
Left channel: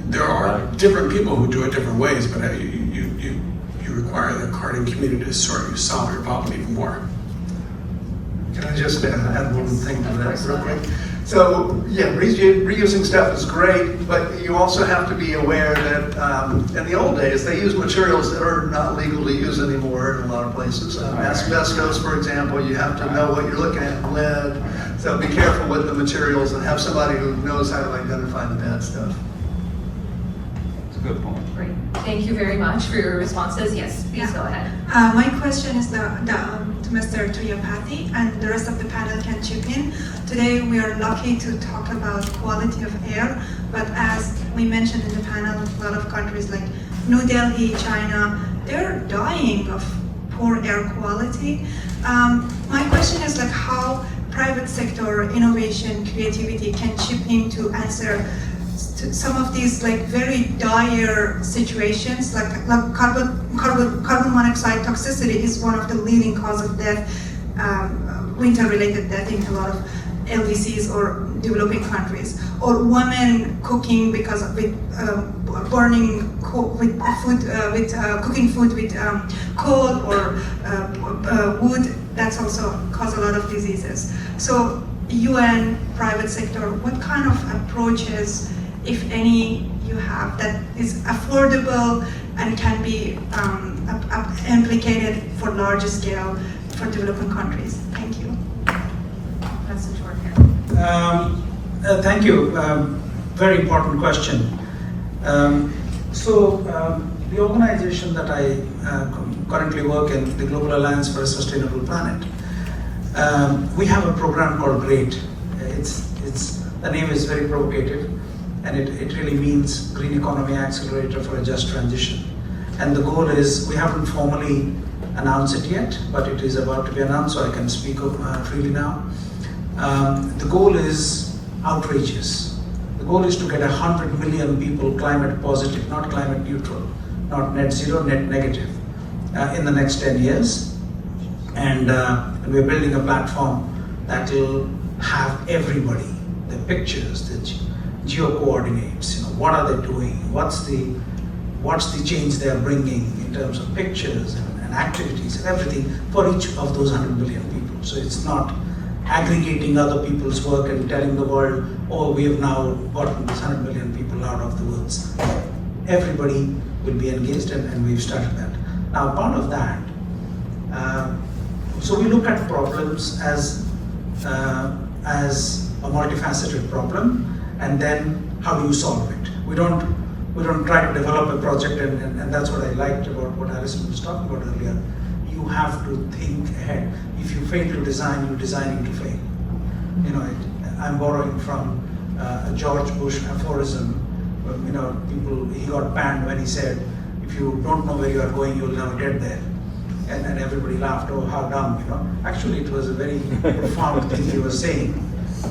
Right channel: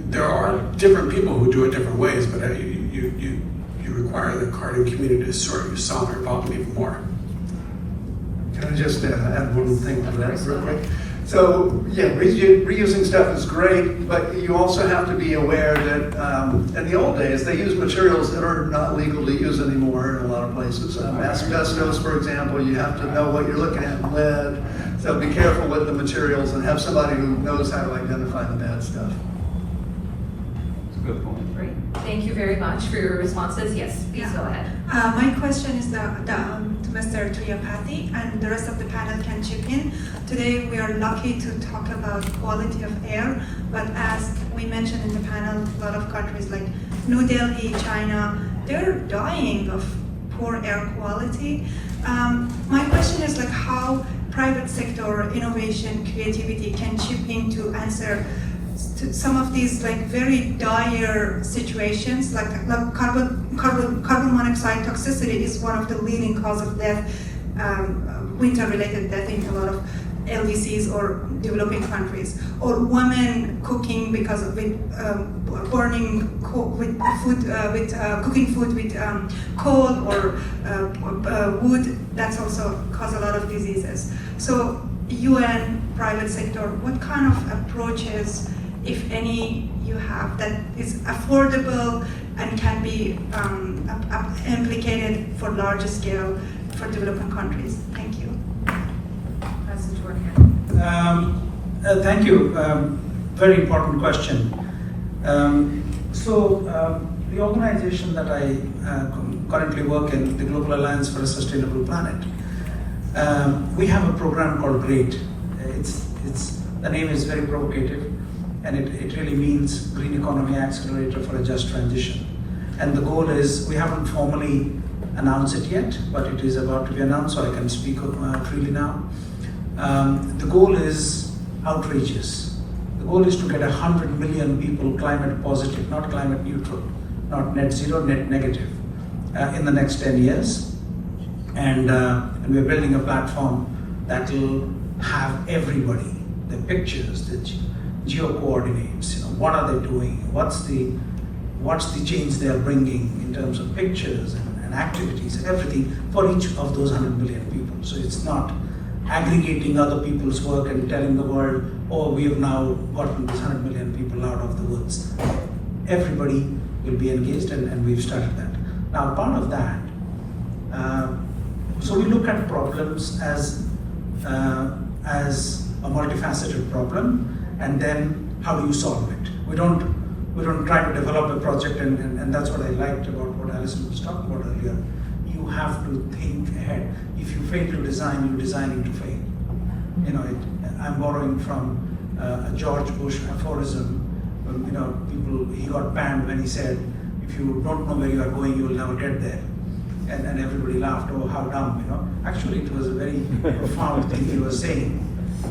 There are different people who do it different ways, but you require the carting community to sort yourself. You're involved even more. Can I just add one thing to that real quick? So, yeah, reusing stuff is great, but you also have to be aware that in the old days, they used materials that are not legal to use anymore in a lot of places. Asbestos, for example, you have to know what you're looking at, lead. So be careful with the materials and have somebody who knows how to identify the bad stuff. That's a good point. Great. Thank you very much for your responses. Yes, please go ahead. My question is to Mr. Tripathi, and the rest of the panel can chip in. Today we are lucky to talk about quality of air, but as we mentioned in the panel, a lot of countries like New Delhi, China, they're dying of poor air quality. My question is like how private sector innovation, creativity can chip in to answer to some of these like very dire situations, like carbon monoxide toxicity is one of the leading cause of death, winter-related death in a lot of LDCs or developing countries, or women cooking because of burning cooking food with coal or wood. That's also cause a lot of diseases. So UN, private sector, what kind of approaches if any, you have that is affordable and can be implicated for larger scale for developing countries? Thank you. Thank you. Very important question. The organization that I currently work in, the Global Alliance for a Sustainable Planet, we have a program called GREAT. The name is very provocative, and it really means Green Economy Accelerator for a Just Transition. And the goal is, we haven't formally announced it yet, but it is about to be announced, so I can speak freely now. The goal is outrageous. The goal is to get 100 million people climate positive, not climate neutral, not net zero, net negative, in the next 10 years. And we're building a platform that will have everybody, the pictures, the geo coordinates, what are they doing, what's the change they're bringing in terms of pictures and activities and everything for each of those 100 million people. So it's not aggregating other people's work and telling the world, oh, we have now gotten these 100 million people out of the woods. Everybody will be engaged, and we've started that. Now, part of that, so we look at problems as a multifaceted problem, and then how do you solve it? We don't try to develop a project, and that's what I liked about what Alison was talking about earlier. You have to think ahead. If you fail to design, you're designing to fail. I'm borrowing from a George Bush aphorism. He got banned when he said, if you don't know where you are going, you'll never get there. And everybody laughed, oh, how dumb, Actually, it was a very profound thing he was saying.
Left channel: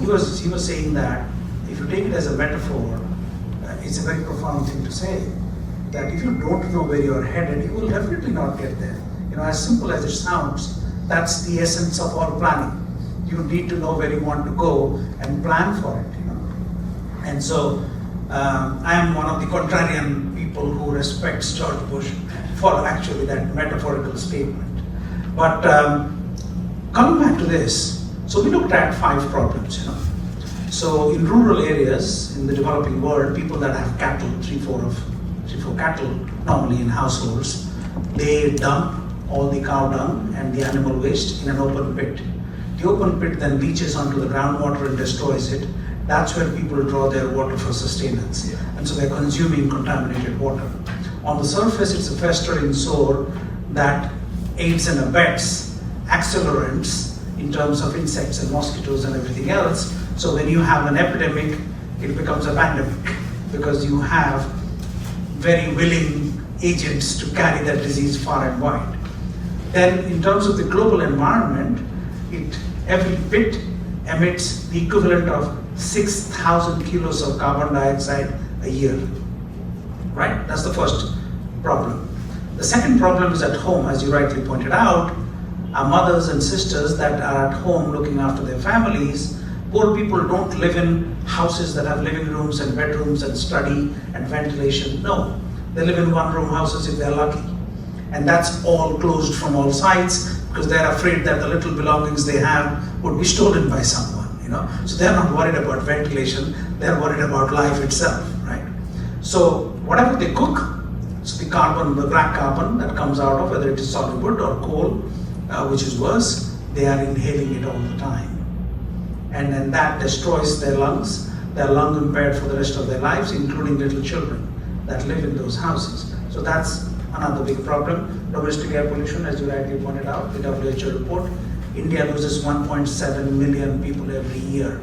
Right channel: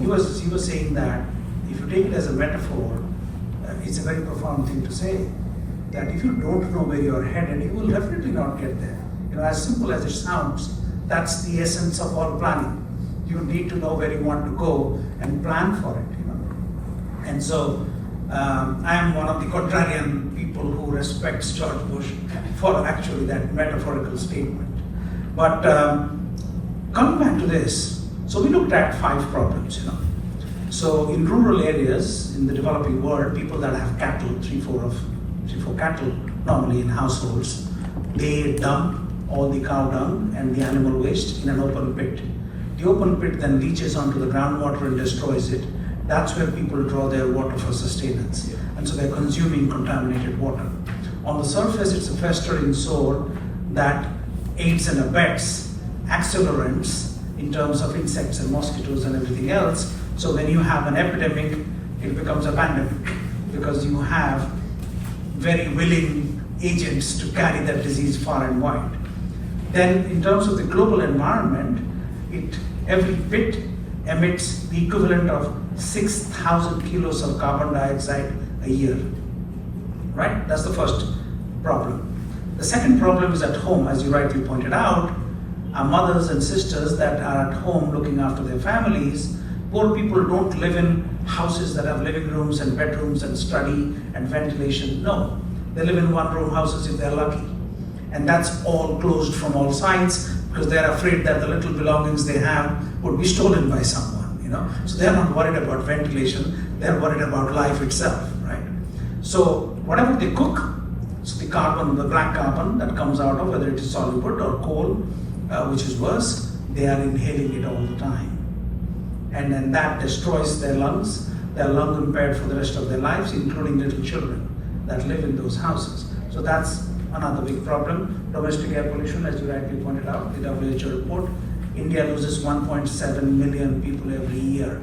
He was saying that if you take it as a metaphor, it's a very profound thing to say, that if you don't know where you are headed, you will definitely not get there. As simple as it sounds, that's the essence of all planning. You need to know where you want to go and plan for it. And so I am one of the contrarian people who respects George Bush for actually that metaphorical statement. But coming back to this, so we looked at 5 problems. So in rural areas in the developing world, people that have cattle, 3-4 cattle normally in households, they dump all the cow dung and the animal waste in an open pit. The open pit then leaches onto the groundwater and destroys it. That's where people draw their water for sustenance. And so they're consuming contaminated water. On the surface, it's a festering sore that aids and abets accelerants in terms of insects and mosquitoes and everything else. So when you have an epidemic, it becomes a pandemic, because you have very willing agents to carry that disease far and wide. Then in terms of the global environment, every pit emits the equivalent of 6,000 kilos of carbon dioxide a year. Right? That's the first problem. The second problem is at home, as you rightly pointed out. Our mothers and sisters that are at home looking after their families, poor people don't live in houses that have living rooms and bedrooms and study and ventilation. No, they live in one-room houses if they're lucky. And that's all closed from all sides, because they're afraid that the little belongings they have would be stolen by someone, So they're not worried about ventilation, they're worried about life itself, right? So whatever they cook, so the black carbon that comes out of, whether it is solid wood or coal, which is worse, they are inhaling it all the time. And then that destroys their lungs. They're lung impaired for the rest of their lives, including little children that live in those houses. So that's another big problem. Domestic air pollution, as you rightly pointed out, the WHO report, India loses 1.7 million people every year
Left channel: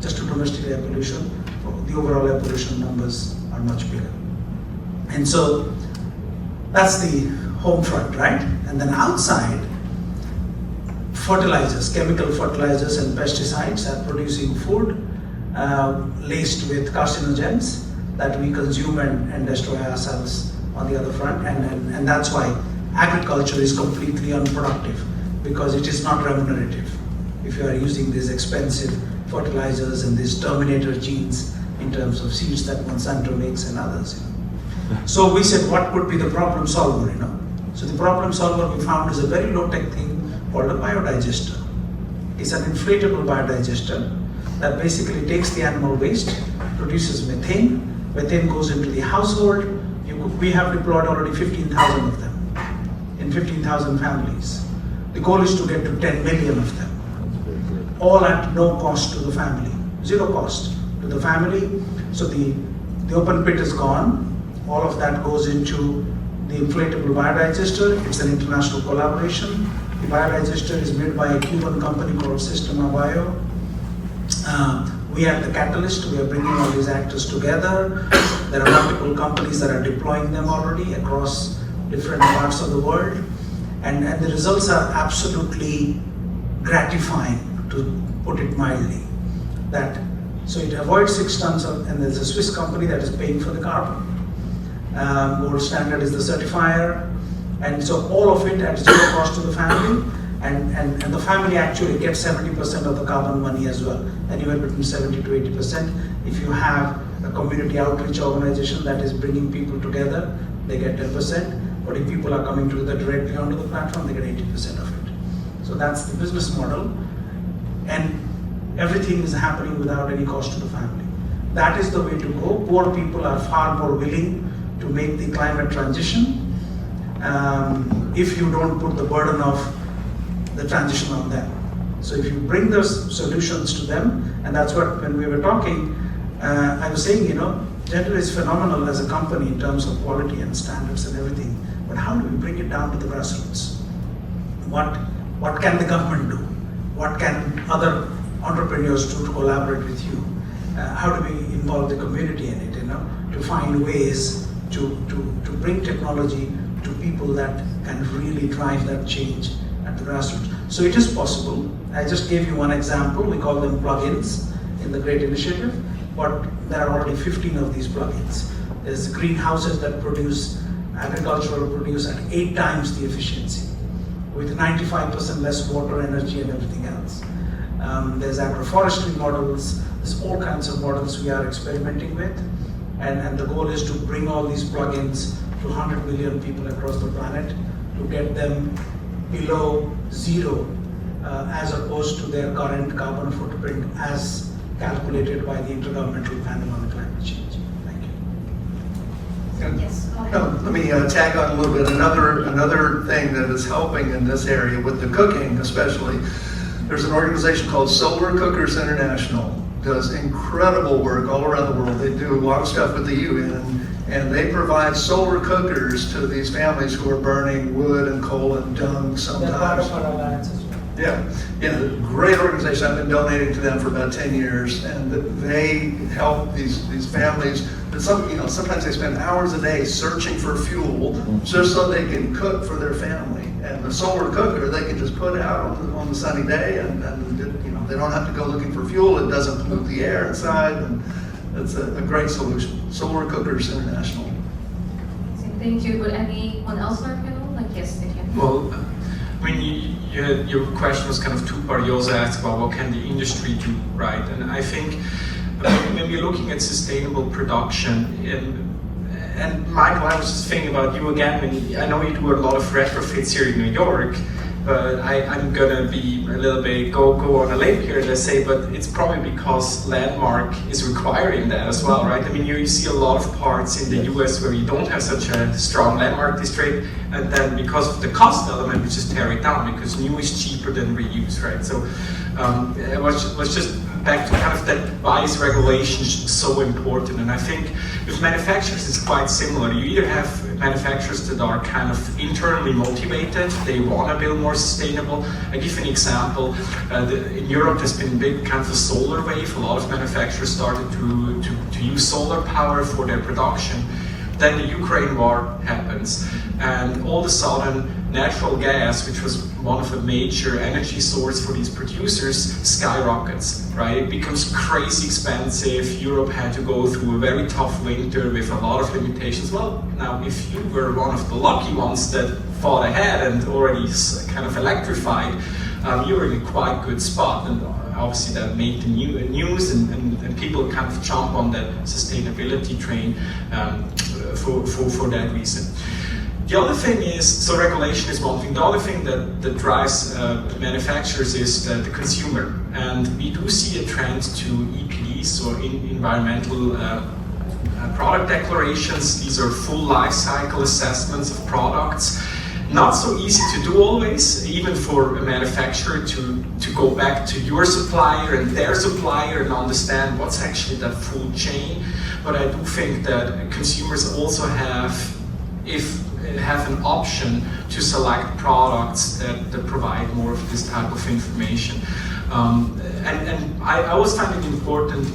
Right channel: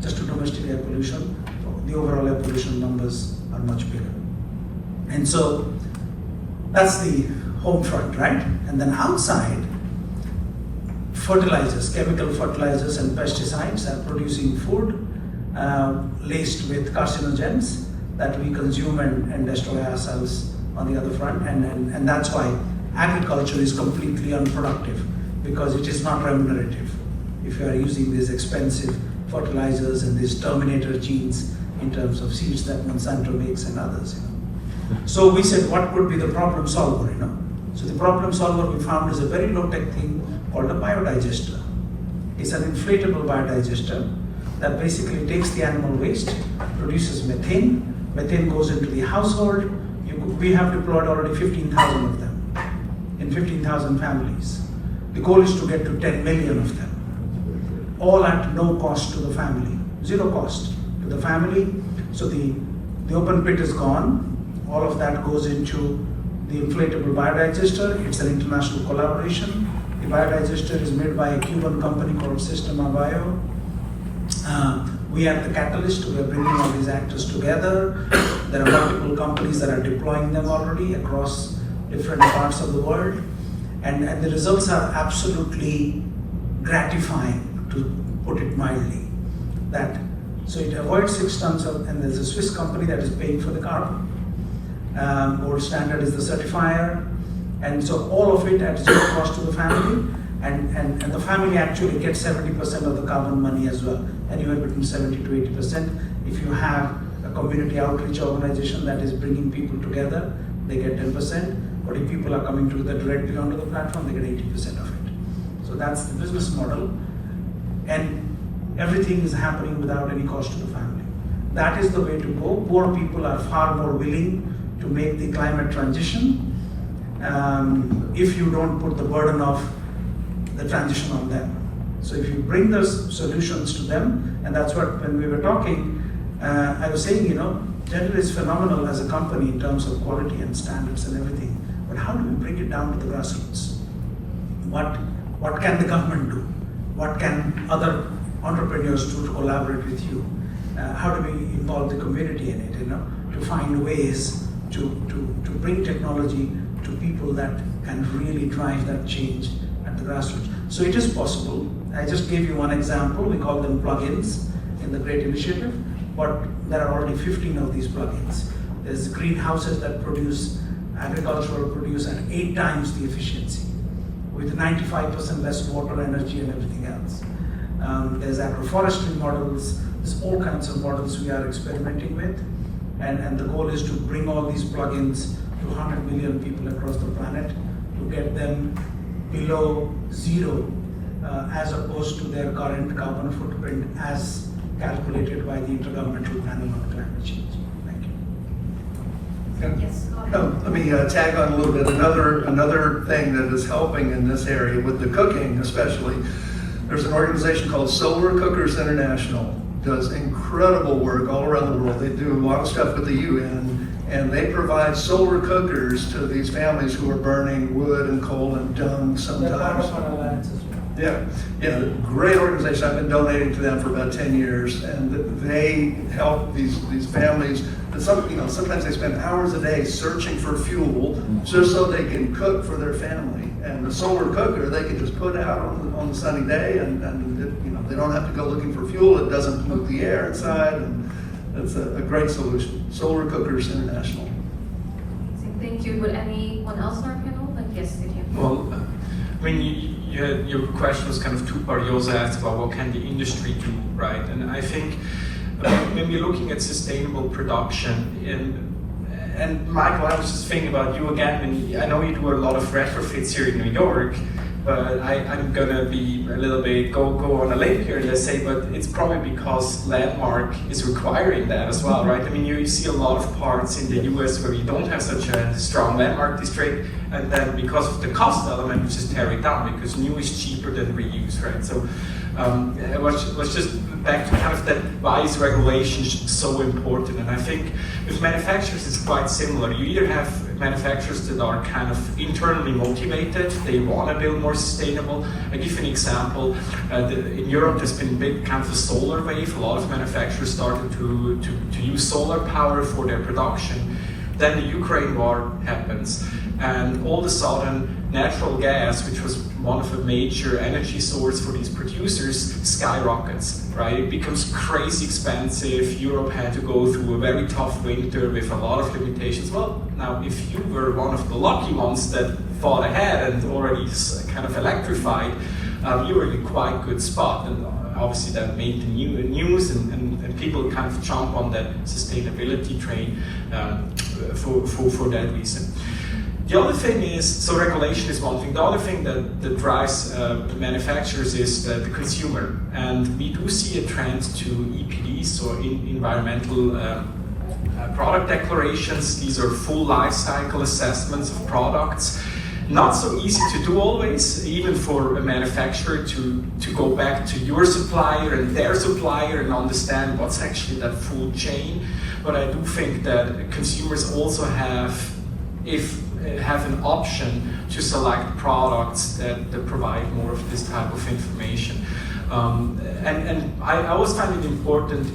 just to domestic air pollution. The overall air pollution numbers are much bigger. And so that's the home front, right? And then outside, fertilizers, chemical fertilizers and pesticides are producing food laced with carcinogens that we consume and destroy ourselves on the other front, and that's why agriculture is completely unproductive, because it is not remunerative. If you are using these expensive fertilizers and these terminator genes in terms of seeds that Monsanto makes and others. So we said, what could be the problem solver? So the problem solver we found is a very low-tech thing called a biodigester. It's an inflatable biodigester that basically takes the animal waste, produces methane. Methane goes into the household. We have deployed already 15,000 of them in 15,000 families. The goal is to get to 10 million of them, all at no cost to the family, zero cost to the family. So the open pit is gone. All of that goes into the inflatable biodigester. It's an international collaboration. The biodigester is made by a Cuban company called Sistema Bio. We are the catalyst. We are bringing all these actors together. There are multiple companies that are deploying them already across different parts of the world. And the results are absolutely gratifying, to put it mildly. So it avoids 6 tons of, and there's a Swiss company that is paying for the carbon. Gold Standard is the certifier. And so all of it at zero cost to the family. And the family actually gets 70% of the carbon money as well, anywhere between 70 to 80%. If you have a community outreach organization that is bringing people together, they get 10%. But if people are coming together directly onto the platform, they get 80% of it. So that's the business model. And everything is happening without any cost to the family. That is the way to go. Poor people are far more willing to make the climate transition if you don't put the burden of the transition on them. So if you bring those solutions to them, and that's what, when we were talking, I was saying, Zehnder is phenomenal as a company in terms of quality and standards and everything, but how do we bring it down to the grassroots? What can the government do? What can other entrepreneurs do to collaborate with you? How do we involve the community in it, to find ways to bring technology to people that can really drive that change at the grassroots. So it is possible. I just gave you one example. We call them plugins in the GREAT initiative, but there are already 15 of these plugins. There's greenhouses that produce agricultural produce at 8 times the efficiency, with 95% less water, energy, and everything else. There's agroforestry models. There's all kinds of models we are experimenting with, and the goal is to bring all these plugins to 100 million people across the planet, to get them below zero, as opposed to their current carbon footprint as calculated by the Intergovernmental Panel on Climate Change. Thank you. Yes. Let me tag on a little bit. Another thing that is helping in this area with the cooking, especially, there's an organization called Solar Cookers International. Does incredible work all around the world. They do a lot of stuff with the UN, and they provide solar cookers to these families who are burning wood and coal and dung sometimes. They're part of our alliance as well. Yeah, great organization. I've been donating to them for about 10 years, and they help these families. Sometimes they spend hours a day searching for fuel just so they can cook for their family. And the solar cooker, they can just put out on the sunny day, and they don't have to go looking for fuel. It doesn't pollute the air inside, and it's a great solution. Solar Cookers International. Thank you. Would anyone else like to know? Yes, if you. Well, your question was kind of two-part. You also asked about what can the industry do, right? And I think when we're looking at sustainable production, and Michael, I was just thinking about you again, and I know you do a lot of retrofits here in New York, but I'm gonna be a little bit go on a limb here and say, but it's probably because Landmark is requiring that as well, right? I mean, you see a lot of parts in the US where you don't have such a strong Landmark district, and then because of the cost element, we just tear it down because new is cheaper than reuse, right? So let's just back to kind of that, why is regulation so important? And I think with manufacturers it's quite similar. You either have manufacturers that are kind of internally motivated, they want to build more sustainable. I give you an example. In Europe there's been a big kind of a solar wave. A lot of manufacturers started to use solar power for their production. Then the Ukraine war happens, and all of a sudden natural gas, which was one of the major energy sources for these producers, skyrockets, right? It becomes crazy expensive. Europe had to go through a very tough winter with a lot of limitations. Well, now if you were one of the lucky ones that fought ahead and already kind of electrified, you were in a quite good spot. And obviously that made the news, and people kind of jump on that sustainability train for that reason. The other thing is, so regulation is one thing. The other thing that drives manufacturers is the consumer. And we do see a trend to EPDs, so environmental product declarations. These are full life cycle assessments of products. Not so easy to do always, even for a manufacturer to go back to your supplier and their supplier and understand what's actually that full chain. But I do think that consumers also have an option to select products that provide more of this type of information. And I always find it important,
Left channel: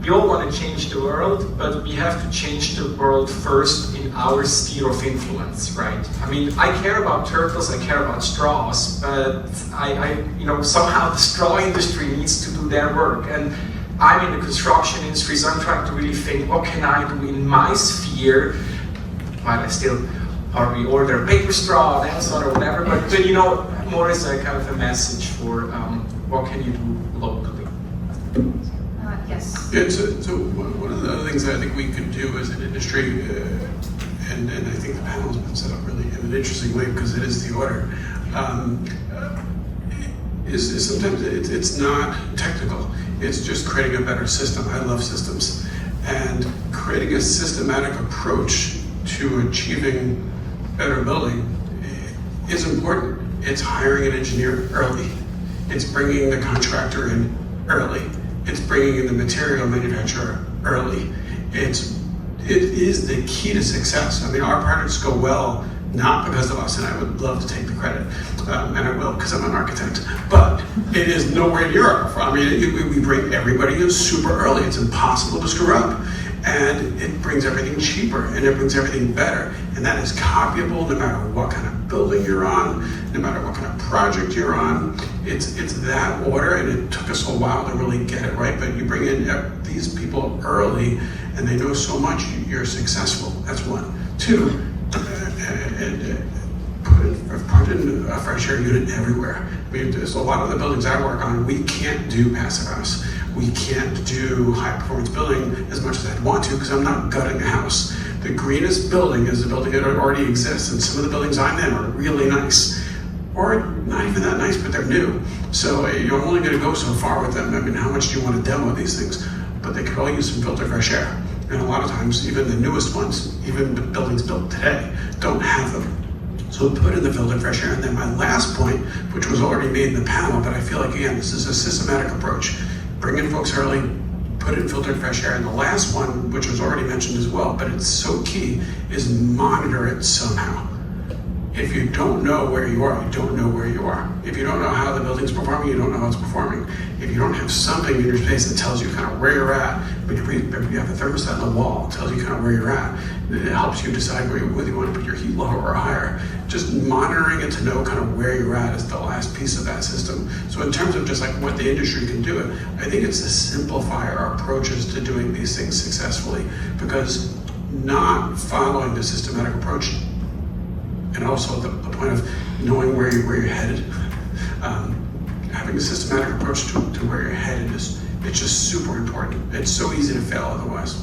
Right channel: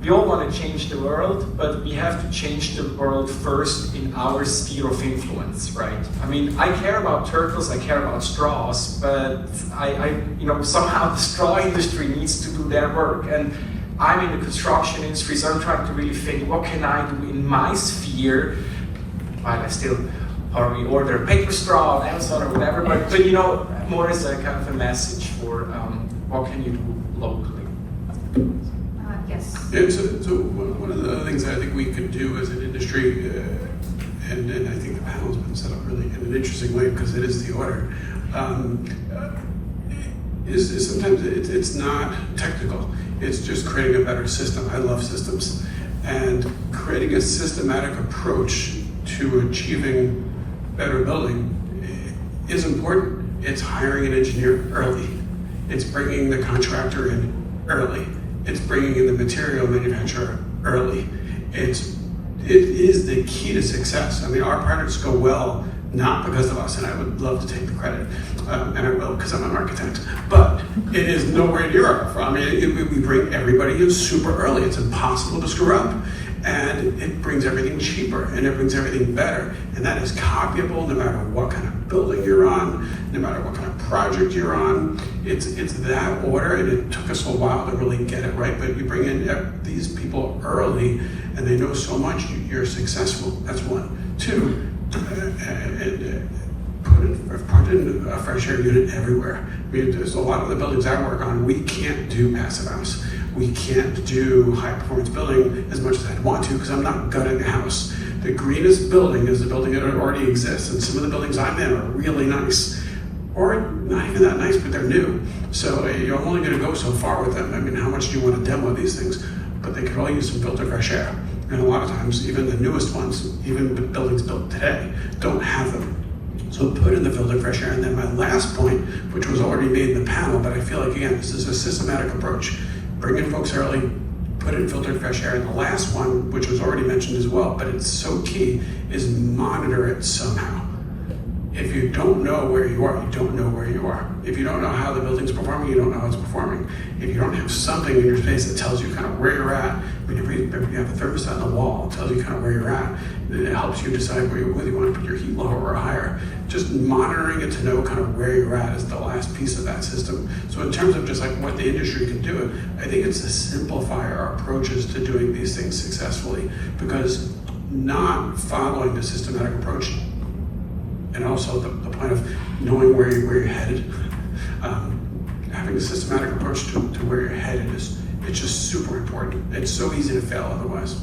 we all want to change the world, but we have to change the world first in our sphere of influence, right? I mean, I care about turtles, I care about straws, but somehow the straw industry needs to do their work. And I'm in the construction industry, so I'm trying to really think, what can I do in my sphere? But I still probably order a paper straw, Amazon or whatever, but more as a kind of a message for what can you do locally. Yes. Yeah, so one of the other things that I think we could do as an industry, and I think the panel's been set up really in an interesting way because it is the order, is sometimes it's not technical. It's just creating a better system. I love systems. And creating a systematic approach to achieving better building is important. It's hiring an engineer early. It's bringing the contractor in early. It's bringing in the material manufacturer early. It is the key to success. I mean, our projects go well not because of us, and I would love to take the credit, and I will because I'm an architect, but it is nowhere near our fault. I mean, we bring everybody in super early. It's impossible to screw up, and it brings everything cheaper, and it brings everything better, and that is copyable no matter what kind of building you're on, no matter what kind of project you're on. It's that order, and it took us a while to really get it right, but you bring in these people early, and they know so much, you're successful. That's one. Two, put in a fresh air unit everywhere. I mean, there's a lot of the buildings I work on, we can't do passive house. We can't do high performance building as much as I'd want to because I'm not gutting a house. The greenest building is a building that already exists, and some of the buildings I'm in are really nice. Or not even that nice, but they're new. So you're only going to go so far with them. I mean, how much do you want to demo these things? But they could all use some filtered fresh air. And a lot of times, even the newest ones, even the buildings built today, don't have them. So put in the filtered fresh air. And then my last point, which was already made in the panel, but I feel like, again, this is a systematic approach. Bring in folks early, put in filtered fresh air. And the last one, which was already mentioned as well, but it's so key, is monitor it somehow. If you don't know where you are, you don't know where you are. If you don't know how the building's performing, you don't know how it's performing. If you don't have something in your space that tells you kind of where you're at, when you have a thermostat on the wall, it tells you kind of where you're at. It helps you decide whether you want to put your heat lower or higher. Just monitoring it to know kind of where you're at is the last piece of that system. So in terms of just like what the industry can do, I think it's to simplify our approaches to doing these things successfully, because not following the systematic approach, and also the point of knowing where you're headed, having a systematic approach to where you're headed it's just super important. It's so easy to fail otherwise.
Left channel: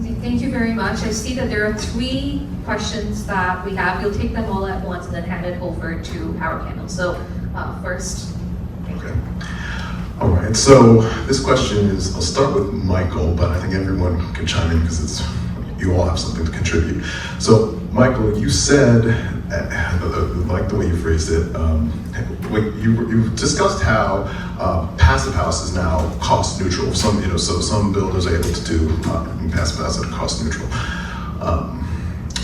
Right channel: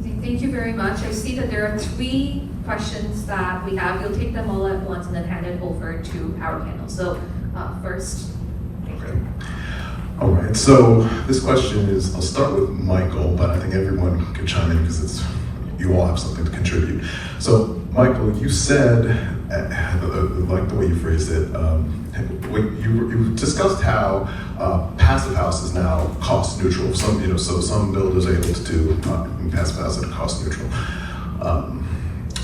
Okay, thank you very much. I see that there are 3 questions that we have. We'll take them all at once and then hand it over to our panel. So first. Okay. All right, so this question is, I'll start with Michael, but I think everyone can chime in because you all have something to contribute. So Michael, you said, I like the way you phrased it, you discussed how passive house is now cost neutral. So some builders are able to do passive house at cost neutral.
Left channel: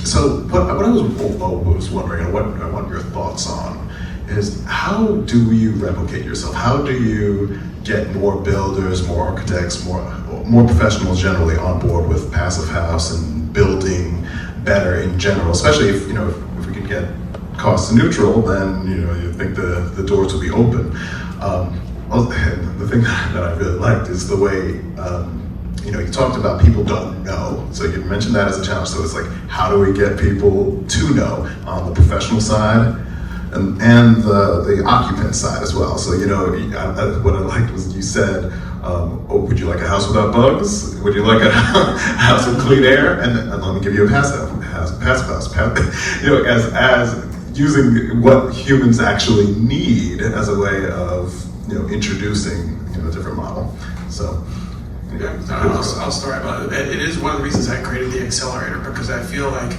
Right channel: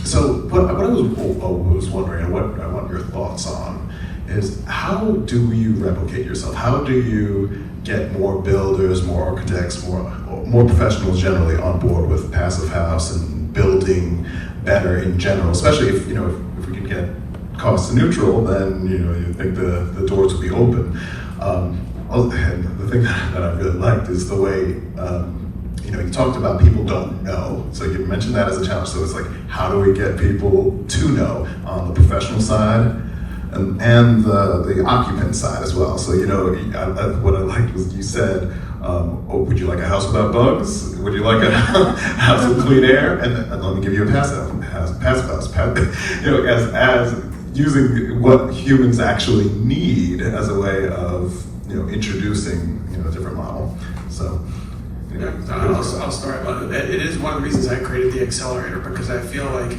So what I was wondering, and what I want your thoughts on, is how do you replicate yourself? How do you get more builders, more architects, more professionals generally on board with passive house and building better in general? Especially if we can get cost neutral, then you think the doors will be open. And the thing that I really liked is the way you talked about people don't know. So you mentioned that as a challenge. So it's like, how do we get people to know on the professional side and the occupant side as well? So what I liked was you said, would you like a house without bugs? Would you like a house with clean air? And let me give you a passive house. as using what humans actually need as a way of introducing a different model. So. Yeah, so I'll start. It is one of the reasons I created the accelerator, because I feel like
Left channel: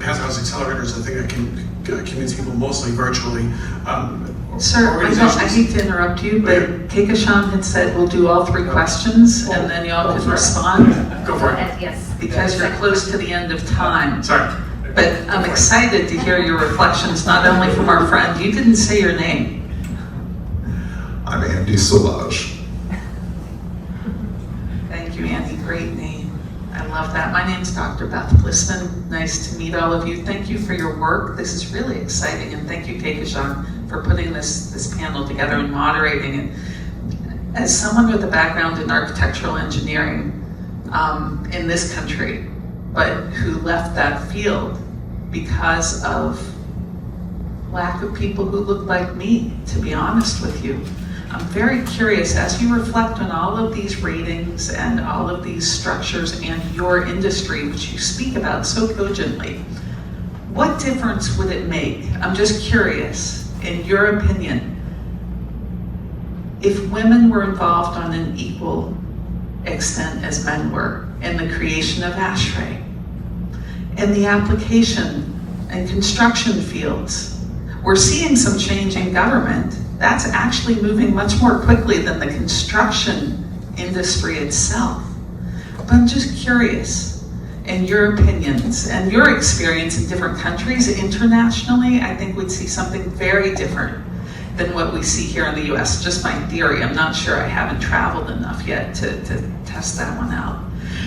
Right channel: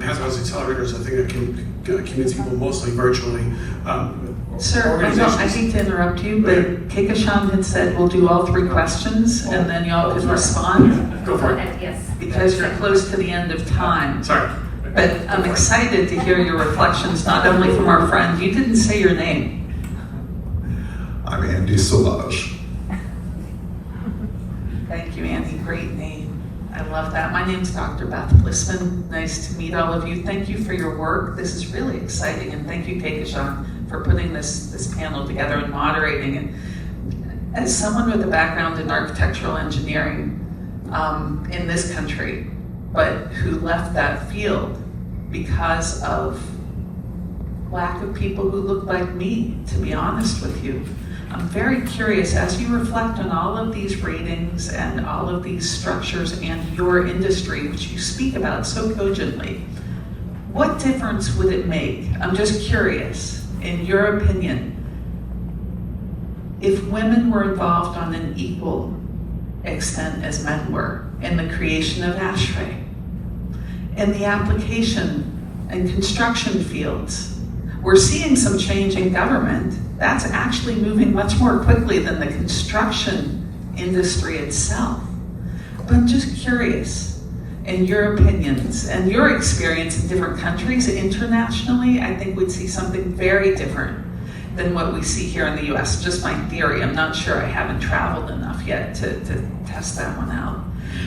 Pathways Accelerator is a thing that communicates people mostly virtually. Sir, I hate to interrupt you, but Keikashan had said we'll do all 3 questions and then y'all can respond. Go for it. Yes. Because you're close to the end of time. Sorry. But I'm excited to hear your reflections, not only from our friend. You didn't say your name. I'm Andy Sauvage. Thank you, Andy. Great name. I love that. My name's Dr. Beth Listman. Nice to meet all of you. Thank you for your work. This is really exciting, and thank you, Keikashan, for putting this panel together and moderating it. As someone with a background in architectural engineering in this country, but who left that field because of lack of people who look like me, to be honest with you. I'm very curious, as you reflect on all of these ratings and all of these structures and your industry, which you speak about so cogently, what difference would it make? I'm just curious, in your opinion, if women were involved on an equal extent as men were in the creation of ASHRAE, in the application and construction fields. We're seeing some change in government. That's actually moving much more quickly than the construction industry itself. But I'm just curious, in your opinions and your experience in different countries internationally, I think we'd see something very different than what we see here in the US. Just my theory. I'm not sure. I haven't traveled enough yet to test that one out.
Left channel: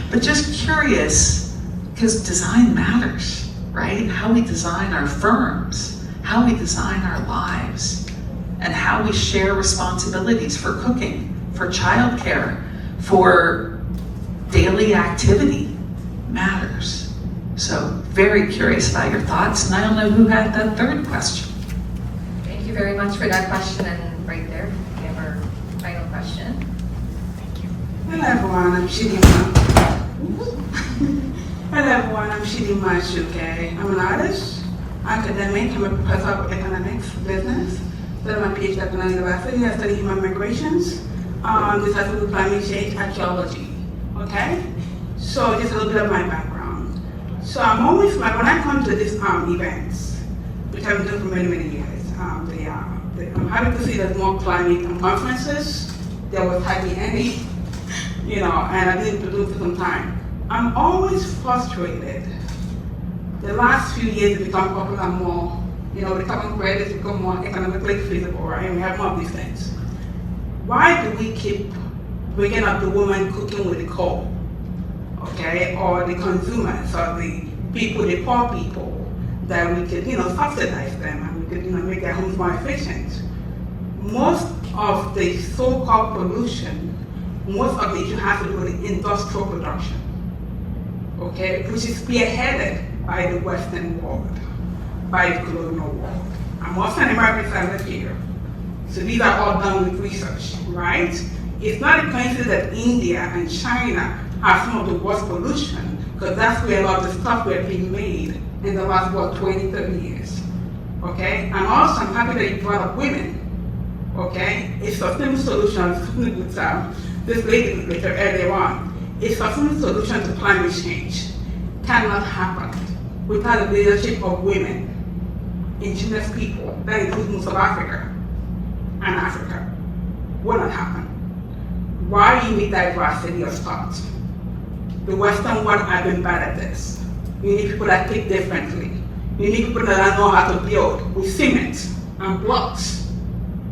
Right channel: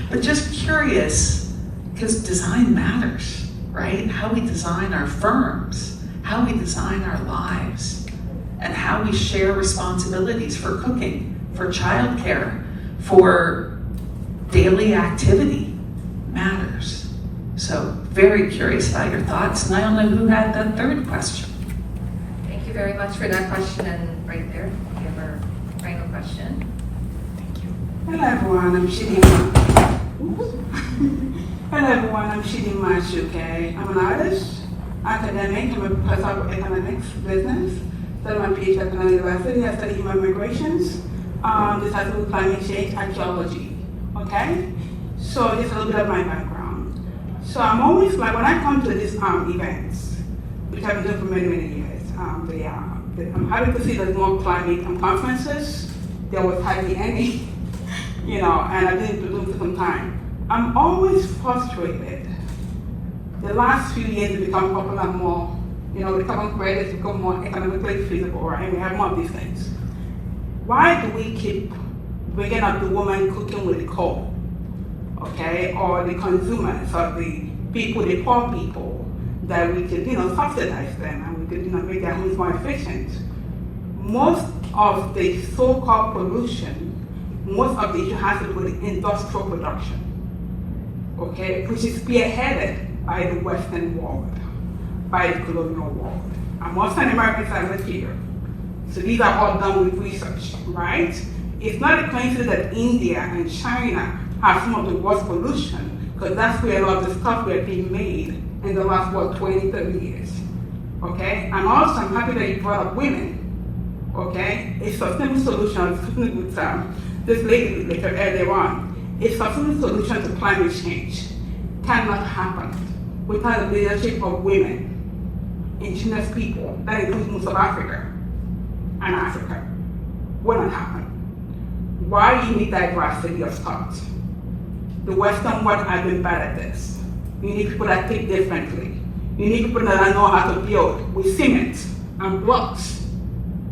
But just curious, because design matters, right? How we design our firms, how we design our lives, and how we share responsibilities for cooking, for childcare, for daily activity matters. So very curious about your thoughts, and I don't know who had the 3rd question. Thank you very much for that question, and right there, we have our final question. Hello everyone, I'm Shidi. Hello everyone, I'm Shidi Mashuke. I'm an artist, academic, I'm a professor of economics, business. Studied my PhD at the university. I study human migrations, disaster with climate change, archaeology. Okay? So just a little bit of my background. So I'm always like, when I come to these events, which I've been doing for many, many years, I'm happy to see there's more climate conferences. There was hardly any, and I didn't do it for some time. I'm always frustrated. The last few years become popular more, become credits, become more economically feasible, right? And we have more of these things. Why do we keep bringing up the woman cooking with the coal, okay? Or the consumers, or the people, the poor people, that we could, subsidize them and we could, make their homes more efficient. Most of the so-called pollution, most of the issue has to do with industrial production, okay? Which is spearheaded by the Western world, by the colonial world. And most Americans are live here. So these are all done with research, right? It's not a coincidence that India and China have some of the worst pollution, because that's where a lot of the stuff were being made in the last, 20, 30 years, okay? And also, I'm happy that you brought up women, okay? A sustainable solution, I was talking with this lady later earlier on, a sustainable solution to climate change cannot happen without the leadership of women, indigenous people, that includes most of Africa and Africa. Will not happen. Why you need diversity of thought? The Western world has been bad at this. You need people that think differently. You need people that know how to build with cement and blocks.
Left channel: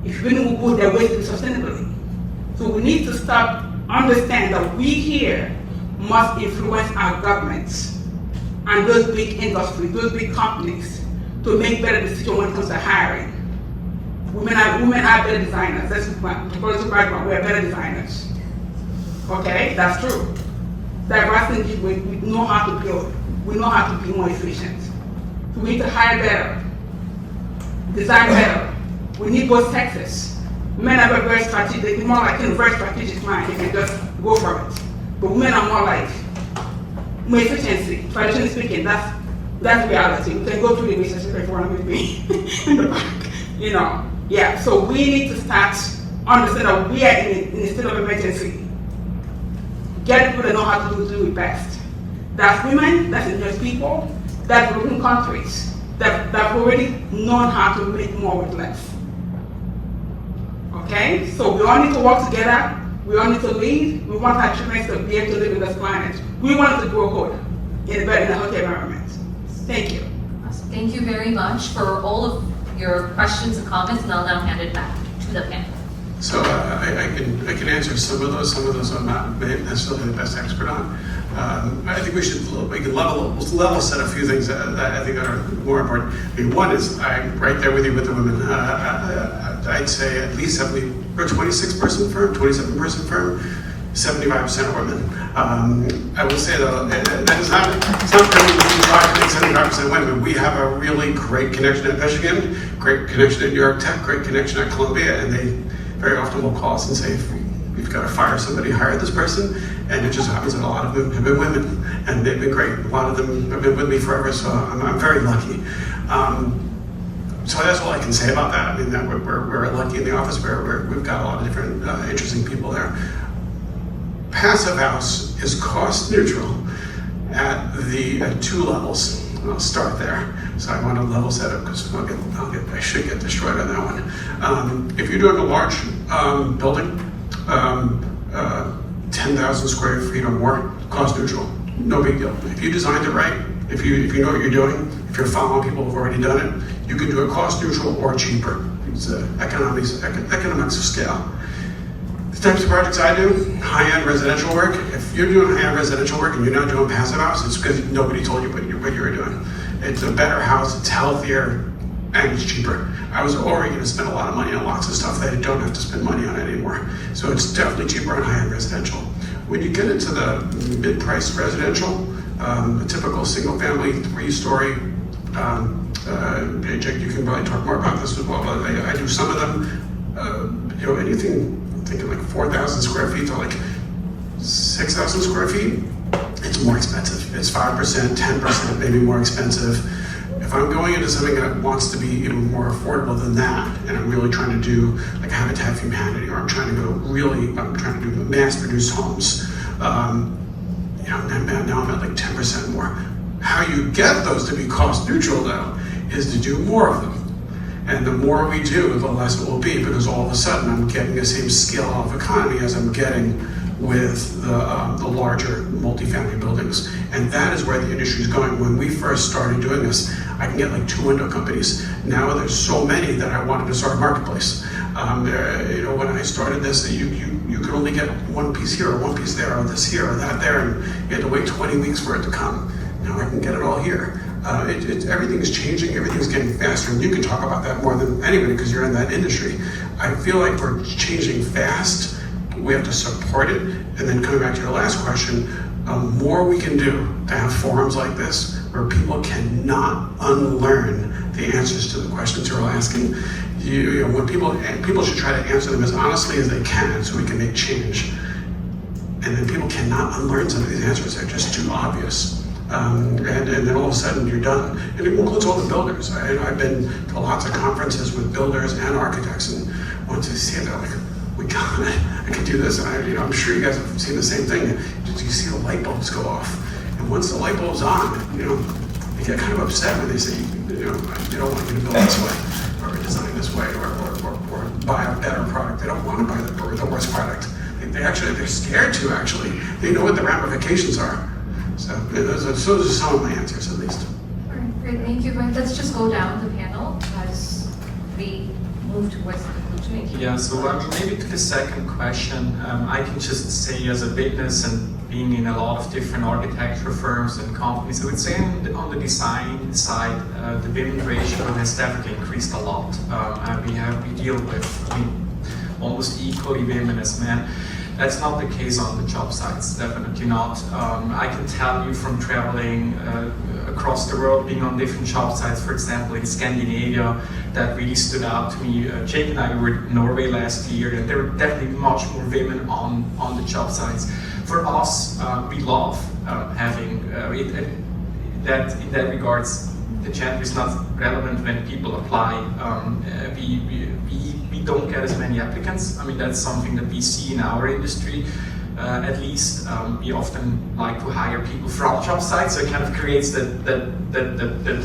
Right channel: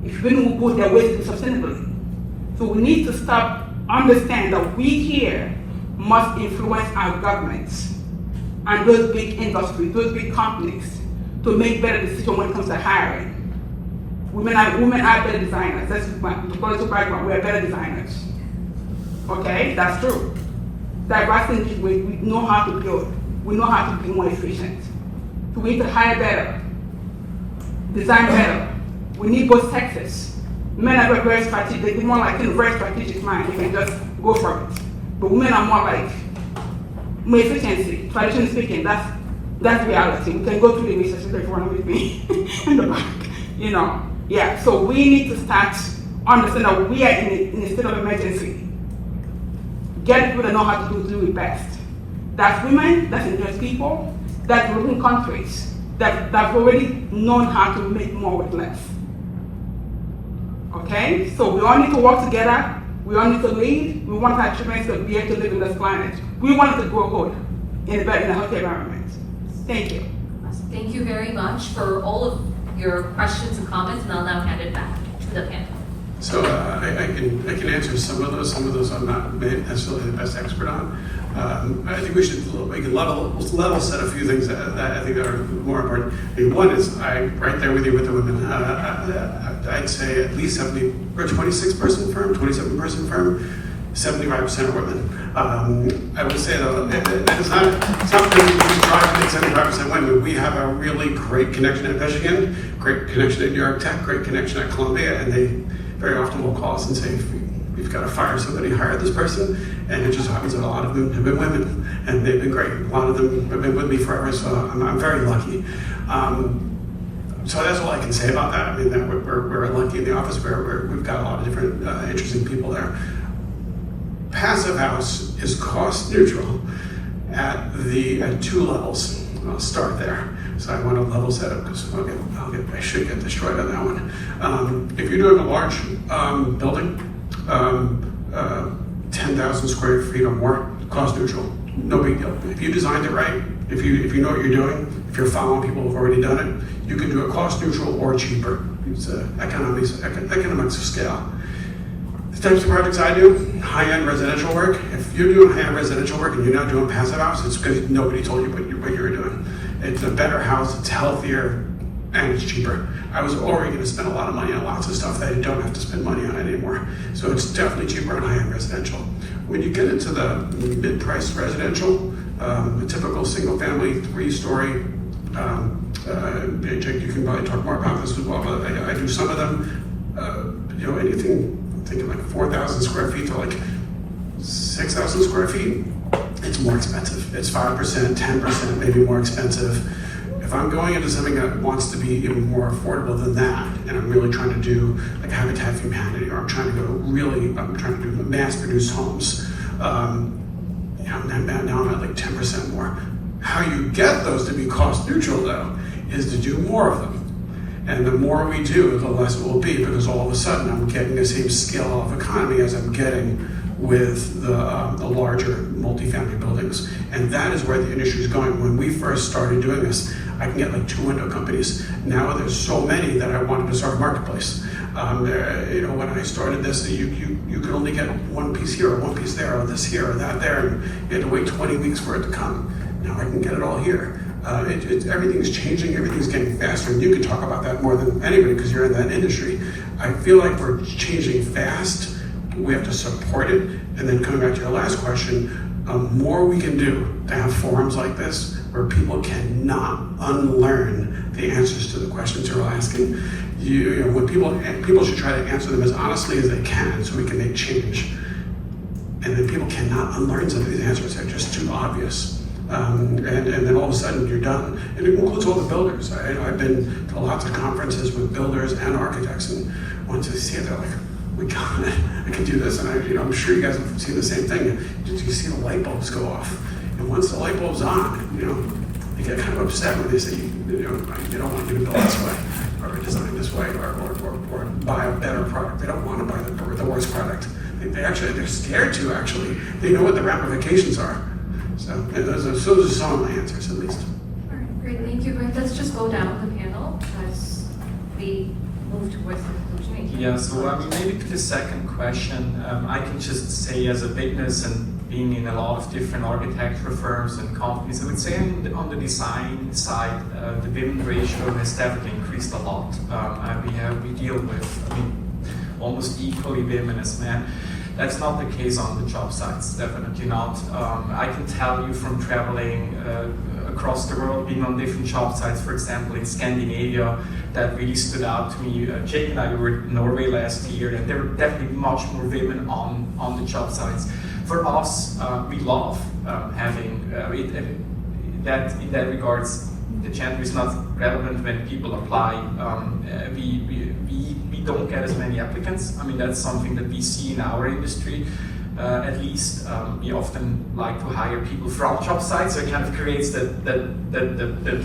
If we know good, they're wasting sustainably. So we need to stop, understand that we here must influence our governments and those big industries, those big companies, to make better decisions when it comes to hiring. Women are better designers. That's the political background. We are better designers. Okay, that's true. Diversity, we know how to build. We know how to be more efficient. So we need to hire better, design better. We need both sexes. Men are very strategic. They're more like a very strategic mind. They can just go for it. But women are more like more efficiency. Traditionally speaking, that's That's reality. We can go through the research if you want with me in the back. You know, yeah. So we need to start understand that we are in a state of emergency. Get people that know how to do it best. That's women, that's indigenous people, that's developing countries that have already known how to make more with less. Okay? So we all need to work together. We all need to lead. We want our children to be able to live in this climate. We want to grow good in a better, healthy environment. Thank you. Thank you very much for all of your questions and comments, and I'll now hand it back to the panel. So I can answer some of those. Some of those I'm not necessarily the best expert on. I think we can level set a few things that I think are more important. I mean, one is I'm right there with you with the women. I'd say at least 70 or 26-person firm, 27-person firm, 75% are women. I will say that it's not really 75% women. We have a really great connection at Michigan, great connection at New York Tech, great connection at Columbia, and they very often will call us and say, we've got to fire somebody, hire this person, and it just happens that a lot of them have been women, and they've been great. A lot of them have been with me forever, so I'm very lucky. So that's what I can say about that. I mean, that we're lucky in the office. We've got a lot of different interesting people there. Passive House is cost neutral at two levels. I'll start there. So I want to level set it because I should get destroyed on that one. If you're doing a large building, 10,000 square feet or more, cost neutral, no big deal. If you designed it right, if you know what you're doing, if you're following people who've already done it, you can do it cost neutral or cheaper. It's economics of scale. The types of projects I do, high-end residential work. If you're doing high-end residential work and you're not doing passive house, it's because nobody told you what you were doing. It's a better house, it's healthier, and it's cheaper. I was already going to spend a lot of money on lots of stuff that I don't have to spend money on anymore. So it's definitely cheaper on high-end residential. When you get into the mid-price residential, a typical single-family, 3-story, Jake, you can probably talk more about this as well, but I do some of them, anything, I'm thinking like 4,000 square feet to like 6,000 square feet, it's more expensive. It's 5%, 10%, maybe more expensive. If I'm going into something that wants to be even more affordable than that, and I'm really trying to do like Habitat for Humanity, or I'm trying to do mass-produced homes, now I'm at like 10% more. How you get those to be cost neutral though, is to do more of them. And the more we do, the less it will be, because all of a sudden I'm getting the same scale of economy as I'm getting with the larger multifamily buildings. And that is where the industry is going. When we first started doing this, I can get like 2 window companies. Now there's so many that I wanted to start a marketplace. When I started this, you could only get one piece here or one piece there, or this here or that there, and you had to wait 20 weeks for it to come. Now I can get it all here. Everything is changing, everything's getting faster, and you can talk about that more than anybody because you're in that industry. I feel like we're changing fast. We have to support it. And then coming back to your last question, more we can do to have forums like this where people cannot unlearn the answers to the questions you're asking. When people should try to answer them as honestly as they can so we can make change. And then people cannot unlearn some of these answers. They're just too obvious. And then all of a sudden you're done. And it includes all the builders. I've been to lots of conferences with builders and architects, and once you see it, they're like, we got it. I can do this, and I'm sure you guys have seen the same thing. You see the light bulbs go off, and once the light bulb's on, you get kind of upset when they say, they don't want you to build this way, or design this way, or buy a better product. They don't want to buy the worst product. They're scared to actually. They know what the ramifications are. So those are some of my answers, at least. All right, great, thank you. But let's just go down the panel as we move towards the conclusion. Yeah, so maybe to the second question, I can just say as a witness and being in a lot of different architecture firms and companies, I would say on the design side, the women ratio has definitely increased a lot. We deal with almost equally women as men. That's not the case on the job sites, definitely not. I can tell you from traveling across the world, being on different job sites, for example, in Scandinavia, that really stood out to me. Jake and I were in Norway last year, and there were definitely much more women on the job sites. For us, we love having, in that regards, the gender is not relevant when people apply. We don't get as many applicants. I mean, that's something that we see in our industry. At least we often like to hire people from job sites, so it kind of creates that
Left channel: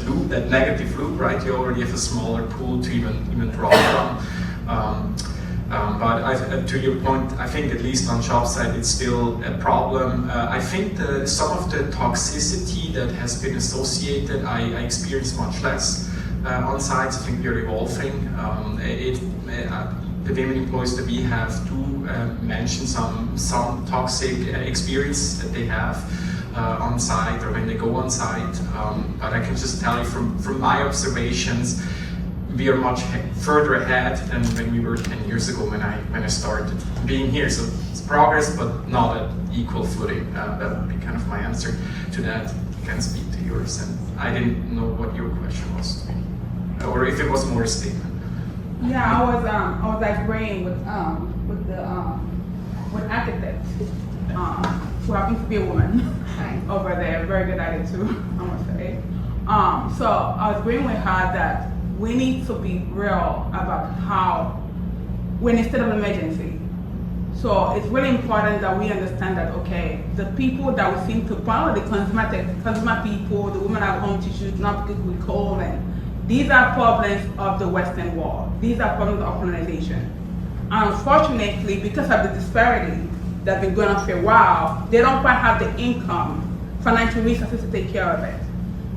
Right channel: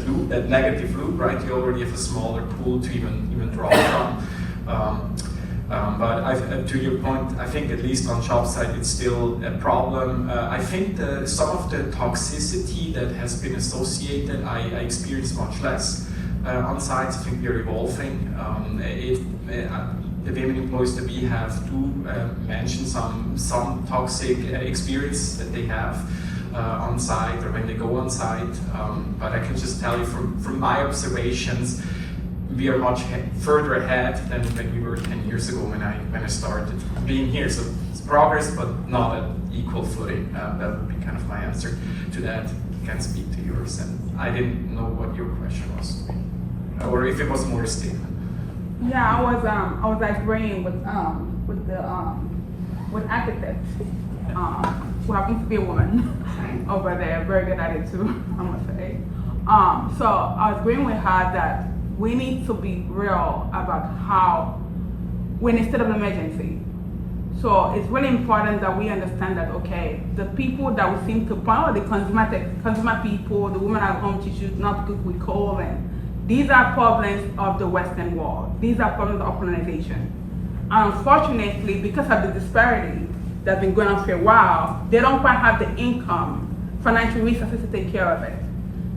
loop, that negative loop, right? You already have a smaller pool to even draw from. But to your point, I think at least on job site it's still a problem. I think some of the toxicity that has been associated, I experience much less on sites. I think we are evolving. The women employees that we have do mention some toxic experience that they have on site or when they go on site. But I can just tell you from my observations, we are much further ahead than when we were 10 years ago when I started being here. So it's progress, but not at equal footing. That would be kind of my answer to that. You can speak to yours, and I didn't know what your question was, or if it was more a statement. Yeah, I was agreeing with architects. So happens to be a woman over there, very good at it too, I must say. So I was agreeing with her that we need to be real about how we're in a state of emergency. So it's really important that we understand that, okay, the people that we seem to follow, the consumer people, the women at home tissues, not people with clothing, these are problems of the Western world. These are problems of colonization. Unfortunately, because of the disparity that's been going on for a while, they don't quite have the income, financial resources to take care of it.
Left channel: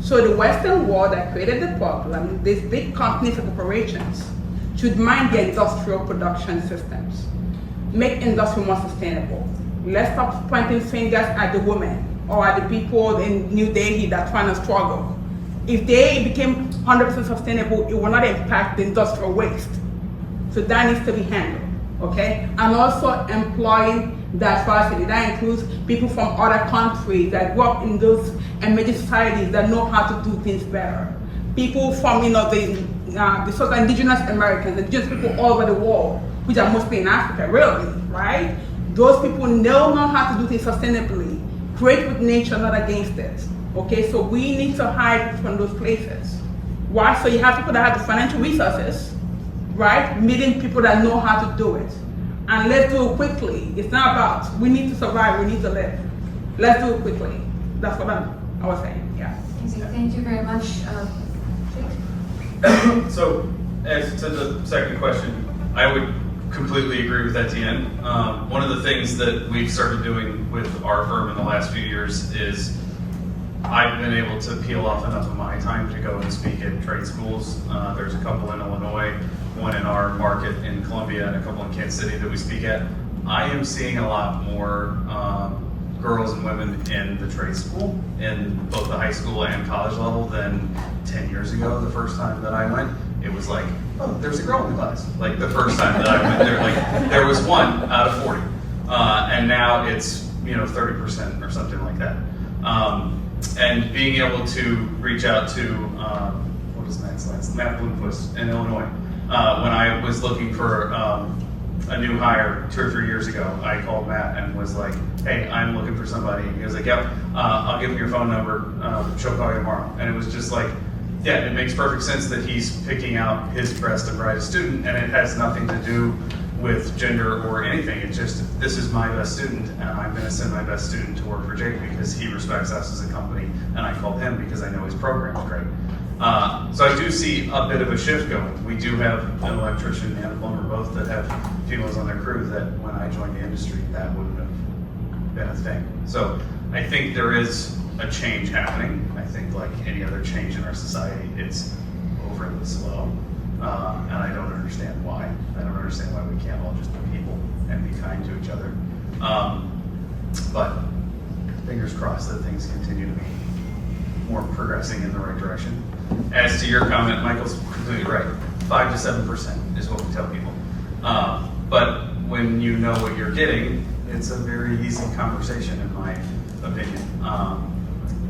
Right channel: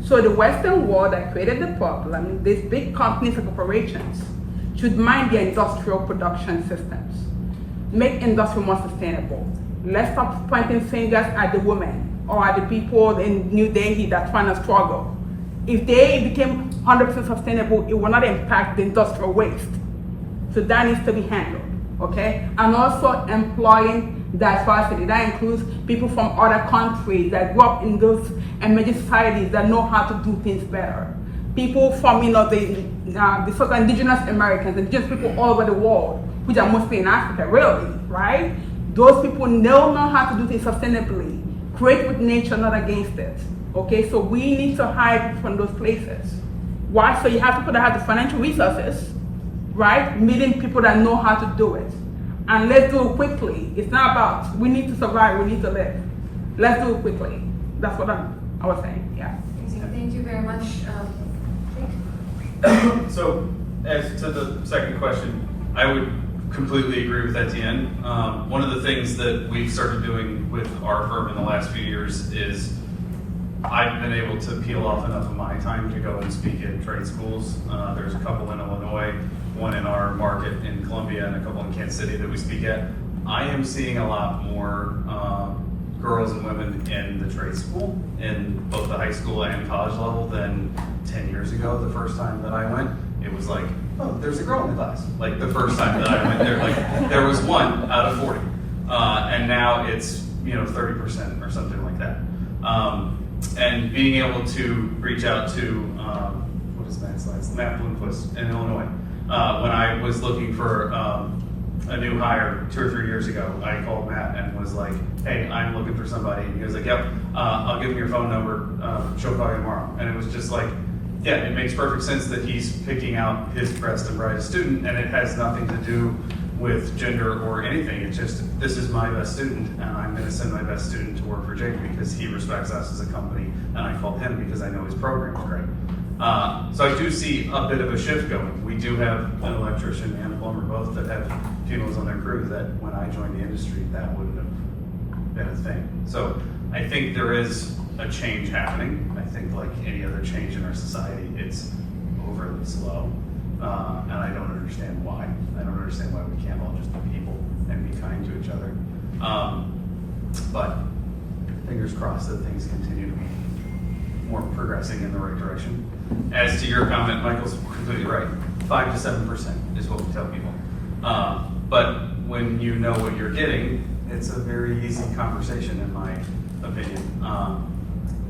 So the Western world that created the problem, these big companies and corporations should mind their industrial production systems, make industry more sustainable. Let's stop pointing fingers at the women or at the people in New Delhi that are trying to struggle. If they became 100% sustainable, it will not impact the industrial waste. So that needs to be handled, okay? And also employing diversity. That includes people from other countries that grew up in those emerging societies that know how to do things better. People from, the so-called indigenous Americans, indigenous people all over the world, which are mostly in Africa, really, right? Those people know how to do things sustainably, create with nature, not against it. Okay, so we need to hire from those places. Why? So you have people that have the financial resources, right? Meeting people that know how to do it. And let's do it quickly. It's not about, we need to survive, we need to live. Let's do it quickly. That's what I was saying, yeah. Thank you very much. So, as to the second question, I would completely agree with Etienne. One of the things that we've started doing with our firm in the last few years is I've been able to peel off enough of my time to go and speak at trade schools. There's a couple in Illinois, one in our market in Columbia, and a couple in Kansas City that we speak at. I am seeing a lot more girls and women in the trade school, in both the high school and college level, than 10 years ago. The first time that I went, it was like, oh, there's a girl in the class. Like the first time that I went there, like there was one out of 40. And now it's, 30% or something like that. And being able to reach out to, what is Matt's last? Matt Bloomquist in Illinois. When I was looking for a new hire 2 or 3 years ago, I called Matt and was like, hey, I'm looking for somebody. And he was like, yep, I'll give him your phone number. She'll call you tomorrow. And it was just like, yeah, it makes perfect sense that he's picking out his best and brightest student, and it has nothing to do with gender or anything. It's just, this is my best student, and I'm going to send my best student to work for Jake because he respects us as a company, and I called him because I know his program is great. So I do see a bit of a shift going. We do have an electrician and a plumber both that have females on their crew that when I joined the industry, that wouldn't have been a thing. So I think there is a change happening. I think like any other change in our society, it's overly slow. And I don't understand why. I don't understand why we can't all just be people and be kind to each other. But fingers crossed that things continue to be more progressing in the right direction. As to your comment, Michael's completely right. 5 to 7% is what we tell people. But when you know what you're getting, it's a very easy conversation in my opinion.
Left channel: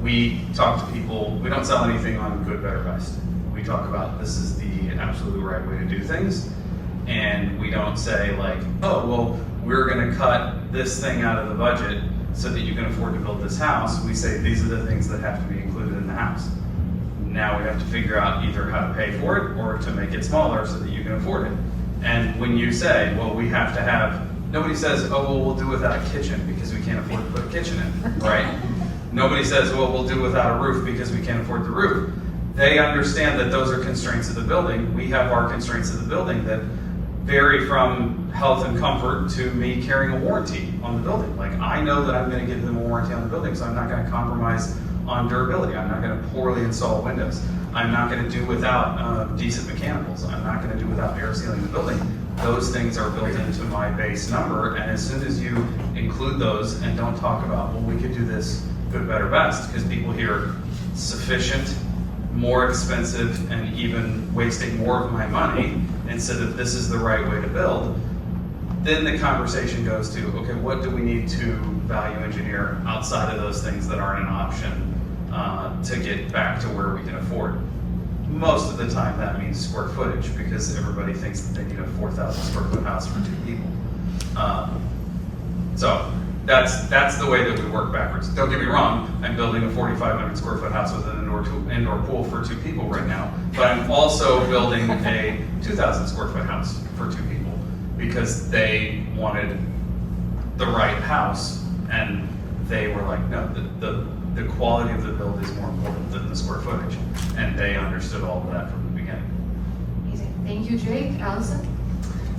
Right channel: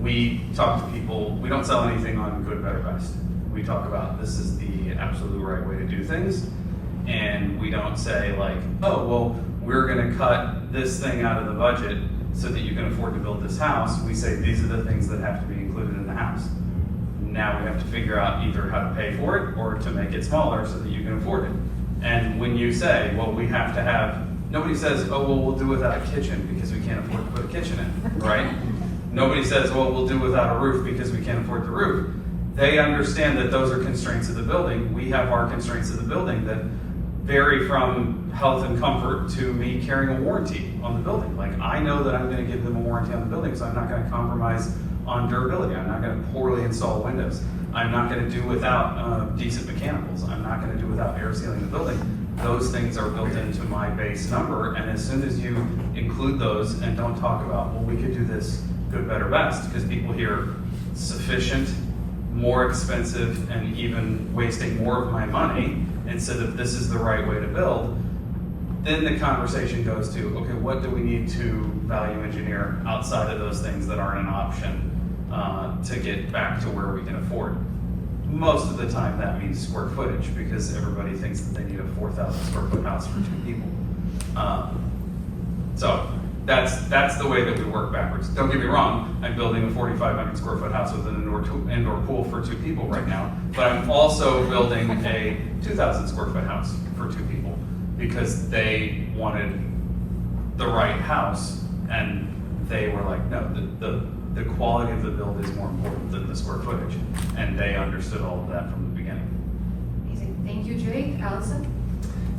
We talk to people, we don't sell anything on good, better, best. We talk about this is the absolute right way to do things. And we don't say like, oh, well, we're gonna cut this thing out of the budget so that you can afford to build this house. We say these are the things that have to be included in the house. Now we have to figure out either how to pay for it or to make it smaller so that you can afford it. And when you say, well, we have to have, nobody says, oh, well, we'll do without a kitchen because we can't afford to put a kitchen in, right? Nobody says, well, we'll do without a roof because we can't afford the roof. They understand that those are constraints of the building. We have our constraints of the building that vary from health and comfort to me carrying a warranty on the building. Like, I know that I'm gonna give them a warranty on the building, so I'm not gonna compromise on durability. I'm not gonna poorly install windows. I'm not gonna do without decent mechanicals. I'm not gonna do without air sealing the building. Those things are built into my base number, and as soon as you include those and don't talk about, well, we could do this good, better, best, because people hear sufficient, more expensive, and even wasting more of my money instead of this is the right way to build, then the conversation goes to, okay, what do we need to value engineer outside of those things that aren't an option to get back to where we can afford? Most of the time that means square footage, because everybody thinks that they need a 4,000 square foot house for 2 people. So that's the way that we work backwards. Don't get me wrong, I'm building a 4,500 square foot house with an indoor pool for 2 people right now, but I'm also building a 2,000 square foot house for 2 people because they wanted the right house, and they were like, no, the quality of the build is more important than the square footage, and they understood all of that from the beginning. Amazing. Thank you, Drake. Allison?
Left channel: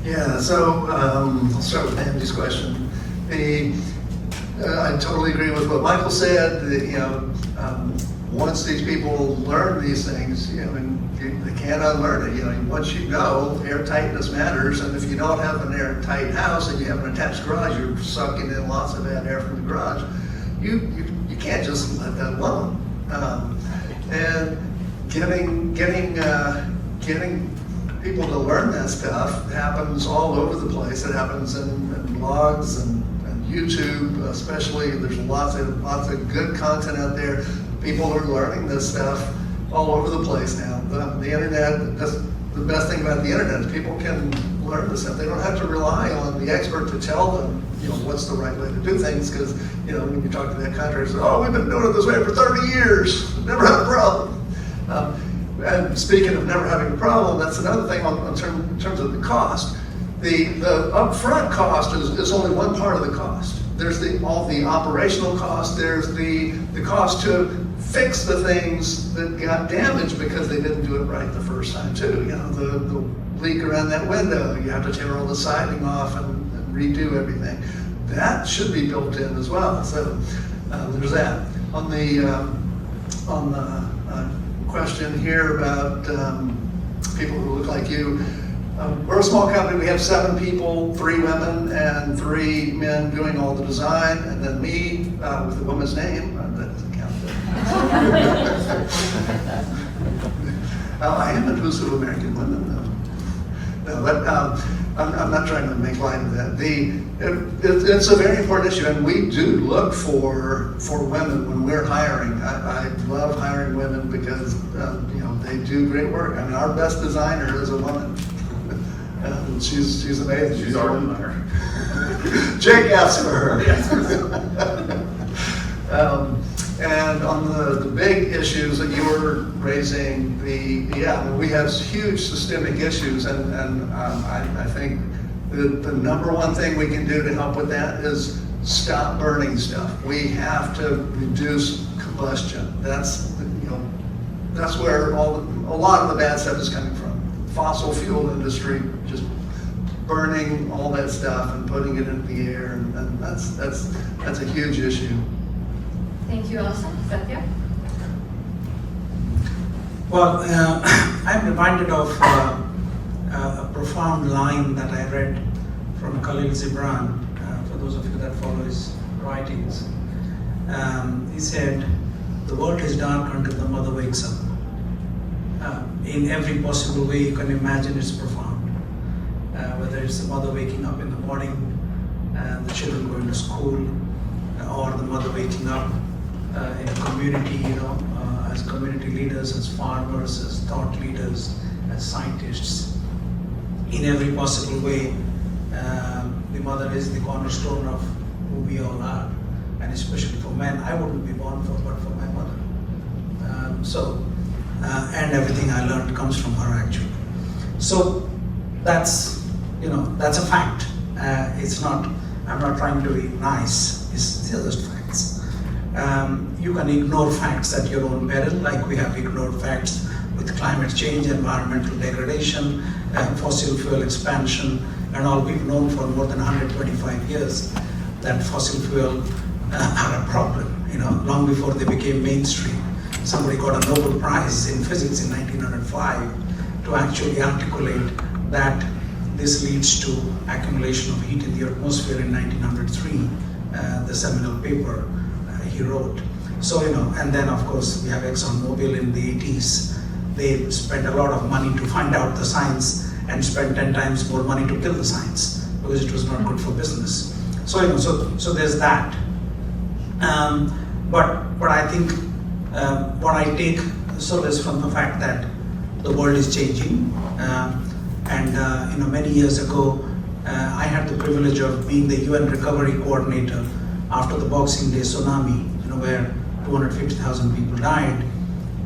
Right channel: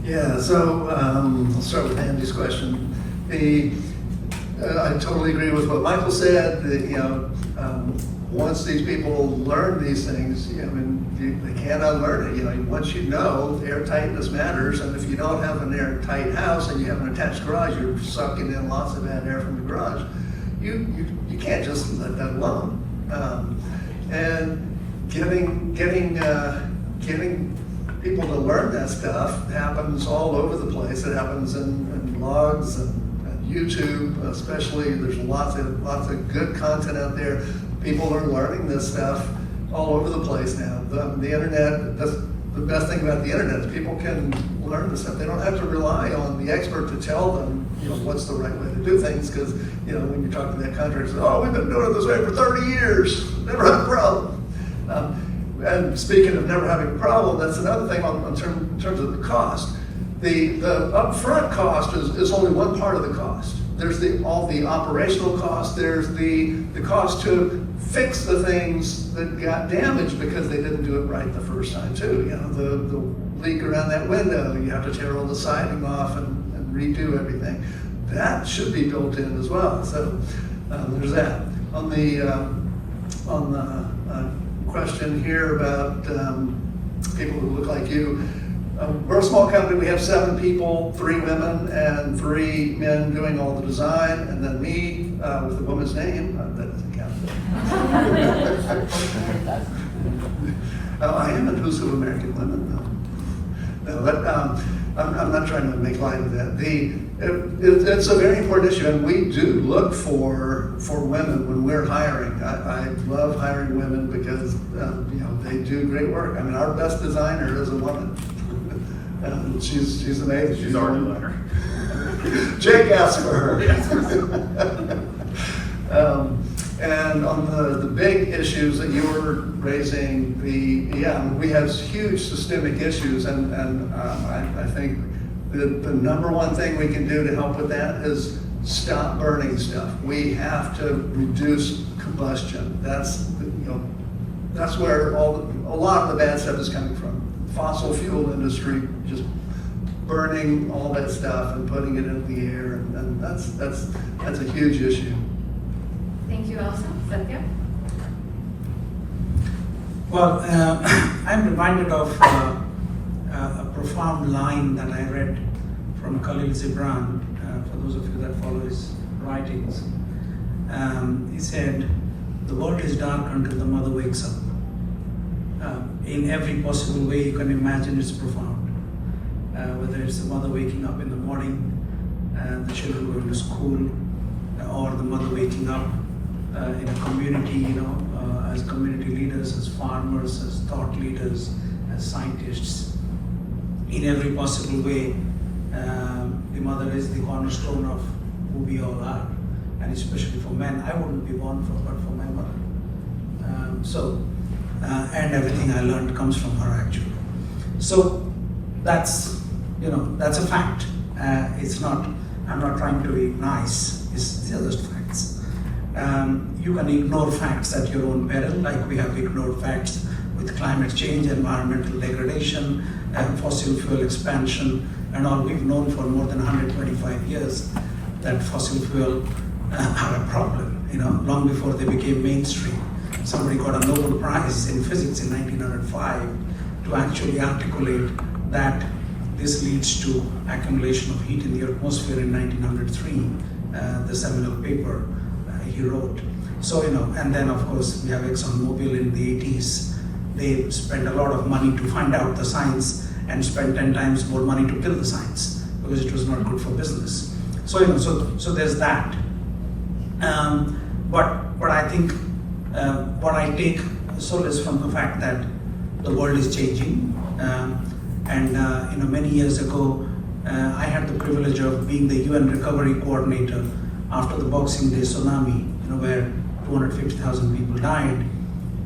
Yeah, so I'll start with Andy's question. I totally agree with what Michael said. That, once these people learn these things, they can't unlearn it. Once you know, air tightness matters, and if you don't have an airtight house and you have an attached garage, you're sucking in lots of bad air from the garage. You can't just let that alone. And getting people to learn that stuff happens all over the place. It happens in blogs and YouTube, especially. There's lots of good content out there. People are learning this stuff all over the place now. The internet, that's the best thing about the internet, is people can learn this stuff. They don't have to rely on the expert to tell them, what's the right way to do things, because, when you talk to that contractor, oh, we've been doing it this way for 30 years, never had a problem. And speaking of never having a problem, that's another thing in terms of the cost. The upfront cost is only one part of the cost. There's all the operational cost. There's the cost to fix the things that got damaged because they didn't do it right the first time too. The leak around that window, you have to tear all the siding off and redo everything. That should be built in as well. So there's that. On the question here about people who look like you. We're a small company. We have 7 people, 3 women and 3 men doing all the design, and then me with the woman's name. That doesn't count. I am inclusive of American women, though. No, but I'm not trying to make light of that. It's a very important issue, and we do look for women when we're hiring. I love hiring women because they do great work. Our best designer is a woman. She's amazing. She's our designer. Jake asked for her. And on the big issues that you were raising, we have huge systemic issues, and I think the number one thing we can do to help with that is stop burning stuff. We have to reduce combustion. That's where a lot of the bad stuff is coming from. Fossil fuel industry, just burning all that stuff and putting it into the air, and that's a huge issue. Thank you, Allison. Zehnder? Well, I'm reminded of a profound line that I read from Khalil Gibran, for those of you that follow his writings. He said, "The world is dark until the mother wakes up." In every possible way you can imagine, it's profound. Whether it's the mother waking up in the morning, the children going to school, or the mother waking up in a community, as community leaders, as farmers, as thought leaders, as scientists. In every possible way, the mother is the cornerstone of who we all are, and especially for men. I wouldn't be born but for my mother. And everything I learned comes from her actually. So that's a fact. It's not. I'm not trying to be nice. These are just facts. You can ignore facts at your own peril, like we have ignored facts with climate change, environmental degradation, fossil fuel expansion, and all. We've known for more than 125 years that fossil fuel are a problem. Long before they became mainstream. Somebody got a Nobel Prize in physics in 1905 to actually articulate that this leads to accumulation of heat in the atmosphere in 1903, the seminal paper he wrote. So, and then of course we have ExxonMobil in the 80s. They spent a lot of money to find out the science and spent 10 times more money to kill the science because it was not good for business. So, so there's that. But I think what I take solace from the fact that the world is changing. Many years ago, I had the privilege of being the UN recovery coordinator after the Boxing Day tsunami, where 250,000 people died.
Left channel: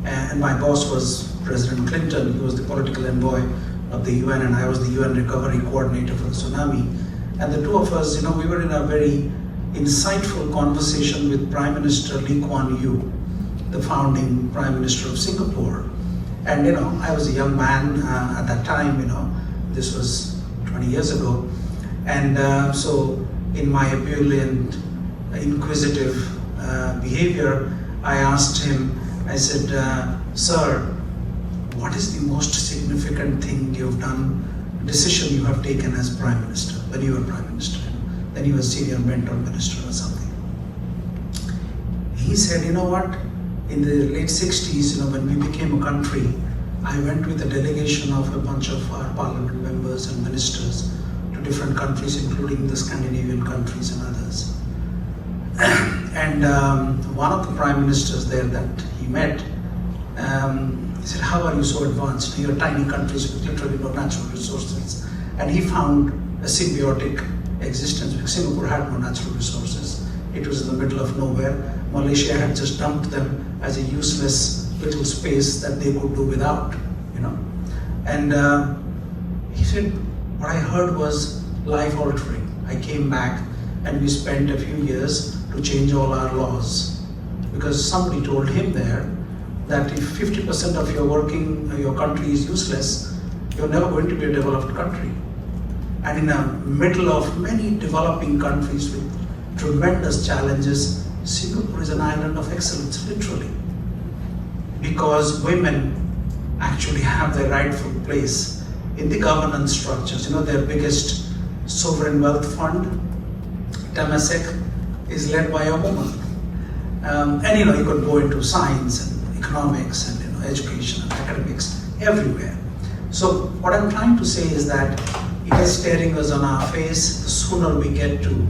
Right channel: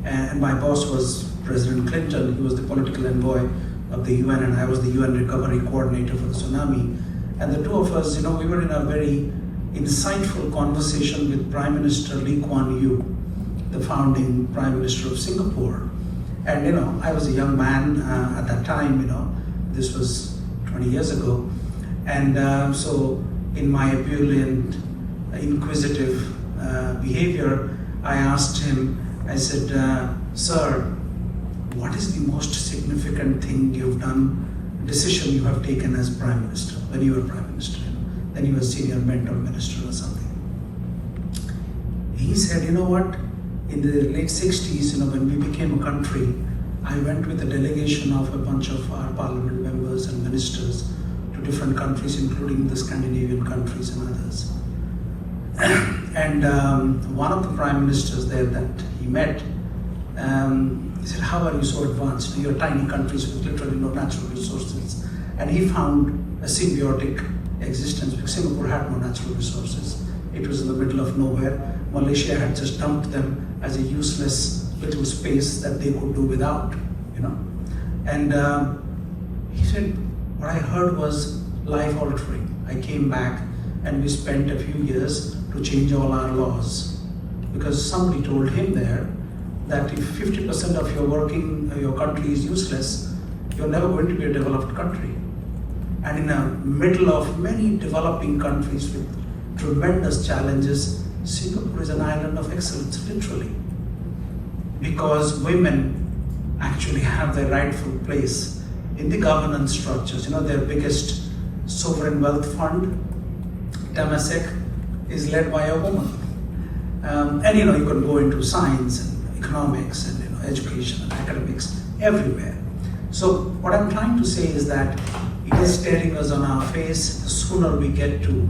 And my boss was President Clinton. He was the political envoy of the UN, and I was the UN recovery coordinator for the tsunami. And the two of us, we were in a very insightful conversation with Prime Minister Lee Kuan Yew, the founding Prime Minister of Singapore. And I was a young man at that time, this was 20 years ago. And so in my ebullient, inquisitive behavior, I asked him, I said, sir, what is the most significant thing you've done, decision you have taken as Prime Minister, when you were Prime Minister? Then he was senior mentor minister or something. He said, you know what, in the late 60s, when we became a country, I went with a delegation of a bunch of our parliament members and ministers to different countries, including the Scandinavian countries and others. And one of the prime ministers there that he met, he said, how are you so advanced? You're tiny countries with literally no natural resources. And he found a symbiotic existence because Singapore had no natural resources. It was in the middle of nowhere. Malaysia had just dumped them as a useless little space that they could do without, And he said, what I heard was life-altering. I came back and we spent a few years to change all our laws because somebody told him there that if 50% of your country is useless, you're never going to be a developed country. And in the middle of many developing countries with tremendous challenges, Singapore is an island of excellence, literally. Because women actually have their rightful place in the governance structures. Their biggest sovereign wealth fund, Temasek, is led by a woman. And you can go into science and economics and education and academics everywhere. So what I'm trying to say is that it is staring us on our face. The sooner we get to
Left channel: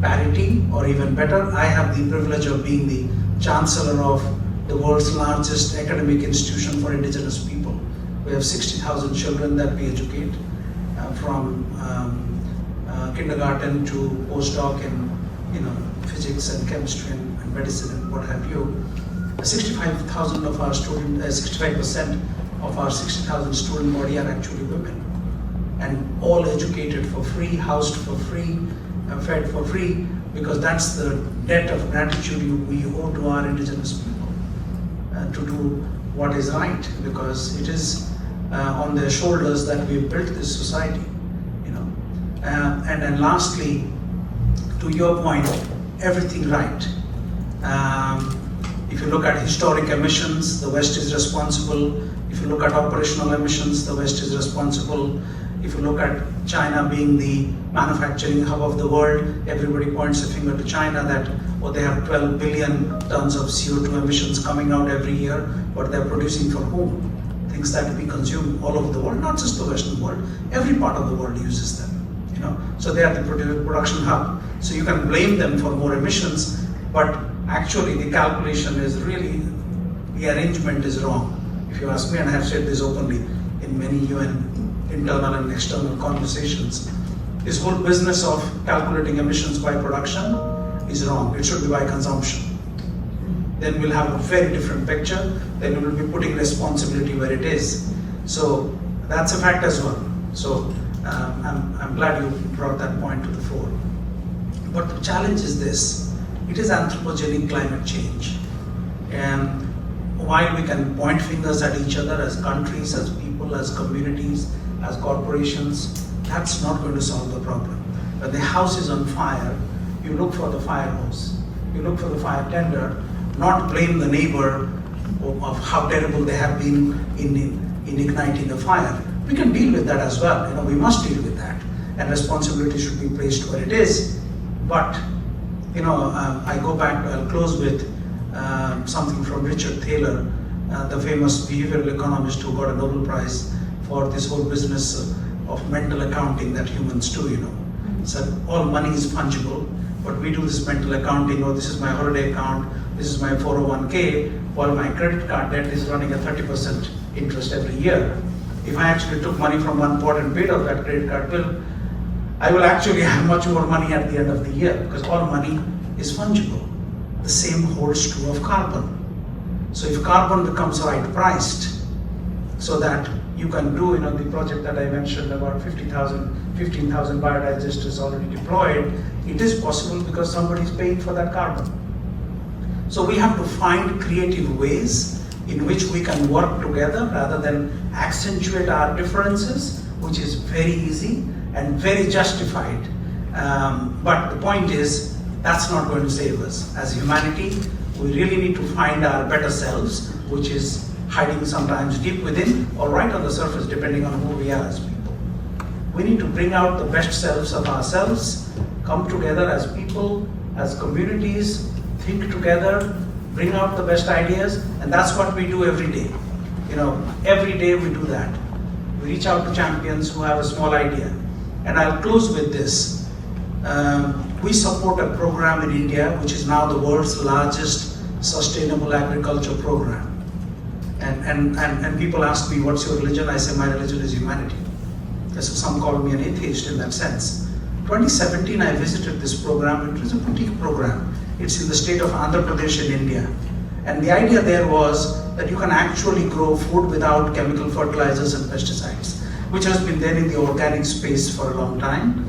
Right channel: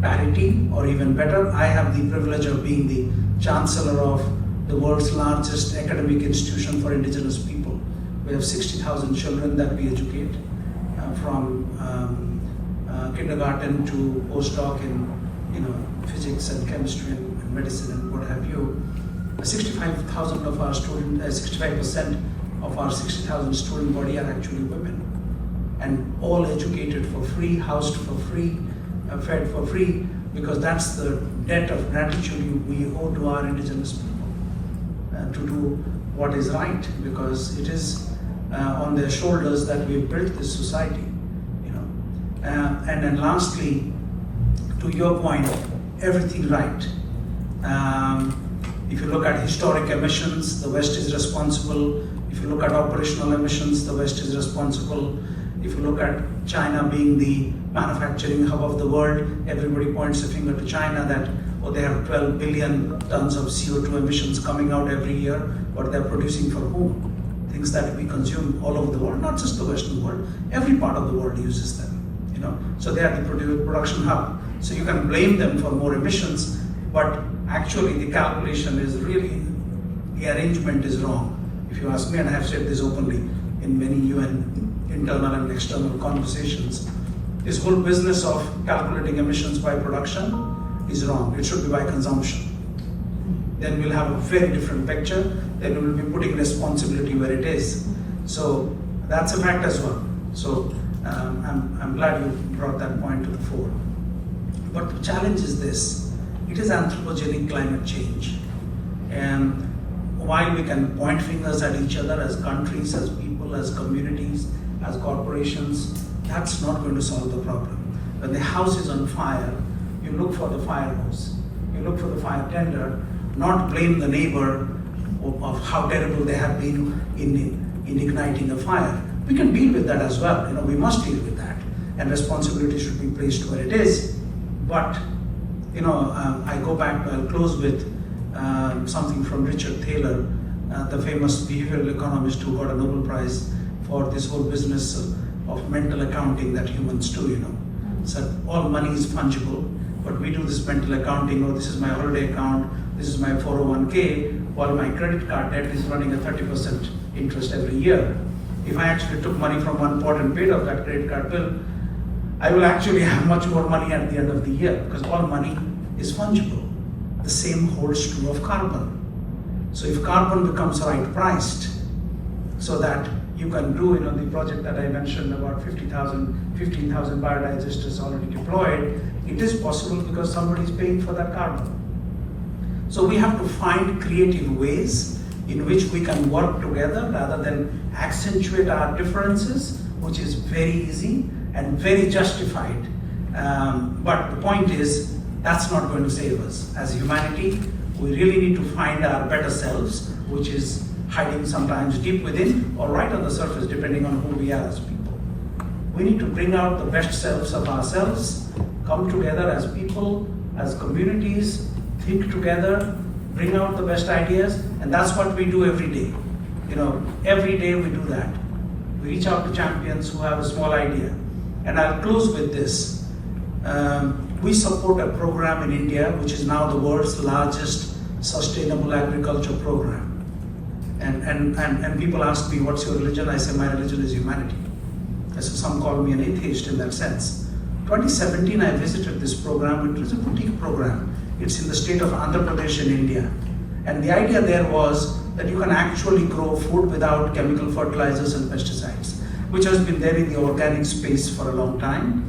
parity, or even better, I have the privilege of being the chancellor of the world's largest academic institution for indigenous people. We have 60,000 children that we educate from kindergarten to postdoc in physics and chemistry and medicine and what have you. 65% of our 60,000 student body are actually women, and all educated for free, housed for free, fed for free, because that's the debt of gratitude we owe to our indigenous people, to do what is right, because it is on their shoulders that we've built this society. And then lastly, to your point, everything right. If you look at historic emissions, the West is responsible. If you look at operational emissions, the West is responsible. If you look at China being the manufacturing hub of the world, everybody points a finger to China that, they have 12 billion tons of CO2 emissions coming out every year, but they're producing for whom? Things that we consume all over the world, not just the Western world, every part of the world uses them. So they are the production hub. So you can blame them for more emissions, but actually the calculation is really, the arrangement is wrong. If you ask me, and I have said this openly in many UN internal and external conversations, this whole business of calculating emissions by production is wrong. It should be by consumption. then we'll have a very different picture. Then we'll be putting responsibility where it is. So that's a fact as well. So I'm glad you brought that point to the fore. But the challenge is this: it is anthropogenic climate change. And while we can point fingers at each other as countries, as people, as communities, as corporations, that's not going to solve the problem. When the house is on fire, you look for the fire hose, you look for the fire tender, not blame the neighbor of how terrible they have been in igniting the fire. We can deal with that as well. We must deal with that, and responsibility should be placed where it is. But I go back. I'll close with something from Richard Thaler, the famous behavioral economist who got a Nobel Prize for this whole business of mental accounting that humans do. So all money is fungible, but we do this mental accounting. Oh, this is my holiday account. This is my 401k. While my credit card debt is running at 30% interest every year. If I actually took money from one pot and paid off that credit card bill, I will actually have much more money at the end of the year, because all money is fungible. The same holds true of carbon. So if carbon becomes right priced, so that you can do, the project that I mentioned about 15,000 biodigesters already deployed, it is possible because somebody is paying for that carbon. So we have to find creative ways in which we can work together rather than accentuate our differences, which is very easy and very justified. But the point is, that's not going to save us. As humanity, we really need to find our better selves, which is hiding sometimes deep within or right on the surface, depending on who we are as people. We need to bring out the best selves of ourselves, come together as people, as communities, think together, bring out the best ideas, and that's what we do every day. Every day we do that. We reach out to champions who have a small idea. And I'll close with this. We support a program in India, which is now the world's largest sustainable agriculture program. And people ask me, what's your religion? I say, my religion is humanity. So some call me an atheist in that sense. 2017, I visited this program. It was a boutique program. It's in the state of Andhra Pradesh in India. And the idea there was that you can actually grow food without chemical fertilizers and pesticides, which has been there in the organic space for a long time.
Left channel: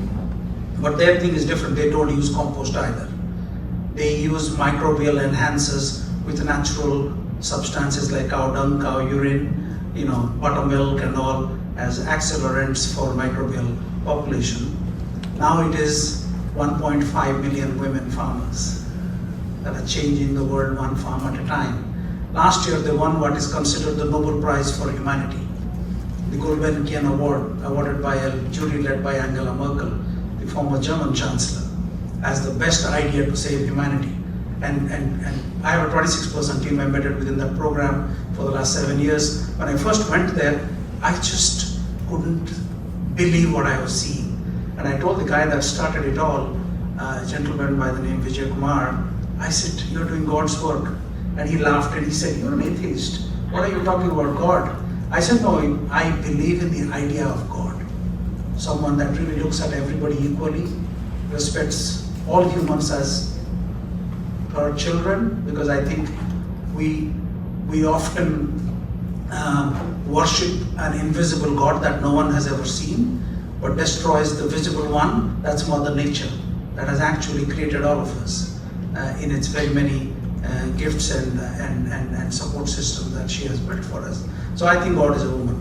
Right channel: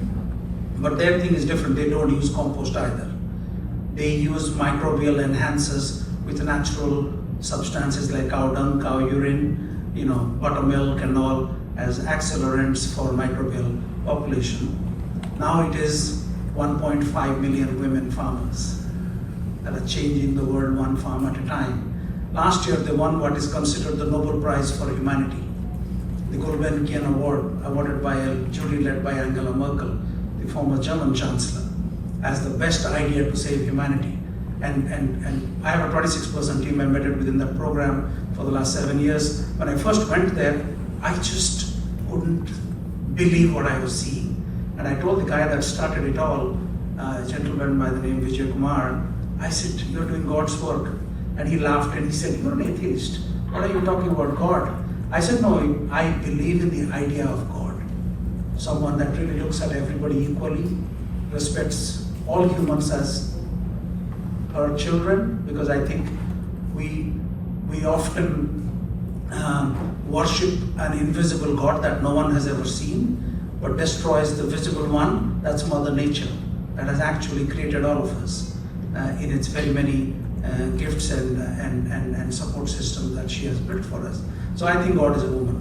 But their thing is different. They don't use compost either. They use microbial enhancers with natural substances like cow dung, cow urine, buttermilk and all as accelerants for microbial population. Now it is 1.5 million women farmers that are changing the world one farm at a time. Last year they won what is considered the Nobel Prize for Humanity, the Gulbenkian Award, awarded by a jury led by Angela Merkel, the former German Chancellor, as the best idea to save humanity. And I have a 26% team embedded within that program for the last 7 years. When I first went there, I just couldn't believe what I was seeing. And I told the guy that started it all, a gentleman by the name Vijay Kumar, I said, you're doing God's work. And he laughed and he said, you're an atheist. What are you talking about God? I said, no, I believe in the idea of God. Someone that really looks at everybody equally, respects all humans as her children, because I think we often worship an invisible God that no one has ever seen, but destroys the visible one. That's Mother Nature, that has actually created all of us in its very many gifts and support system that she has built for us. So I think God is a woman.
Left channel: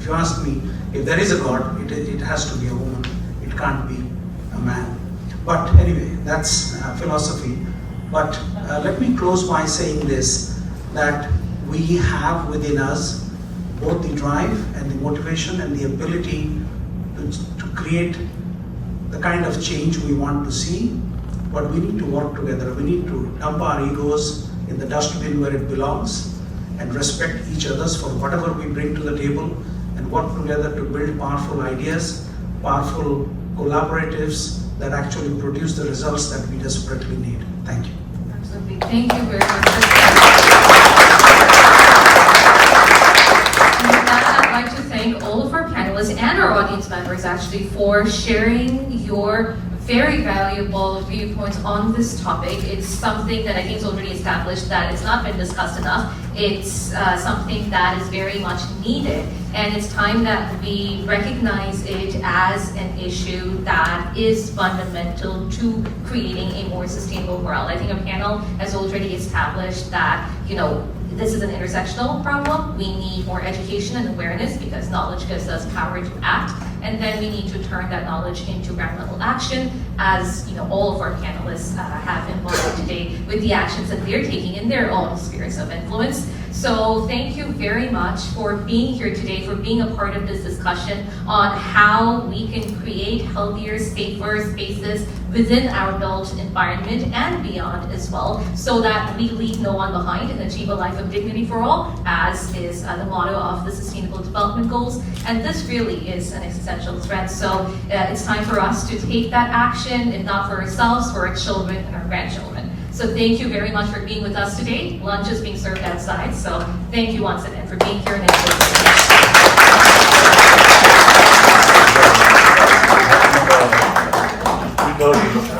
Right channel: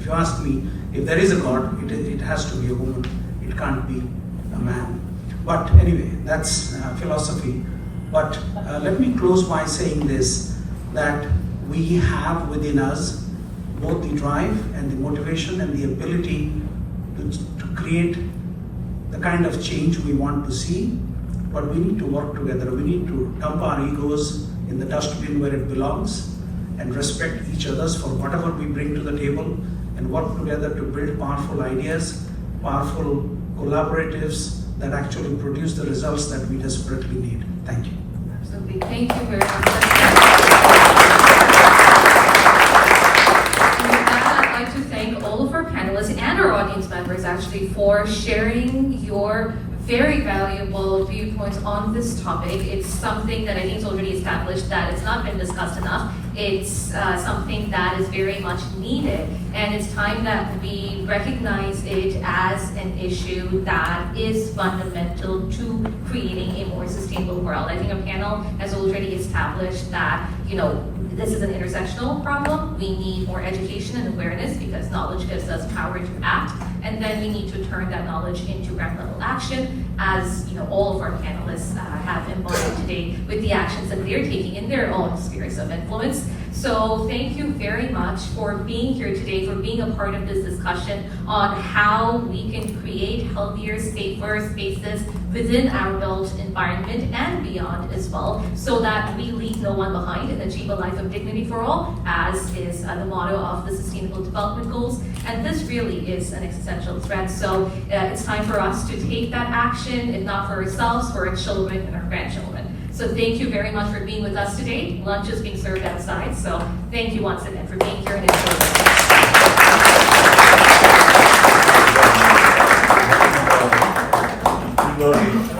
If you ask me, if there is a God, it has to be a woman. It can't be a man. But anyway, that's philosophy. But let me close by saying this, that we have within us both the drive and the motivation and the ability to create the kind of change we want to see, but we need to work together. We need to dump our egos in the dustbin where it belongs and respect each other's for whatever we bring to the table and work together to build powerful ideas, powerful collaboratives that actually produce the results that we desperately need. Thank you. Absolutely. Thank you very much. And with that, I'd like to thank all of our panelists and our audience members actually for sharing your very valuable viewpoints on this topic. It's something that I think is already established that it's not been discussed enough. It's something that is very much needed, and it's time that we recognize it as an issue that is fundamental to creating a more sustainable world. I think our panel has already established that, this is an intersectional problem. We need more education and awareness because knowledge gives us power to act. And then we need to turn that knowledge into ground level action, as all of our panelists have embodied today with the actions that they're taking in their own spheres of influence. So thank you very much for being here today, for being a part of this discussion on how we can create healthier, safer spaces within our built environment and beyond as well, so that we leave no one behind and achieve a life of dignity for all, as is the motto of the Sustainable Development Goals. And this really is an existential threat. So it's time for us to take that action, if not for ourselves, for our children and our grandchildren. So thank you very much for being with us today. Lunch is being served outside, so thank you once again for being here and We know